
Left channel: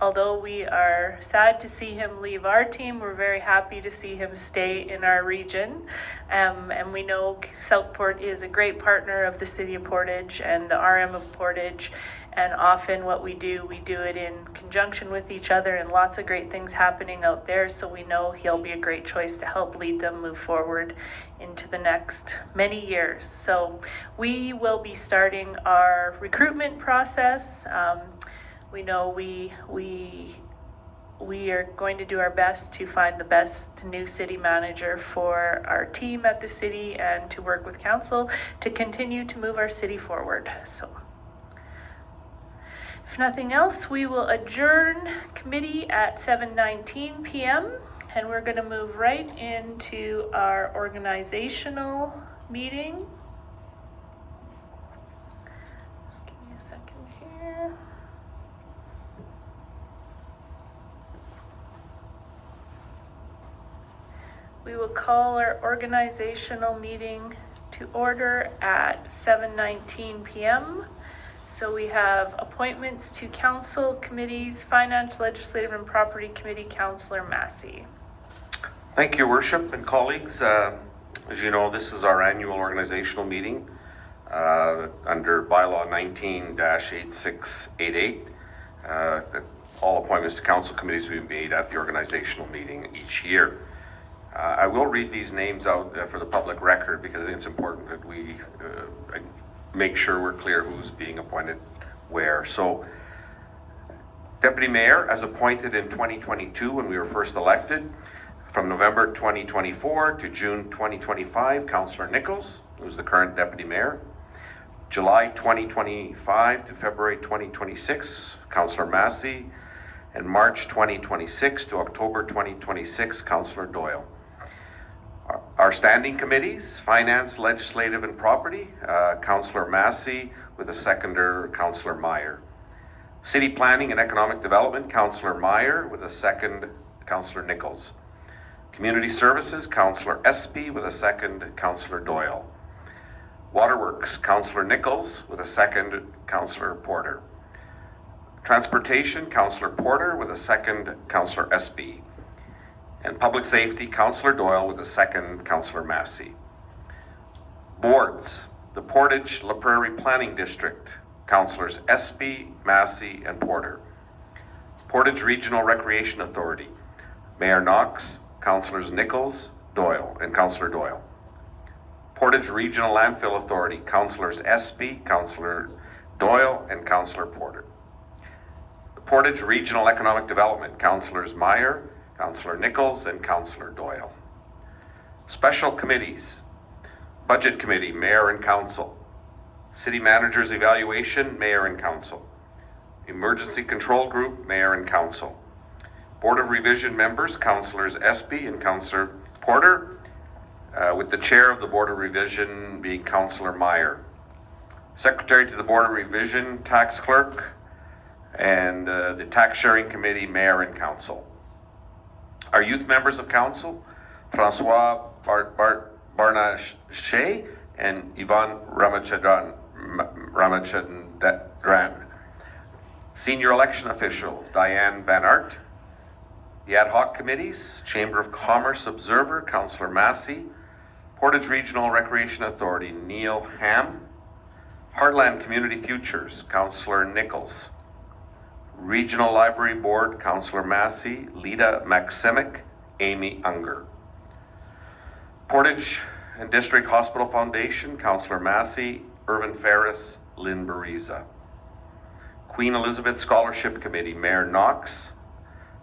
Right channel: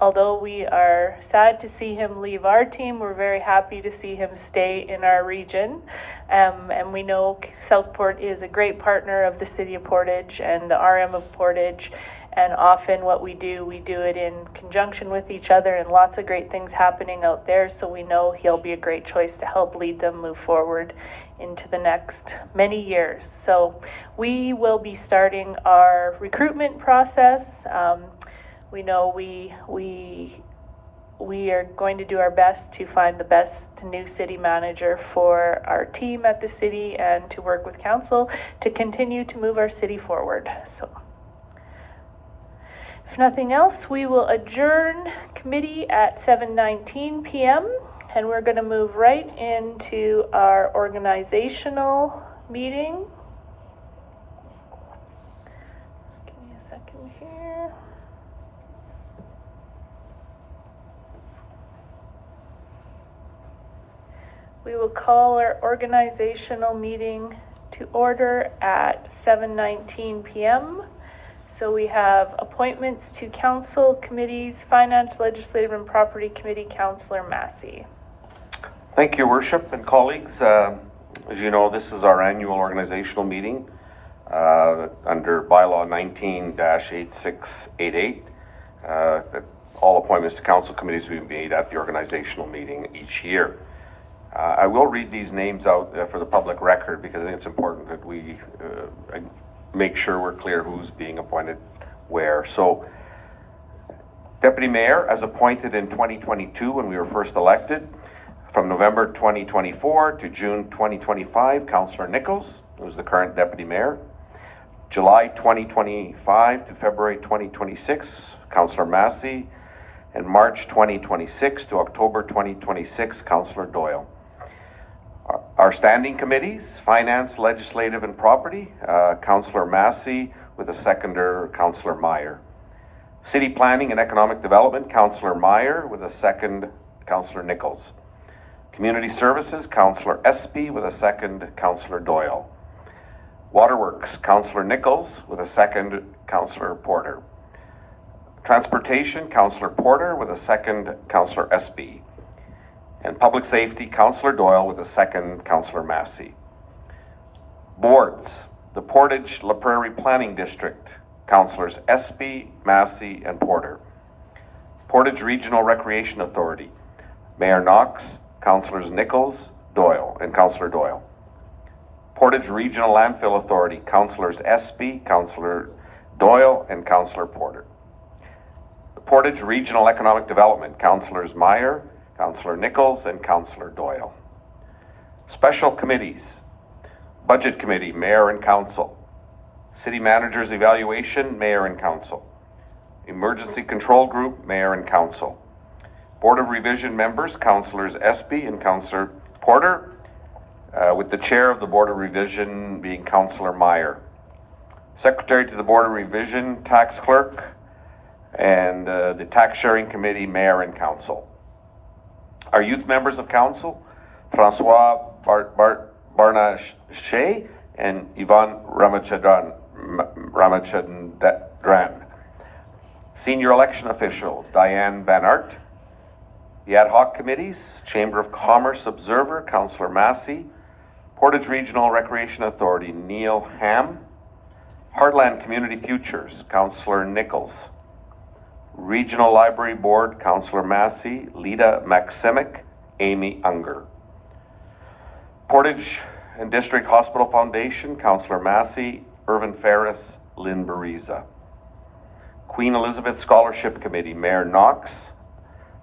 although we are sad to see him leave our team, we're very happy to see him stay in our region. And we know Southport is a great partner of the City of Portage and the RM of Portage, and often what we do it in conjunction with each other, and lots of great things happening out there. So we know he'll be a great choice to help lead them move forward into the next many years. So we will be starting our recruitment process. We know we are going to do our best to find the best new city manager for our team at the city and to work with council to continue to move our city forward. So if nothing else, we will adjourn committee at 7:19 p.m. and we're going to move right into our organizational meeting. Just give me a second here. We will call our organizational meeting to order at 7:19 p.m. So we have appointments to council committees, Finance, Legislative, and Property Committee, Councillor Massey. Thank you, Worship and colleagues. As you know, this is our annual organizational meeting under bylaw 19-8688. All appointments to council committees will be made at the organizational meeting each year. I will read these names out for the public record because I think it's important that we make sure we're clear who's being appointed where. So, Deputy Mayor, as appointed in 2022 when we were first elected, from November 2024 to June 2025, Councillor Nichols, who's the current Deputy Mayor. July 2025 to February 2026, Councillor Massey. And March 2026 to October 2026, Councillor Doyle. Our standing committees, Finance, Legislative, and Property, Councillor Massey with a seconder, Councillor Meyer. City Planning and Economic Development, Councillor Meyer with a second, Councillor Nichols. Community Services, Councillor Espy with a second, Councillor Doyle. Waterworks, Councillor Nichols, with a second, Councillor Porter. Transportation, Councillor Porter, with a second, Councillor Espy. And Public Safety, Councillor Doyle, with a second, Councillor Massey. Boards, the Portage la Prairie Planning District, Councillors Espy, Massey, and Porter. Portage Regional Recreation Authority, Mayor Knox, Councillors Nichols, Doyle, and Councillor Doyle. Portage Regional Landfill Authority, Councillors Espy, Councillor Doyle, and Councillor Porter. The Portage Regional Economic Development, Councillors Meyer, Councillor Nichols, and Councillor Doyle. Special committees, Budget Committee, Mayor and Council. City Manager's Evaluation, Mayor and Council. Emergency Control Group, Mayor and Council. Board of Revision members, Councillors Espy and Councillor Porter, with the chair of the Board of Revision being Councillor Meyer. Secretary to the Board of Revision, Tax Clerk, and the Tax Sharing Committee, Mayor and Council. Our youth members of Council, Francois Barnachet and Yvonne Ramachandran. Senior Election Official, Diane Van Aert. The Ad Hoc Committees, Chamber of Commerce Observer, Councillor Massey. Portage Regional Recreation Authority, Neil Ham. Heartland Community Futures, Councillor Nichols. Regional Library Board, Councillor Massey, Lita Maximic, Amy Unger. Portage and District Hospital Foundation, Councillor Massey, Irvin Ferris, Lynn Bariza. Queen Elizabeth Scholarship Committee, Mayor Knox,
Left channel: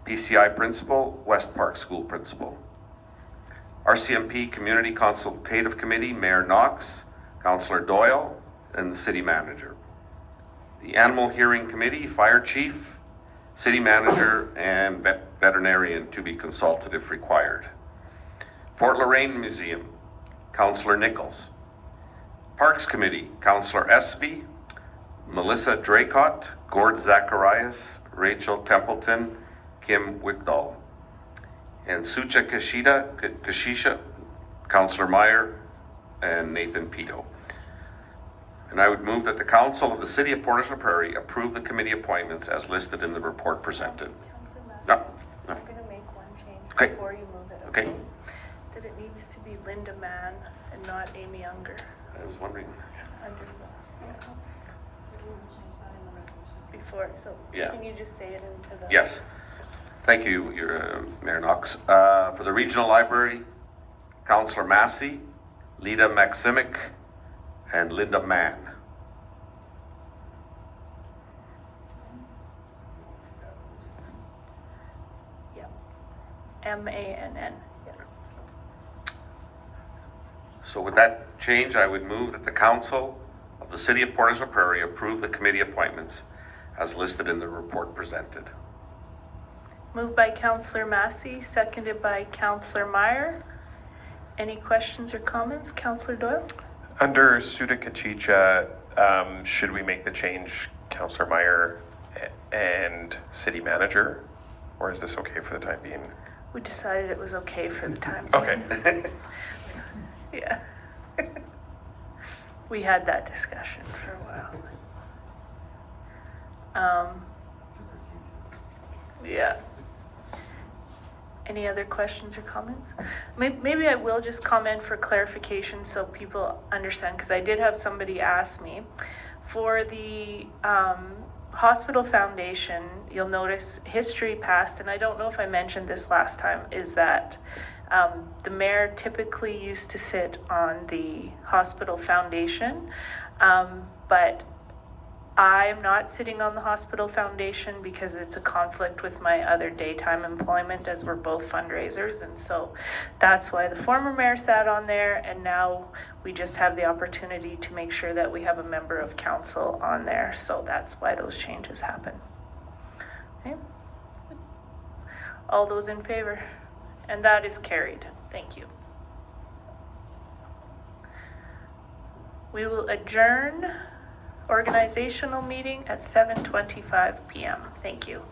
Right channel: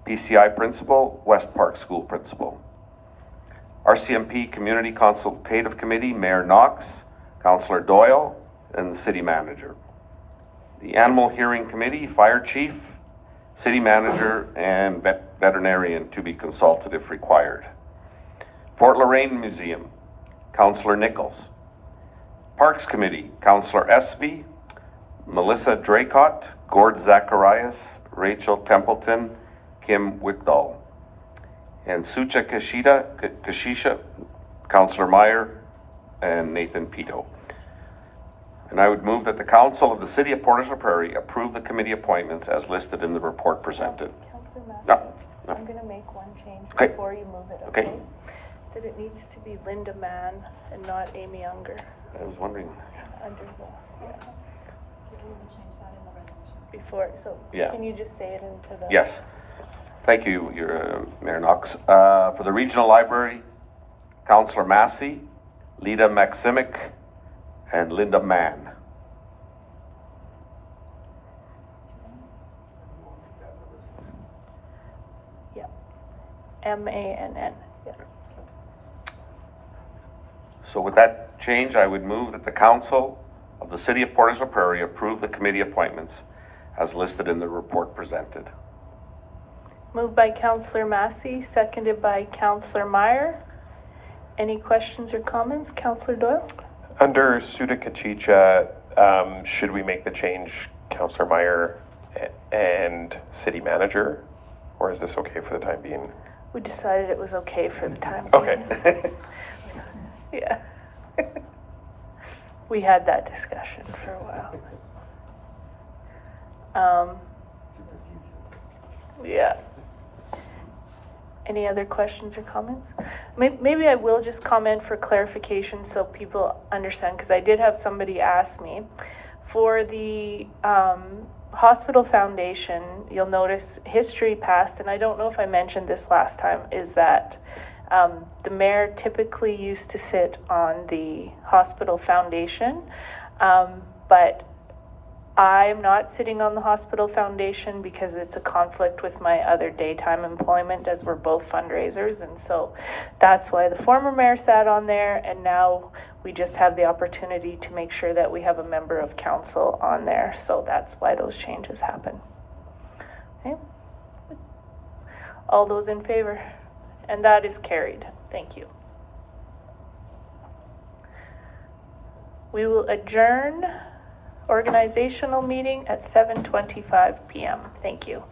PCI Principal, West Park School Principal. RCMP Community Consultative Committee, Mayor Knox, Councillor Doyle, and the City Manager. The Animal Hearing Committee, Fire Chief, City Manager, and Veterinarian to be consulted if required. Fort Lorraine Museum, Councillor Nichols. Parks Committee, Councillor Espy, Melissa Draycott, Gord Zacharias, Rachel Templeton, Kim Wickdahl. And Sucha Kashisha, Councillor Meyer, and Nathan Pito. And I would move that the Council of the City of Portage la Prairie approve the committee appointments as listed in the report presented. Councillor Massey, No. I'm gonna make one change Okay. before you move it, Okay. okay? That it needs to be Linda Mann and not Amy Unger I was wondering. under the, change that in the resolution. before, so Yeah. can you just say it into the? Yes. Thank you, Mayor Knox. For the Regional Library, Councillor Massey, Lita Maximic, and Linda Mann. Yeah. M-A-N-N. Yeah. So with that change, I would move that the Council of the City of Portage la Prairie approve the committee appointments as listed in the report presented. Moved by Councillor Massey, seconded by Councillor Meyer. Any questions or comments? Councillor Doyle? Under Sudakachicha, should we make the change, Councillor Meyer and City Manager? Or is this okay for the time being? We decided it was okay for the time being. Okay. Yeah. We had that discussion for a while. Yeah. Any other questions or comments? Maybe I will just comment for clarification so people understand, because I did have somebody ask me. For the hospital foundation, you'll notice history past, and I don't know if I mentioned this last time, is that the mayor typically used to sit on the hospital foundation, but I'm not sitting on the hospital foundation because it's a conflict with my other daytime employment, as we're both fundraisers, and so that's why the former mayor sat on there, and now we just have the opportunity to make sure that we have a member of council on there, so that's why those changes happen. Okay. All those in favor? And that is carried. Thank you. We will adjourn organizational meeting at 7:25 p.m. Thank you.